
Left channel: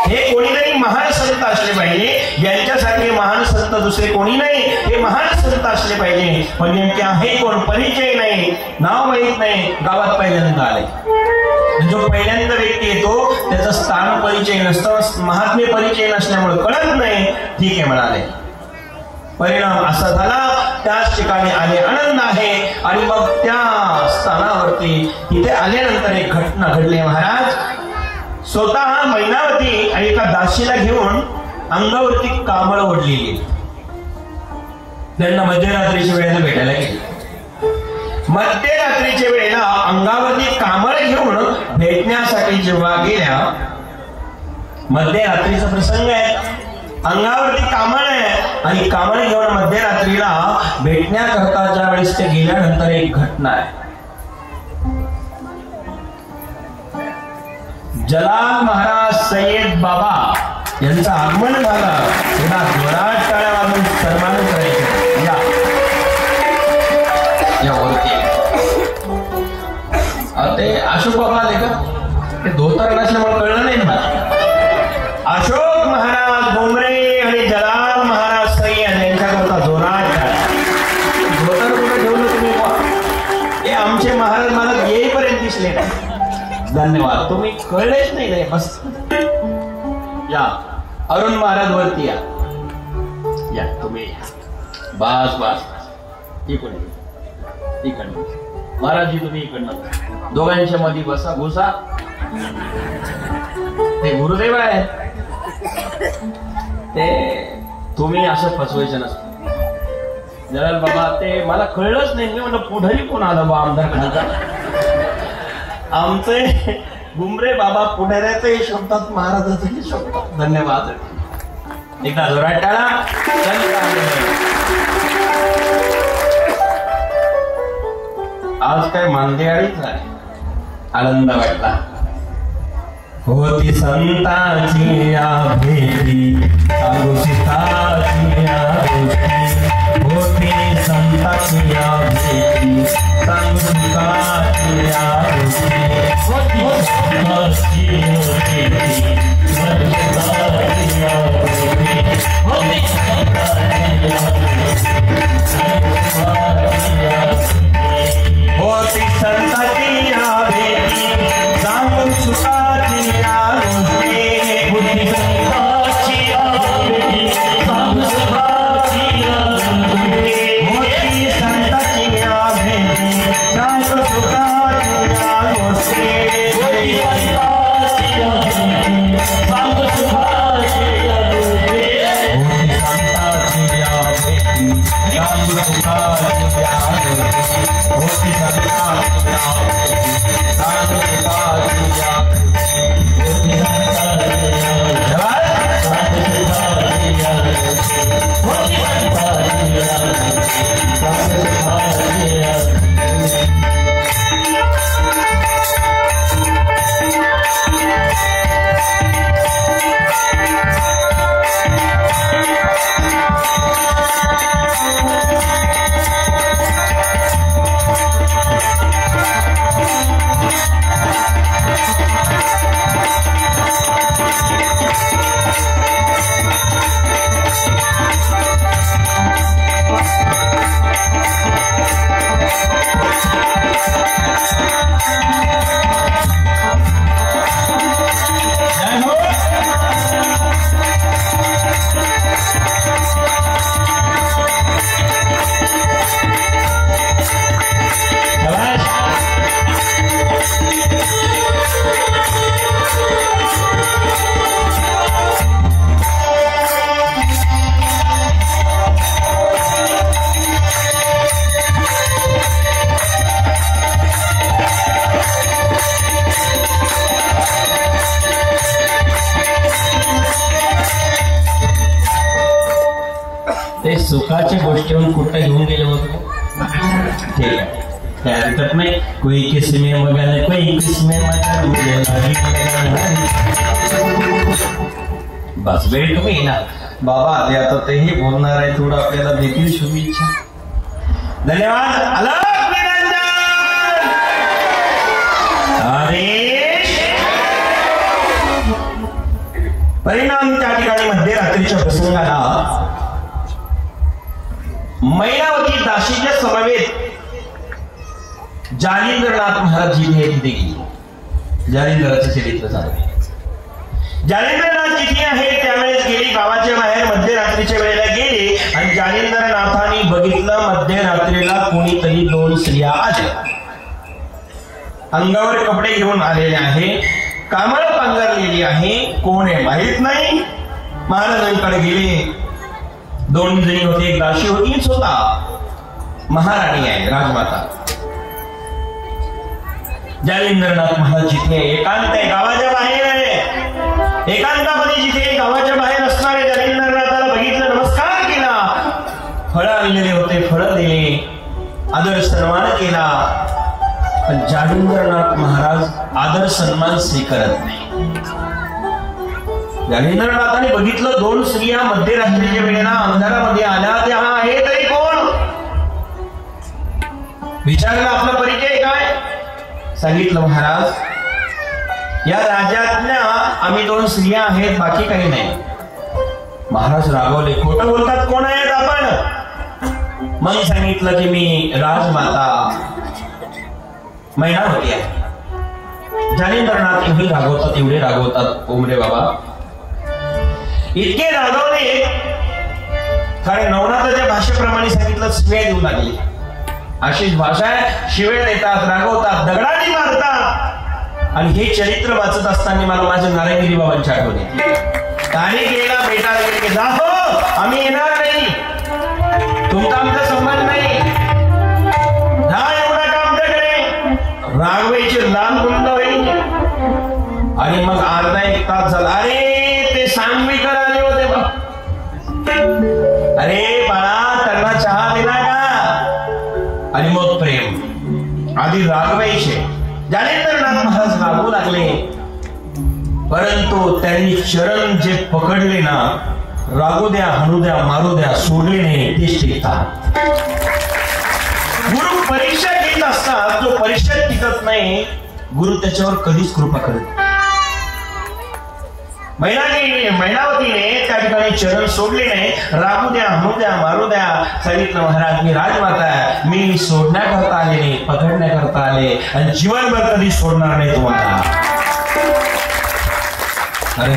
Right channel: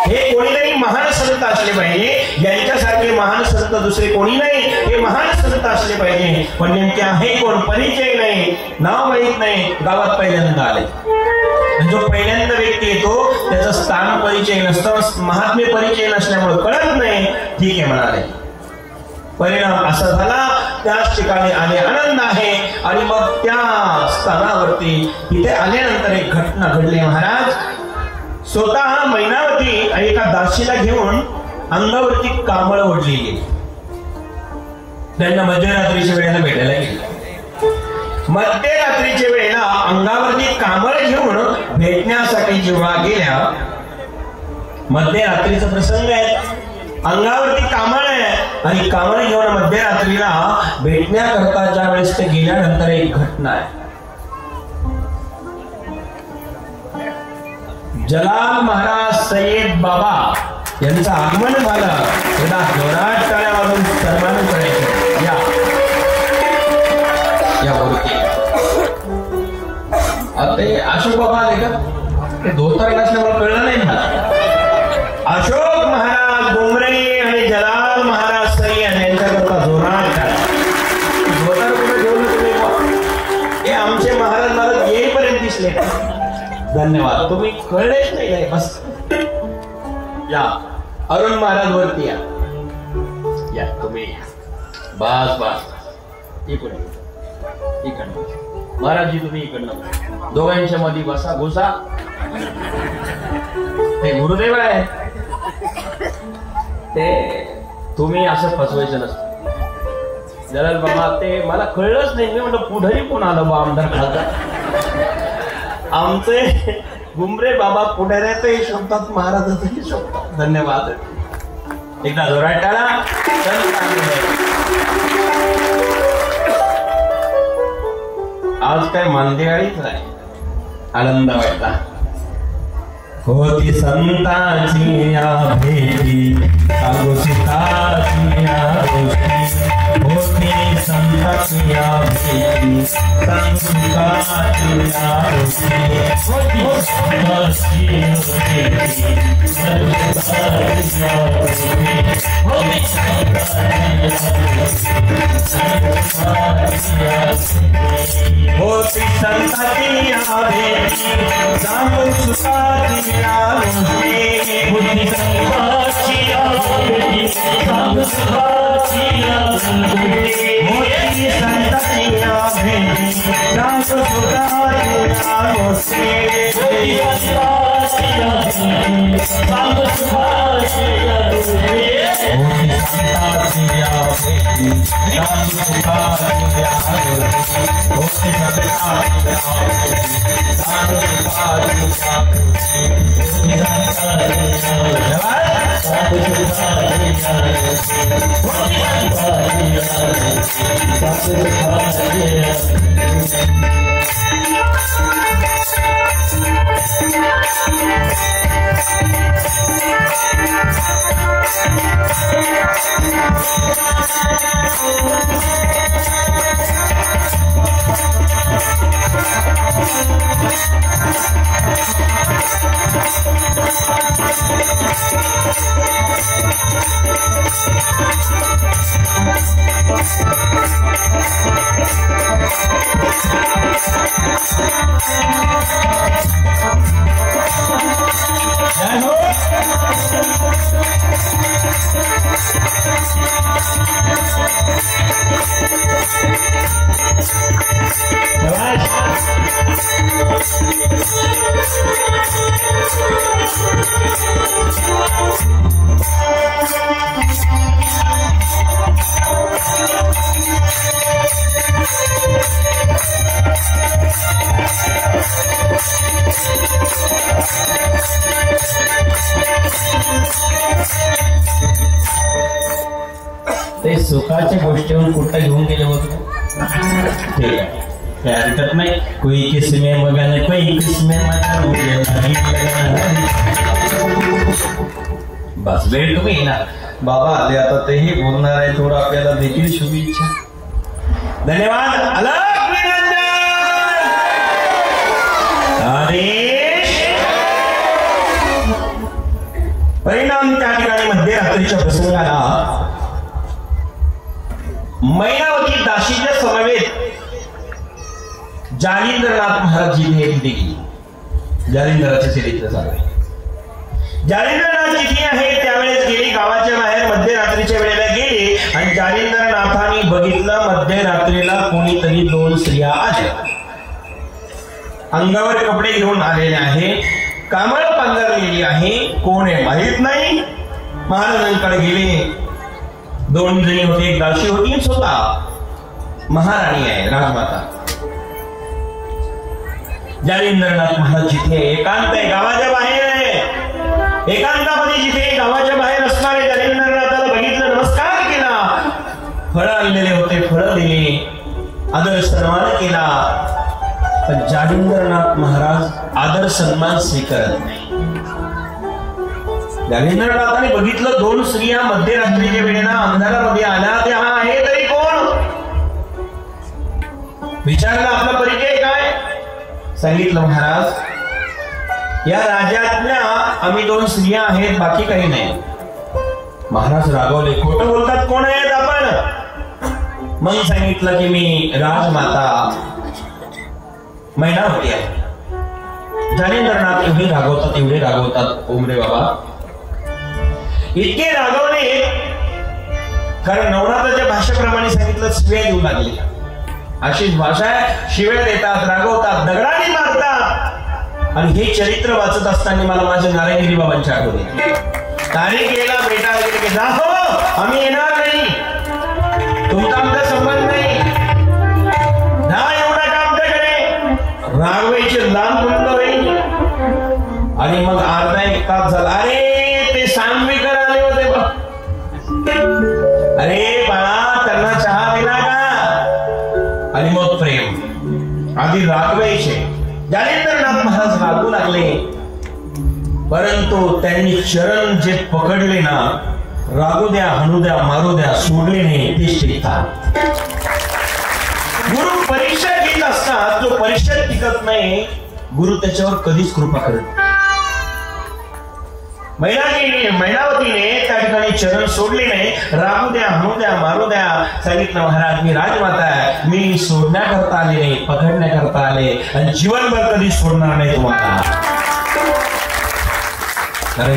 हे कोणीतरी महान संत असले पाहिजे, यांच्यासारखे महान संत दुसरे कोणी नाही. हे महान संत असले पाहिजे, पण यांचे आहे कोण परिचय नाही, नाव माहित नाही. गावात पहिल्यांदा आले. जो पहिल्यांदा व्यक्ती येतो त्याचा स्थान परिचय नसतं, महात्म्य परिचय नसल्यामुळे कळत नाही. ठीक आहे म्हणाले. परिणाम असा झाला, त्याच ठिकाणी आले आनंद आहे. आणि मग त्या स्थानावरती तिथे आल्यानंतर एक घटना घडली. महाराज स्वतः मैनावती आणि एका दासीला घेऊन अंगावरती कांबळ ओढली. त्यांना मध्यरात्रीच्या वेळेला भेटायला गेले. मध्यरात्रीच्या वेळेला अंगावरती कांबळ घेऊन भेटण्यासाठी जेव्हा गेल्या, मध्यरात्रीचा प्रसंग आहे, अंगावरती कांबळ आहे आणि कांबळ घेऊन मध्यरात्रीला भेटण्याकरता ज्या वेळेस ते गेल्यानंतर एक घटना आहे. जलाल महाराज सय्यद बाबा यांचं आगमन झालं. थोडा जोरात टाळ्या वाजवून सन्मान करायचं. ते अशोक बाबा आले का? ते धोतर नसल्यामुळे कळलं नाही ना. अशोक महाराज डोंगरे आणि जलाल महाराज सय्यद यांच्याकरता जोरात धोतर कुठं ठेवलं तुम्ही? हे आमचे महाराज मला येईपर्यंत दिसले. धन्यवाद, तुम्ही कळलेच नाही. बस या अरुण महाराज वरती या तुम्ही. बस बस इकडं महाराज तुम्ही इकडनं दोघांच्या मध्ये बसा. घुसा. ते गुरुदेव आहे, ते तुम्ही असं फसवायचं नसतं. जरा मला ते मला कळलंच नाही. मला पुढे कोण आलं बा आमदार? आमचे गुमरे बाबा पुढे शोधतात, महाराजांचे शोधतात. धन्यवाद. एकदा जोरात आज काय मांदेवाडीच आहे. आनंद वाटला. होती संतांची या भेटी, सीताची या गोष्टी. होती संतांची या भेटी, संतांची या होती संतांची या भेटी, संतांची ते सुखाची गोष्टीवर कुठं घेऊन गेले होते. ठीक आहे, त्यानंतर नाही कोई किसमे वगैरे कोई किसमे बस वेळ तुम्ही ना बाबा आले आता तेही बोलणार आहे थोडं आपल्याला देखील शुभेच्छा. धन्यवाद. परिणाम त्या ठिकाणी मध्यरात्रीच्या प्रसंगाला मैनावती दासीच्या समवेत जालिंदरनाथ महाराजजी हे देखील जालिंदराचे चरित्र सांगे. जालिंदरनाथ जिथे आहे त्यावेळेस गेली गावाच्या बाहेर मध्यरात्रीच्या वेळेला गेली आणि जालिंदरनाथांनी बघितलं मध्यरात्रीला कोणीतरी दोन स्त्रिया आल्या. अंगावर कपडे घेऊन आलेले आहे, कामळ पांघरलेली आहे, कोण आहे माहित नाही. महाराजांकडे गेले. दोन जणी होते, एक दासी होती, स्वतः महाराणी आहे, राजमाता. जालिंदरनाथ महाराज जिथे एकांत गावाच्या बाहेर आहे, एकांतामध्ये जिथे गावाच्या बाहेर असणारे जालिंदरनाथाला बघितलं, नमस्कार केला, फळं आणलेले होते, फळं दिले, आदर सन्मान केला. पण जालिंदरनाथ महाराज आदर सन्मान स्वीकारत नाही. जालिंदरनाथाने बघितलं दोन स्त्रिया मध्यरात्रीच्या वेळेला अंधारामध्ये आल्या, त्या आहे तरी कोण विचारलं, आपला परिचय काय? सांगितलं, महाराज या राज्यातल्या आम्ही दोन स्त्रिया आहेत, बाकी काही नाही. महाराज रागवले, खोटं बोलतात, कोण आहेत आपण? मग सांगितलं की मी राजमाता मैनावती आहे. जालिंदरनाथ एवढी रागवतात, एवढे रागवतात, ओमरे बाबा इतके रागवले कारण नवनाथाच्या भाषेप्रमाणे सांगितलं, शिव्या देऊ लागली. अशीच भाषा आहे, शिव्या देतात, रागवतात, दगडाने मारतात. आणि हे चरित्र वाचत असताना मला माझ्या नारायणगिरी बाबांची आठवण येते. आणि गेला बेटा वगैरे जा, हो आम्ही येणार नाही, तुमचा आमचा संबंध नाही, रागवायचे लांब बंद होईल. आणि मग अर्धा एक तास झाला, अरे ते सांगवीकर आले होते बघ, अरे बाळा त्यांना चहा दिला का? आणि मग प्रेम आधी रागवायचे. जालिंदरनाथ महाराज रागू लागले, परंतु त्यांनी चरण जे पकडले ना, रागू द्या, हाणू द्या, मारू द्या, सोडले नाही, तेच टिकतात. गुरु परीक्षा घेत असतात, जो परीक्षेत टिकत नाही, गुरु त्याच्यावर कधीच कृपा करत नाही. मैनावतीने त्या ठिकाणी चरण सोडले नाही, रागू द्या, हाणू द्या, मारू द्या. सांगितलं, महाराज मी राजमाता आहे, मी सोडण्याकरता आले नाही, पकडण्याकरता आले, आणि जीवनभर कधी सोडणार नाही तुम्हाला.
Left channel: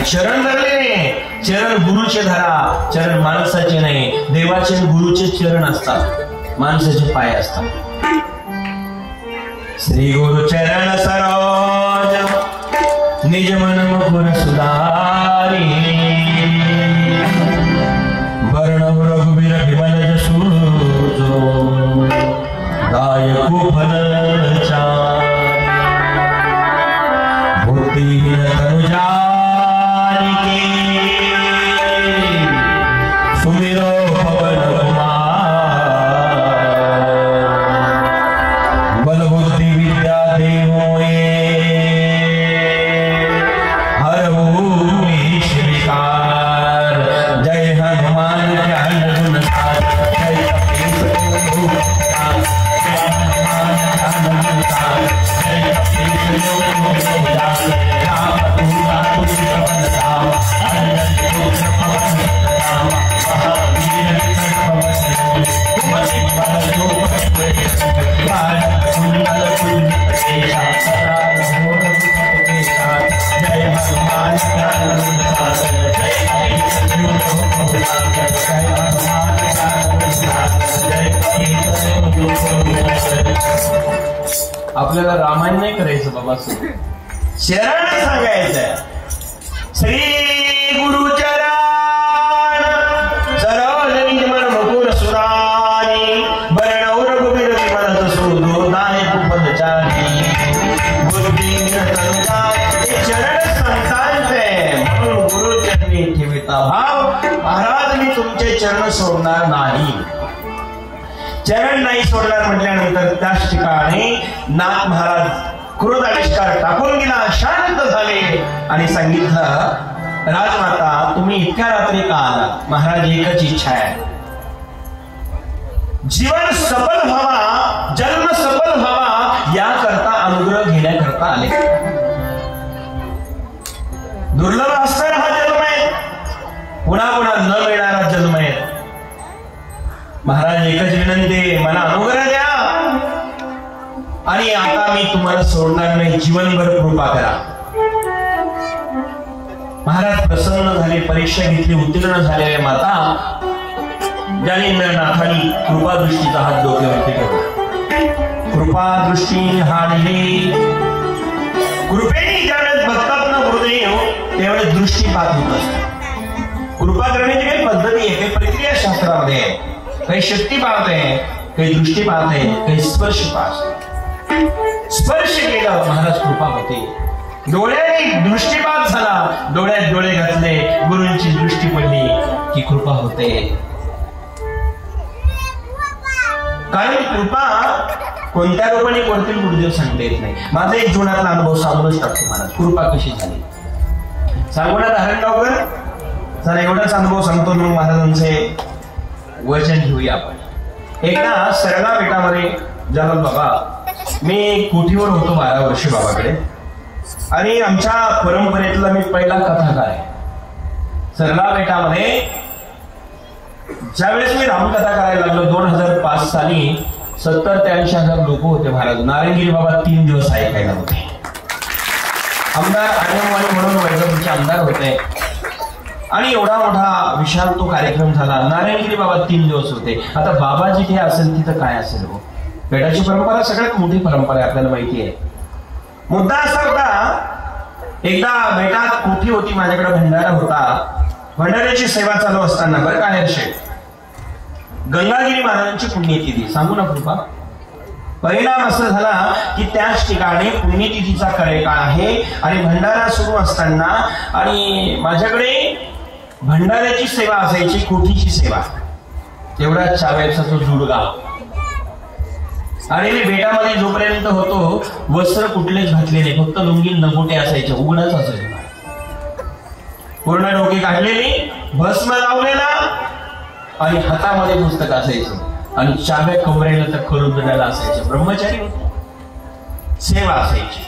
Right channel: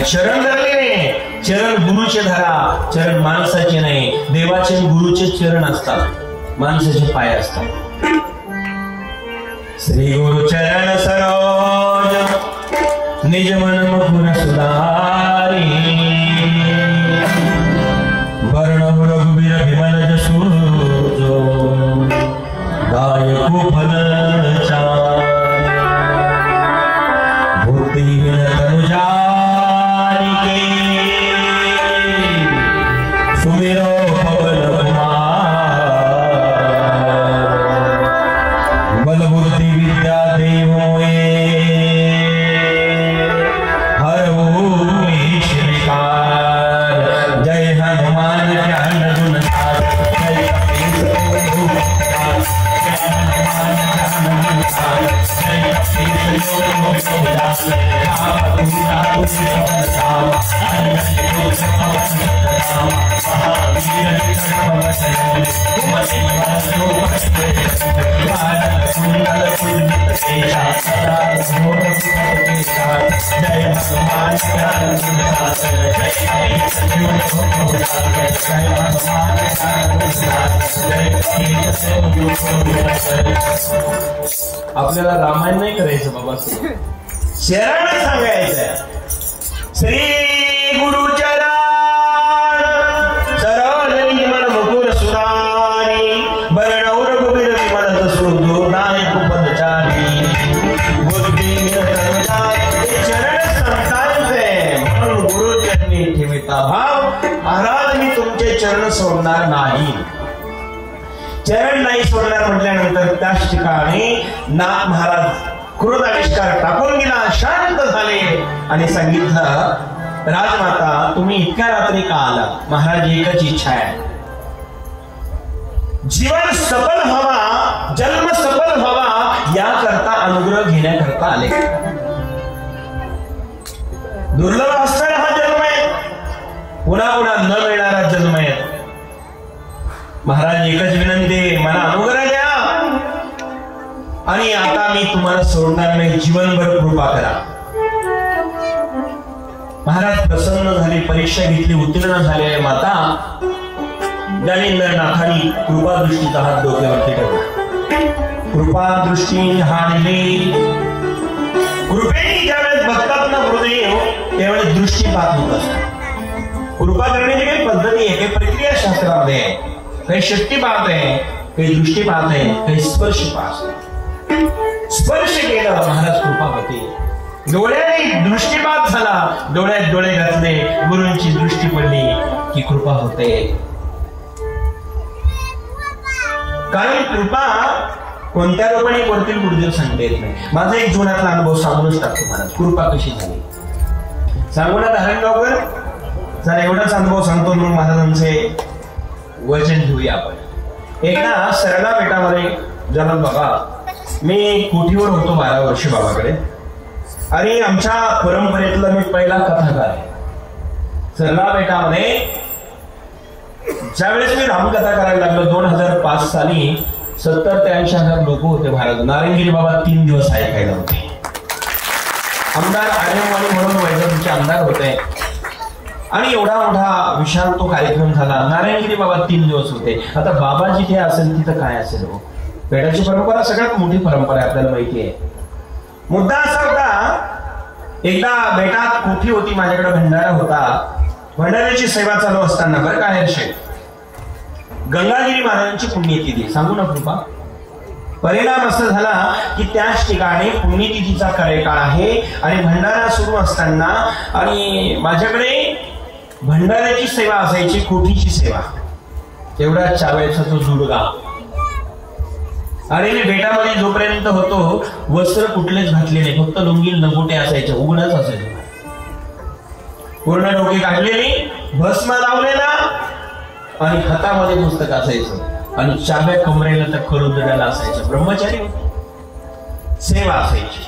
चरण धरले, चरण गुरुचे धरा, चरण माणसाचे नाही. देवाचे गुरुचे चरण असतात, माणसाचे पाय असतात. श्री गुरु चरण सरोज निज मन मुकुर सुधारी वर्ण रघुवीर विमल जसु दायकु फल बुद्धिहीन तनु जानिके सुमिरो पवन बल बुद्धि विद्या देवो हर जय हनुमान ज्ञान गुण आपल्याला रामायण नाही करायचं बाबा, शरण सांगायचं. श्री गुरु चरण सरोज निज मन मुकुर सुधारी वर्ण रघुवीर विमल जसु दायकु फल चारि बुद्धिहीन तनु जानिके चरण सांगायचे म्हणून गुरु चरणी ठेविता भाव. महाराज मी तुमचे चरण सोडणार नाही. चरण नाही सोडणार म्हटल्यानंतर त्याच ठिकाणी नाथ महाराज क्रोध आविष्कार टाकून गेला, शांत झाले आणि सांगितलं राजमाता तुम्ही इतक्या रात्री का आला? महाराज एकच इच्छा आहे, जीवन सफल व्हावा, जन्म सफल व्हावा याकरता अनुग्रह घेण्याकरता आले. दुर्लभ असणारा हा जन्म आहे, पुन्हा पुन्हा न मिळणारा जन्म आहे. महाराज एकच विनंती, मला अनुग्रह द्या आणि आता मी तुम्हाला सोडणार नाही, जीवनभर कृपा करा. महाराज प्रसन्न झाले, परीक्षा घेतली, उत्तीर्ण झालेल्या माता नाथांनी कृपा दृष्टीचा हात डोक्यावरती ठेवला. कृपा दृष्टी हाणली. कृपेने ज्यावेळेस भक्तात्मा हृदय त्यावेळेस दृष्टीपात होत असते. कृपा करण्याची काही पद्धती आहे, काही प्रक्रिया शास्त्रामध्ये आहे. काही शक्ती पाहते, काही दृष्टी पाहते, काही स्पर्श पाहते. स्पर्श केला महाराज कृपा होते. डोळ्याने दृष्टीपात झाला, डोळ्यात डोळे घातले, गुरूंची दृष्टी पडली की कृपा होते. कारण कृपा कोणत्या रूपाने करतील गुरुदेव सांगता येत नाही. माझा एक जुनाचा अनुभव सांगूच टाकतो मला, कृपा कशी झाली सांगू ना धारणगावकर. जरा एवढाच अनुभव सांगतो म्हणून महाराजांचे वचन घेऊया आपण. एकदा सरडा बेटामध्ये जन्म बाबा, मी कोठीवर होतो 12 वर्षी बाबाकडे, आणि आमच्या परंपरेतला मी पहिला कथाकार आहे. सरडा बेटामध्ये ज्यावेळेस मी रामकथा करायला लागलो 2005 साली 70 ते 80,000 लोक होते महाराज. नारायणगिरी बाबा 3 दिवस ऐकायला होते. आमदार म्हणून वैद्यकीय आमदार होते आणि एवढा मोठा विशाल तो कार्यक्रम झाला. नारायणगिरी बाबा 3 दिवस होते. आता बाबा जिथे असेल तिथं काय असेल? पेटाची परंपरा सगळ्यात मोठी परंपरा आहे, आपल्याला माहिती आहे. मुद्दा असा होता, एकदा बेटात कोठी होती, माझ्याकडे भंडारा होता. भंडाऱ्याची सेवा चालू असताना बरं कानेरशे गंगागिरी महाराजांची पुण्यतिथी सांगू ना कृपा. परिणाम असा झाला की त्याच ठिकाणी पुण्यतिथीचा कार्यकाळ आहे आणि भंडारा सुरू असताना आणि माझ्याकडे भंडाऱ्याची सेवा असायची, कोठीची सेवा. तेवढा चावेचा तो जुडगा. आणि मी बेटामध्ये जोपर्यंत होतो वस्त्र कुठलेच घातलेले, फक्त लुंगी नगोटे असायचे, उघडच असायचे. पूर्ण डोके काढलेली, भस्म लावलेला आणि हातामध्ये पुस्तक असायचं आणि चाव्या कमरेला तर करून असायचं. ब्रह्मचारी सेवा असायची.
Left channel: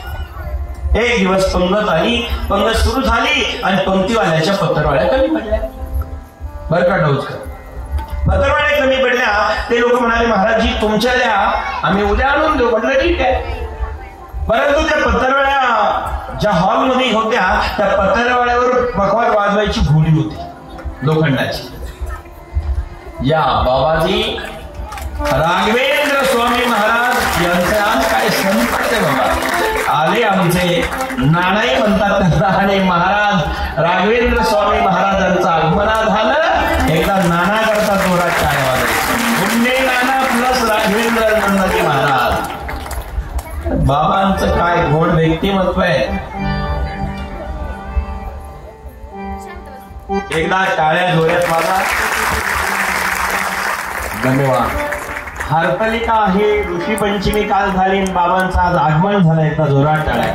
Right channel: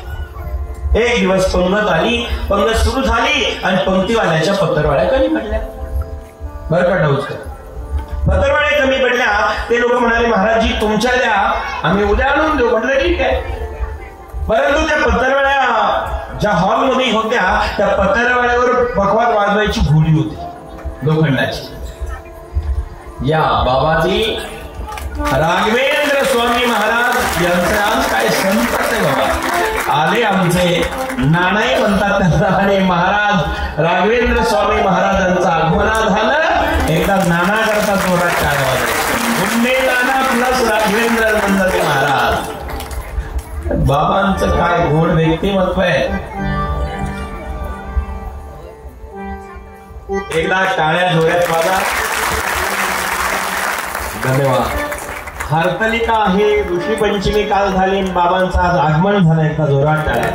एक दिवस पंगत आली, पंगत सुरू झाली आणि पंक्तीवाल्याच्या पत्रवाळ्या कमी पडल्या. बरं का डोसकर, पत्रवाळ्या कमी पडल्या. ते लोक म्हणाले महाराजजी तुमच्या द्या, आम्ही उद्या आणून देऊ. म्हटलं ठीक आहे. परंतु त्या पत्रवाळ्या ज्या हॉलमध्ये होत्या त्या पत्रवाळ्यावर पकवान वाजवायची घोडी होती लोखंडाची. या बाबाजी राघवेंद्र स्वामी महाराज यांचा काय संत नानाही म्हणतात त्यांना. आणि महाराज राघवेंद्र स्वामी महाराजांचं आगमन झालं. एकदा नाना करता जोरात काय नाना प्लस राघवेंद्र नंदाजी महाराज. बाबांचं काय गोड व्यक्तिमत्व आहे. एकदा टाळ्या जोरात बाबा. धन्यवाद. हरतालिका आहे, ऋषी पंचमी काल झाली, बाबांचं आज आगमन झालं. एका जोरात टाळ्या.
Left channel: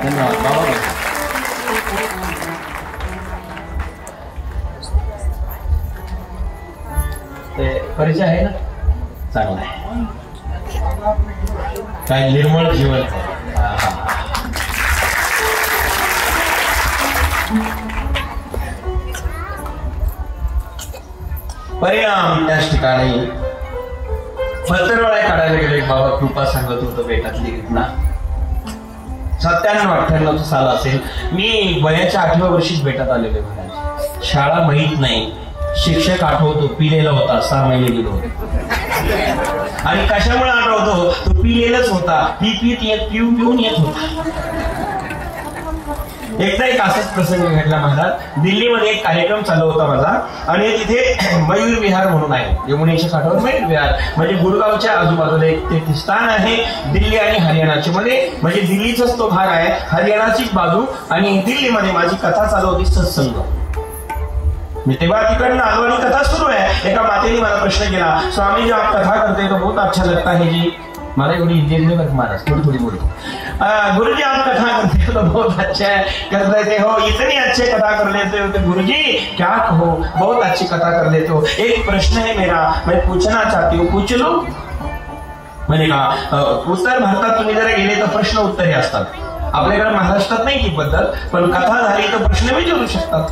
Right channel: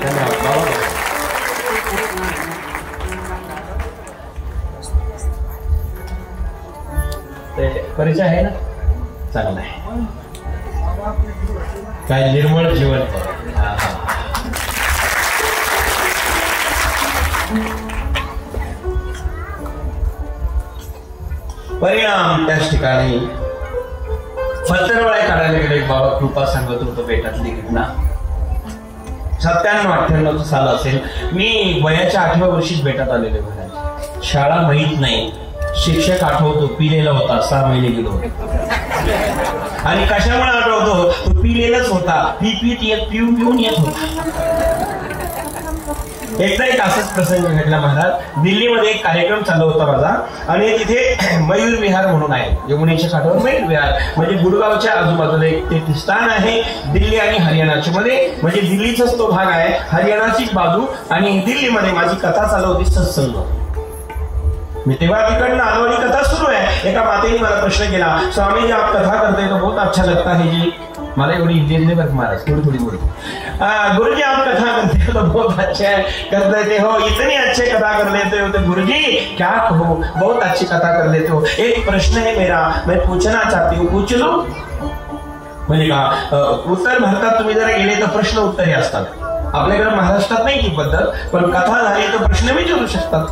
ते परिचय आहे ना, चांगला आहे. काय निर्मळ जीवन. परिणाम त्याच ठिकाणी फतरवाळे काढायला गेले. बाबा कृपा सांगत होतो बेटातली घटना. 97-98 साल असेल. मी वयाच्या 8व्या वर्षीच बेटात आलेले बघा. शाळा माहीत नाही. शिक्षक आठवतो पिलेला होता. 6 महिने गेलो. आणि कशामुळे आठवतो? तो पिलेलाच होता. पिऊन येत होता. एकदा एक असाच प्रसंग घडला मला. दिल्लीमध्ये एक कार्यक्रम चालू होता माझा. आणि तिथे मयूर विहार म्हणून आहे. यमुनेच्या काठावर मयूर विहार म्हणजे गुडगावच्या आजूबाजूला एक ते स्थान आहे. दिल्ली आणि हरियाणाचे म्हणजे दिल्लीचाच तो भाग आहे. हरियाणाची बाजू. आणि दिल्लीमध्ये माझी कथा चालू होती सत्संग. मी तेव्हा तिकडनं आलो आणि कथा सुरू आहे. एका मातेने मला प्रश्न केला, स्वामी जी आप कथा करते तो बहुत अच्छा लगता है जी. मला एवढी हिंदी नहीं बस महाराज थोड़ी बोल. गुरु जी आप कथा करते हो तो बहुत अच्छा कर लेते हो. इतनी अच्छे कथा कर लेते हो तो गुरु जी क्या कहो, बहुत अच्छी कथा कर लेते हो. एक प्रश्न है मेरा, मैं पूछना चाहती हूँ, पूछ लो. म्हणजे का उत्तर भारतात तुम्ही जरा गेले तर प्रश्न उत्तरे असतात. आपल्याकडे महाराष्ट्रात नाही ती पद्धत. पण कथा झाली तर प्रश्न विचारू शकतात.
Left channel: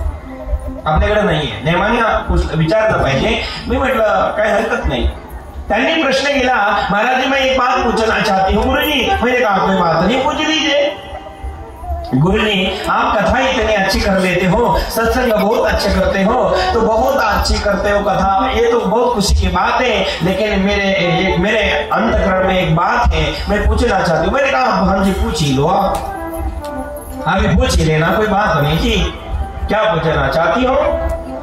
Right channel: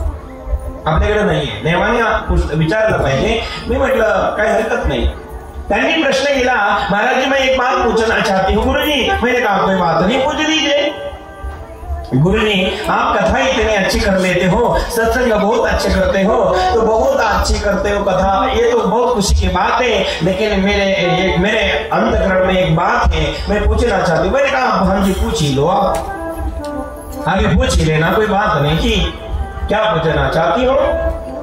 आपल्याकडे नाहीये. देवाने विचारलं पाहिजे. मी म्हटलं काय हरकत नाही. त्यांनी प्रश्न केला, महाराज जी मैं एक बात पूछना चाहती हूँ. गुरु जी मैंने कहा कोई बात नहीं, पूछ लीजिए. गुरु जी आप कथा इतने अच्छी कर लेते हो, सत्संग बहुत अच्छे करते हो, तो बहुत अच्छी करते हो कथा, ये तो बहुत खुशी की बात है. लेकिन मेरे अंतःकरण में एक बात है, मैं पूछना चाहती हूँ. मैंने कहा हम जी पूछ ही लो. हमें पूछ ही लेना, कोई बात नहीं की. क्या पूछना चाहती हो?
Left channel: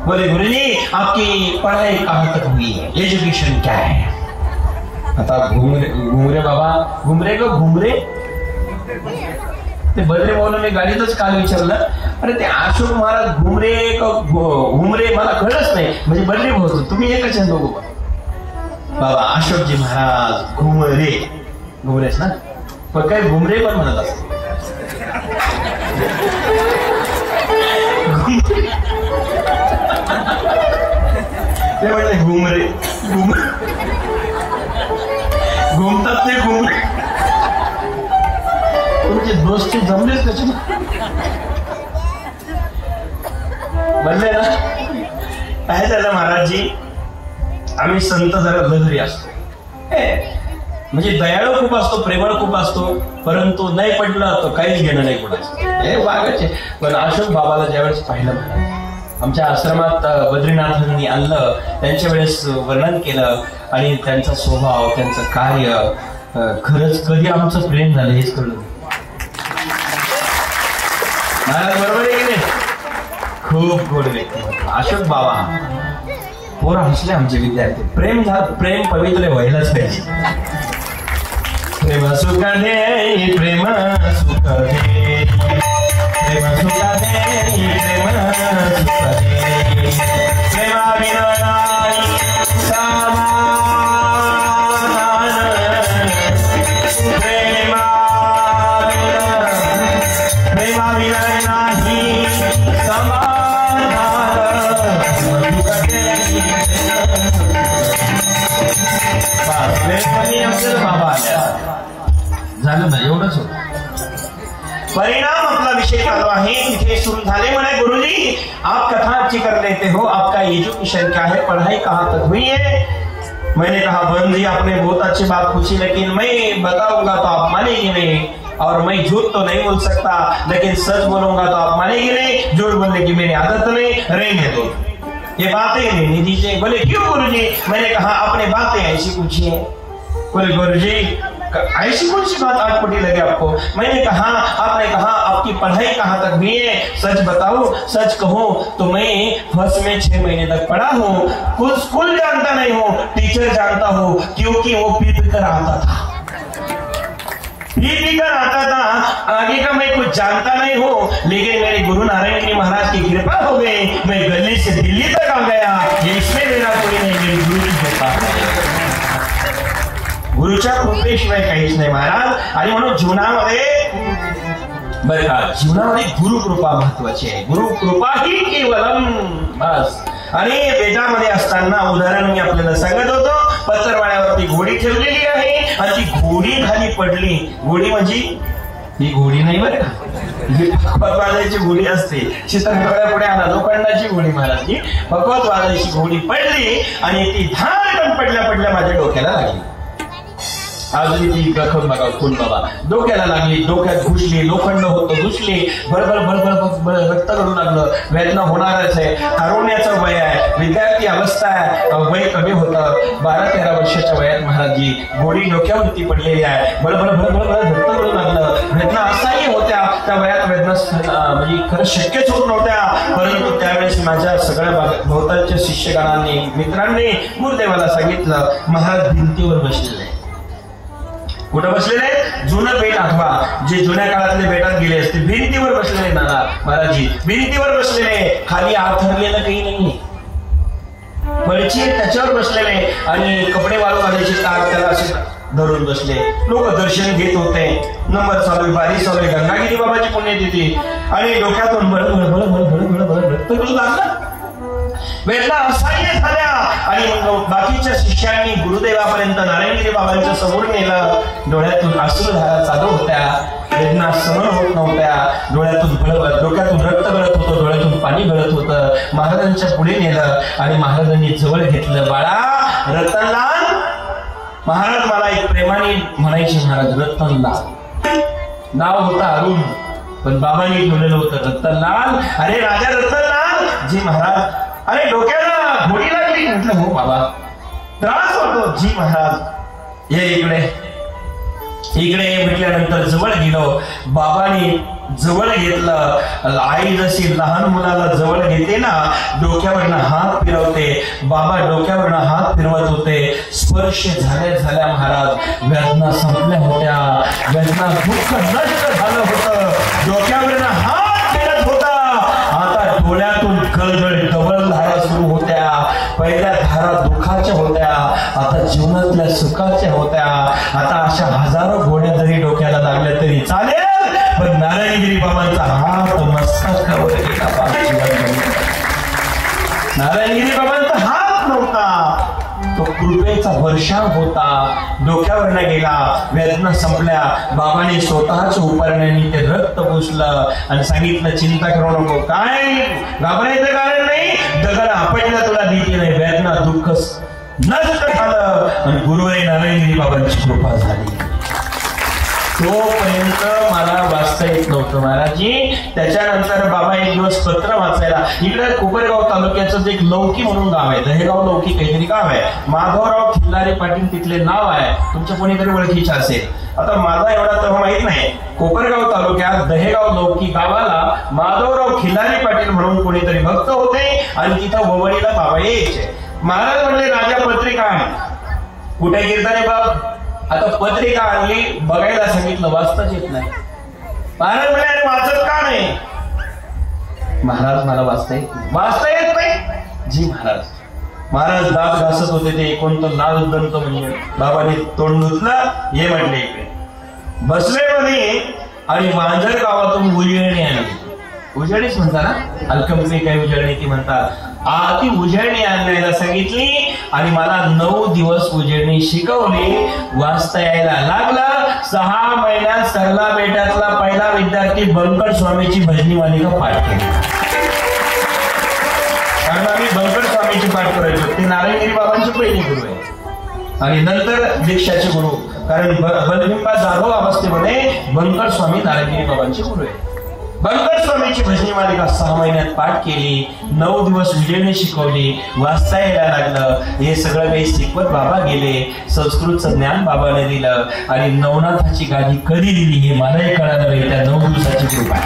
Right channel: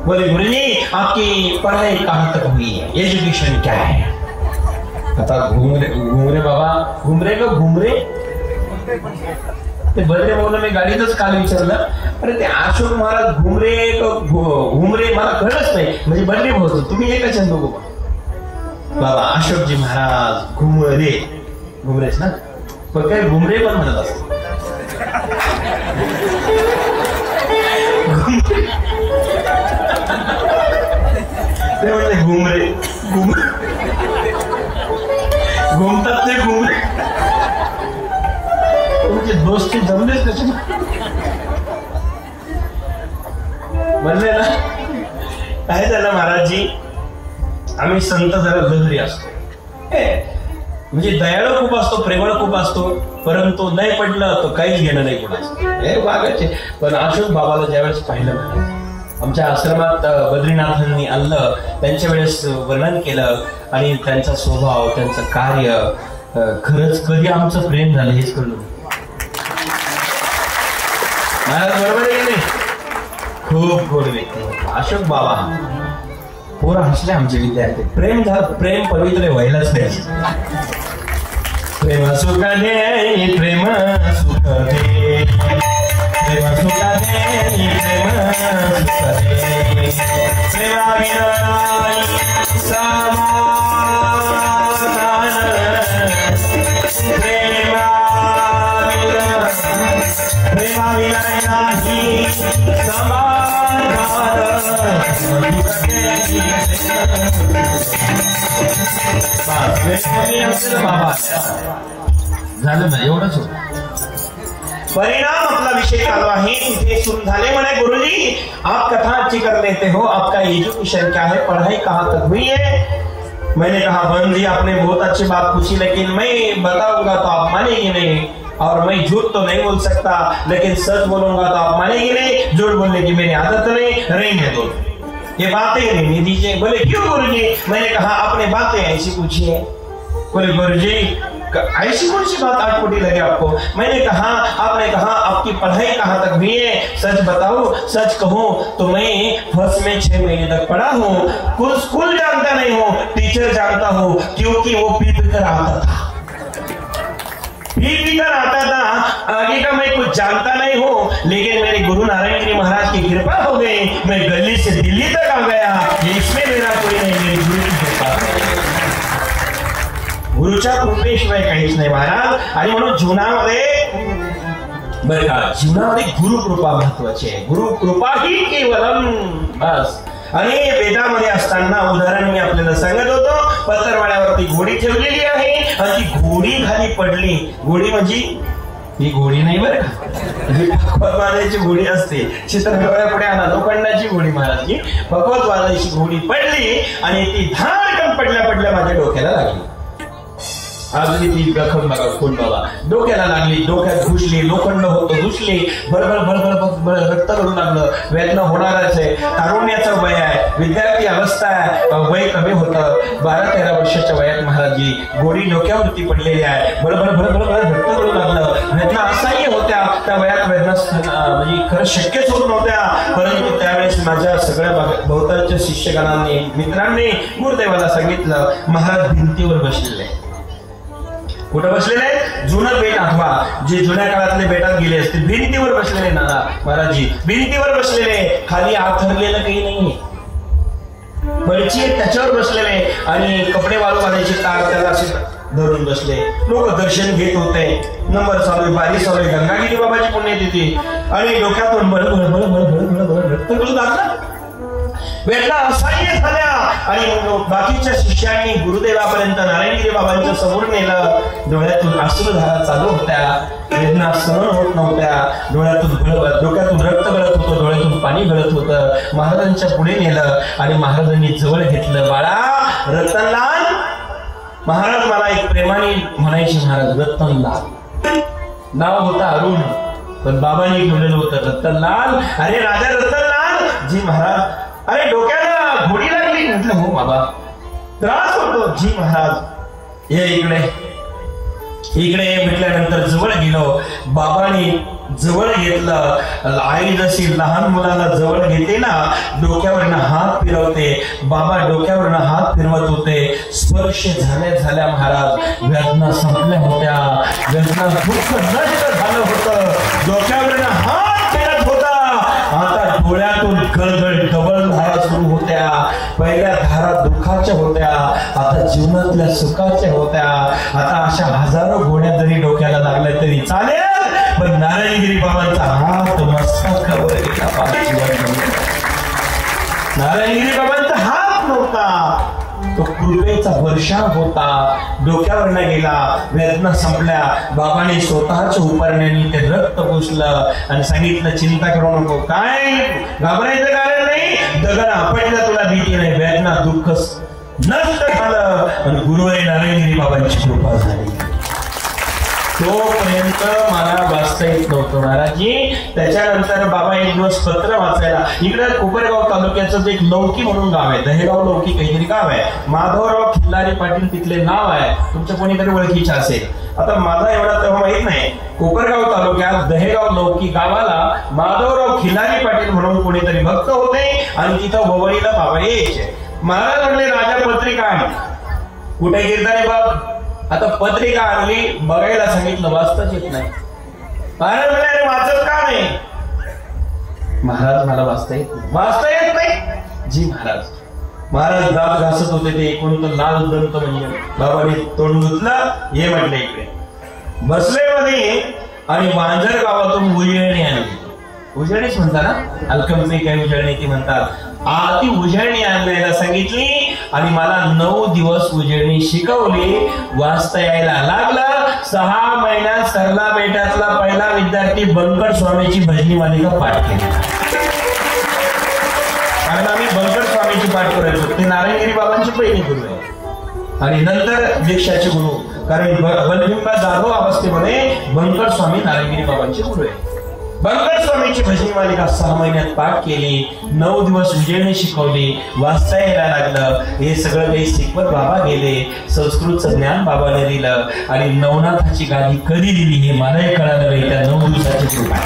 बोले गुरु जी आपकी पढ़ाई कहाँ तक हुई है, एजुकेशन क्या है? आता घुमरे बाबा घुमरे ते बर्रे बोलून गाडीतच काल विचारलं. अरे ते अशोक महाराज घुमरे मला कळलंच नाही. म्हणजे बर्रे बोलतो तुम्ही एकच बघू बाबा. अशोकजी महाराज घुमरेच ना, पण काही घुमरे पण झाला. ते म्हणजे घुमरे घुमतात ते घुमरे. तुमचे दोस्ती जमलेच कसे म्हणले ना. काय झालं महाराजजी, आम्ही संत जरा गजरी असतो. म्हणजे दयाळू खूप असतो, प्रेमळ खूप असतो, परंतु नाही पडलं तो काहीच घेणं नाही हे बागाचे. पण अशोक बाबाला ज्यावेळेस पाहिलं, आमच्या आश्रमात बद्रीनाथांनी आणलं, त्यांच्या वेळेस वर्णन केलं आणि त्यांचा स्वभाव, त्यांचं कार्य, खरंच कधी आमचं प्रेम झालं हेच कळलं. खूप गोड व्यक्ती अशोक बाबा. पोरं हसले आमचे विद्यार्थी. प्रेम पवित्र व्हायलाच पाहिजे. प्रेम सुख दे, प्रेम सुख दे, प्रेम सुख दे, प्रेम सुख दे. झालं ना एवढंच. परिणाम अपना विषय चालू आहे. तिथे सुरू झाले म्हणे, गुरुजी आप कथा अच्छी कर लेते हो, आपका एजुकेशन क्या है, पढ़ाई कहाँ तक हुई है? मैंने कहा बहन जी आपने बहुत अच्छी बात पूछी, लेकिन मैं बताऊंगा तो आप मानेंगे नहीं, और मैं झूठ तो नहीं बोल सकता, लेकिन सच बोलूंगा तो आप मानेंगे नहीं. झूठ बोलने की मेरी आदत नहीं, रहने दो, ये बातें नहीं दीजिए. बोले क्यों गुरुजी? मैंने कहा आपने बातें ऐसी पूछी है. बोले गुरुजी ऐसी कौन सी बात आटपटी लगे आपको? मैंने कहा, आपने कहा आपकी पढ़ाई कहाँ तक हुई है, सच बताओ। सच कहूँ तो मैं फर्स्ट में 6 महीने तक पढ़ा हूँ, कुछ स्कूल जानता नहीं हूँ, टीचर जानता हूँ, क्योंकि वो पीट कर आता था, आता था। आगे का मैं कुछ जानता नहीं हूँ, लेकिन मेरे गुरु नारायण जी महाराज की कृपा हो गई, मैं गली से दिल्ली तक आ गया। इसमें मेरा कोई नहीं, मेरी गुरु की कृपा। गुरुच्या कृपेशिवाय काहीच नाही महाराज। आणि म्हणून जीवनामध्ये बरं का, जीवनामध्ये गुरु कृपा महत्वाची आहे। गुरु कृपा ही केवलम बस। आणि वेदामध्ये असताना उदाहरण मी आपल्याला सांगत होतो, पत्रवाड्यावरती घोडी ठेवलेली आहे आणि ती घोडी खाली पडली। घोडी म्हणजे ही घोडी नाही बरं का, भगवानाची घोडी असते, चित्रपटाकडे आला तो पडण्याची घोडी महाराजची, भगवतवादाची घोडी पडली आणि ती धाडकन पडल्या माझ्या डोक्याला लागली। अजून ती गखम बघा, खून बघा, डोक्याला लागली, डोक्यात घुसली, लोखंड होतं, घुसली, भरभर रक्त करू लागलं। वेदना होणारच आहे, तारुण्याचं वय आहे, विद्यार्थी अवस्था आहे, वय कमी होतं, 12-13 वर्षाच्या वयात महाराजी गोडी डोक्यावरती पडलेली आहे, भरभर रक्त करू लागलं। वेदना असाही होत्या, त्या वयात वेदना म्हणजे खरं शक्यच होत नव्हत्या, परंतु त्यावेळेस माझ्या सगळ्या भोवतालच्या शिष्यगणांनी, मित्रांनी गुरुदेवाला सांगितलं, महाराज भिंतीवर बसलेले। कुठं बसलेले? जुनं बेट आठवा, जे जुन्या काळातले बेटात गेले असते, भिंतीवर बसलेले महाराजी, भिंतीवर बसलेले, खाली आवथरलेलं काही नाही, पळची त्याच्यावर बसलेले आणि कपडे वाळू घालायचे तार त्याला असे धरून बसले। लोक दर्शन घेत होते, नंबर चालू, बारी चालू, गंगागिरी बाबाची पुण्यतिथी आणि डोक्यातून वेदना असह्य झाल्या आणि बाकीच्या शिष्यांनी गुरुदेवापर्यंत नारायणगिरी बाबांच्या समोर नेलं। डोळ्यातून अश्रुधारा चालू होत्या, वेदना सहन होत नव्हत्या, डोक्यातून रक्त गळत होतं, डोळ्यातून पाणी गळत होतं। महाराजांच्या पुढे नेलं आणि महाराजांनी जवळ घेतलं। बाळा रतनलाल, महाराज मला एक प्रेमाने म्हणायचे, महाराज रतनलाल नाव होतं अरुण, पण बाबांनी ठेवलेलं होतं रतनलाल। अरे राजा रतनलाल, जी महाराज। अरे डोक्याला घोडी लागली, म्हटलं हो बाबा, त्रास होतो, जी महाराज। ये इकडे म्हटल्यानंतर जवळ गेलो, बाबांनी जवळ घेतलं। आई जशी लहान मुलाला जवळ घेते ना, डोक्यावरनं हात फिरवते, बाबा डोक्यावरनं हात फिरवत होते। स्पर्श झाल्या महाराज वेदना संपल्या होत्या, वेदना दुःख नष्ट झालं होतं, डोक्यावरनं हात फिरत होता। आता डोळ्यातून कळकळ डबल धारा सुरू होत्या, पहिल्या धारा दुःखाच्या होत्या, आता जीवनातल्या सुखाच्या होत्या। आता अशा हजारो घोड्या जरी डोक्याला लागल्या तरी चालेल, पण नारायणगिरी बाबांचा हात मस्तकावर गेला। नारायणगिरी बाबांचा हात नव्हता, तो कृपेचा वर्षाव होता, डोक्यावर गेला, वेदना संपल्या। बाबाने स्वतःच्या उपारण्याने ते रक्त पुसलं आणि सांगितलं, चिंता करू नको, काय घाबरायचं कारण नाही, दगड आपटला तुला भीती नाही, वेदना दुःख नष्ट झालं आणि गुरुवारी नारायणगिरी बाबांची कृपा झाली। तोपर्यंत मला वाचता येत नव्हतं महाराजी। त्याच्यानंतर बाबा एक दिवस पत्र वाचायला, इकडे कोपरगाव तालुक्याचं एक लौकी म्हणून गाव आहे, दहेगाव लौकी काहीतरी गाव आहे, माधवराव खिल्लारे पाटील तिथले नाव आहे, तुमच्या कोणीकडे ओळखीचे असेल। आता माझा एवढा तर माहित नाही, कोपरगाव तालुक्यात दहेगाव लौकी गावाला माधवराव खिल्लारे पाटील म्हणून कोणीतरी भक्त होते आणि तिथं होवळीला बाबा यायचे। महाराज म्हणले, राजा पत्रिका आणली, कुठे गिरधारे बाब? आता पत्रिका आणली, बघायला सांगितलं, वाचताच येत नाही। महाराज म्हणाले, वाचत का नाही? महाराज मला वाचता येत नाही, जी महाराज। महाराज दात घासत होते, ते कोणतं लाल दंत म्हणजे बाबांनी तोंड धुतलं, ये म्हटले इकडे बसले मध्ये आणि मांजर गावातून उजळणी आली। उजळणीच म्हणता ना, अल्कमी काही उजळणी ती म्हणतात, ती उजळणी आणायला सांगितली आणि मला 9 दिवस उजळणी शिकवली, वाचता यायला लागला। 6 महिन्यात सरला बेटातला पहिला विद्यार्थी बंकट स्वामीची भजनी मालिका पाठ केली। आणि मी बंकट स्वामीची पाठ करायचो, ती नारायणगिरी बाबांची पहिली गुरु आहे आणि नंतर दीक्षाची गुरु, कारण बनबिंबा जागो अवस्थेमध्ये बंकट स्वामी नारायणगिरी बाबांची गुरु आहे। बंकर स्वामीची भजनी मालिका 6 महिन्यात पाठ केली, 9 दिवस विजयने शिकवली, वाचता यायला लागलं. हे सगळं काही शिकवत बाबा गेले. संस्कृतचं ज्ञान बाबाने दिलं आणि नवनाथाची गादी कधी दिली हे मलाही कळालं नाही. त्या 9 दिवसाची कृपा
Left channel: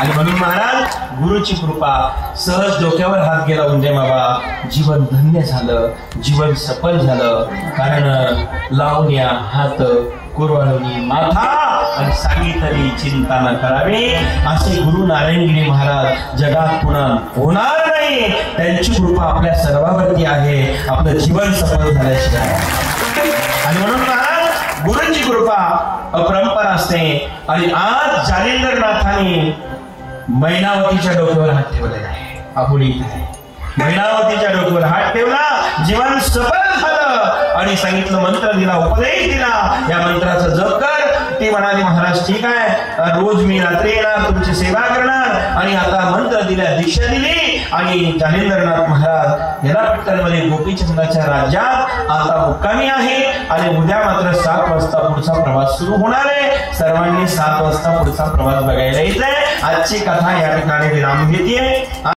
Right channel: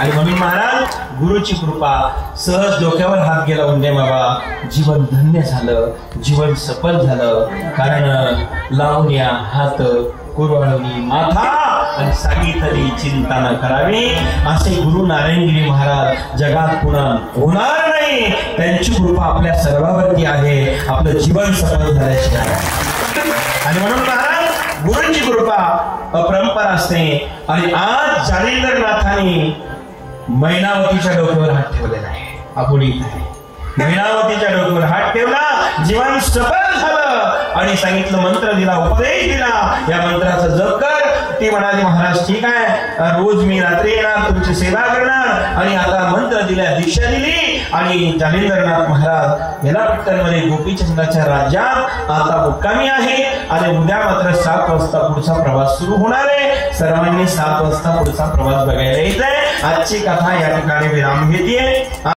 आणि म्हणून महाराज गुरुची कृपा, सहज डोक्यावर हात गेला म्हणजे बाबा जीवन धन्य झालं, जीवन सफल झालं. कारण लावण्या हात कुरवाळणी माथा आणि सांगितली चिंता न करावी असे गुरु नारायणगिरी महाराज जगात पुन्हा होणार नाही. त्यांची कृपा आपल्या सर्वांवरती आहे. आपलं जीवन सफल झाल्याचे आणि म्हणून महाराज गुरुची कृपा अपरंपार असते. आणि आज जालिंदरनाथांनी मैनावतीच्या डोक्यावर हात ठेवलेला आहे. आपण मैनावतीच्या डोक्यावर हात ठेवला, जीवन सफल झालं आणि सांगितलं, मंत्र दिला, उपदेश दिला, या मंत्राचं जप कर. ती म्हणाली महाराज ठीक आहे, रोज मी रात्री येणार, तुमची सेवा करणार. आणि आता मंत्र दिला, दीक्षा दिली आणि जालिंदरनाथ महाराज याला पट्टणमध्ये गोपीचंदाच्या राज्यात आता मुक्कामी आहे. आणि उद्या मात्र 7 वाजता पुढचा प्रवास सुरू होणार आहे. सर्वांनी 7 वाजता पुढचा प्रवास बघायला यायचंय. आजची कथा या ठिकाणी विराम घेते.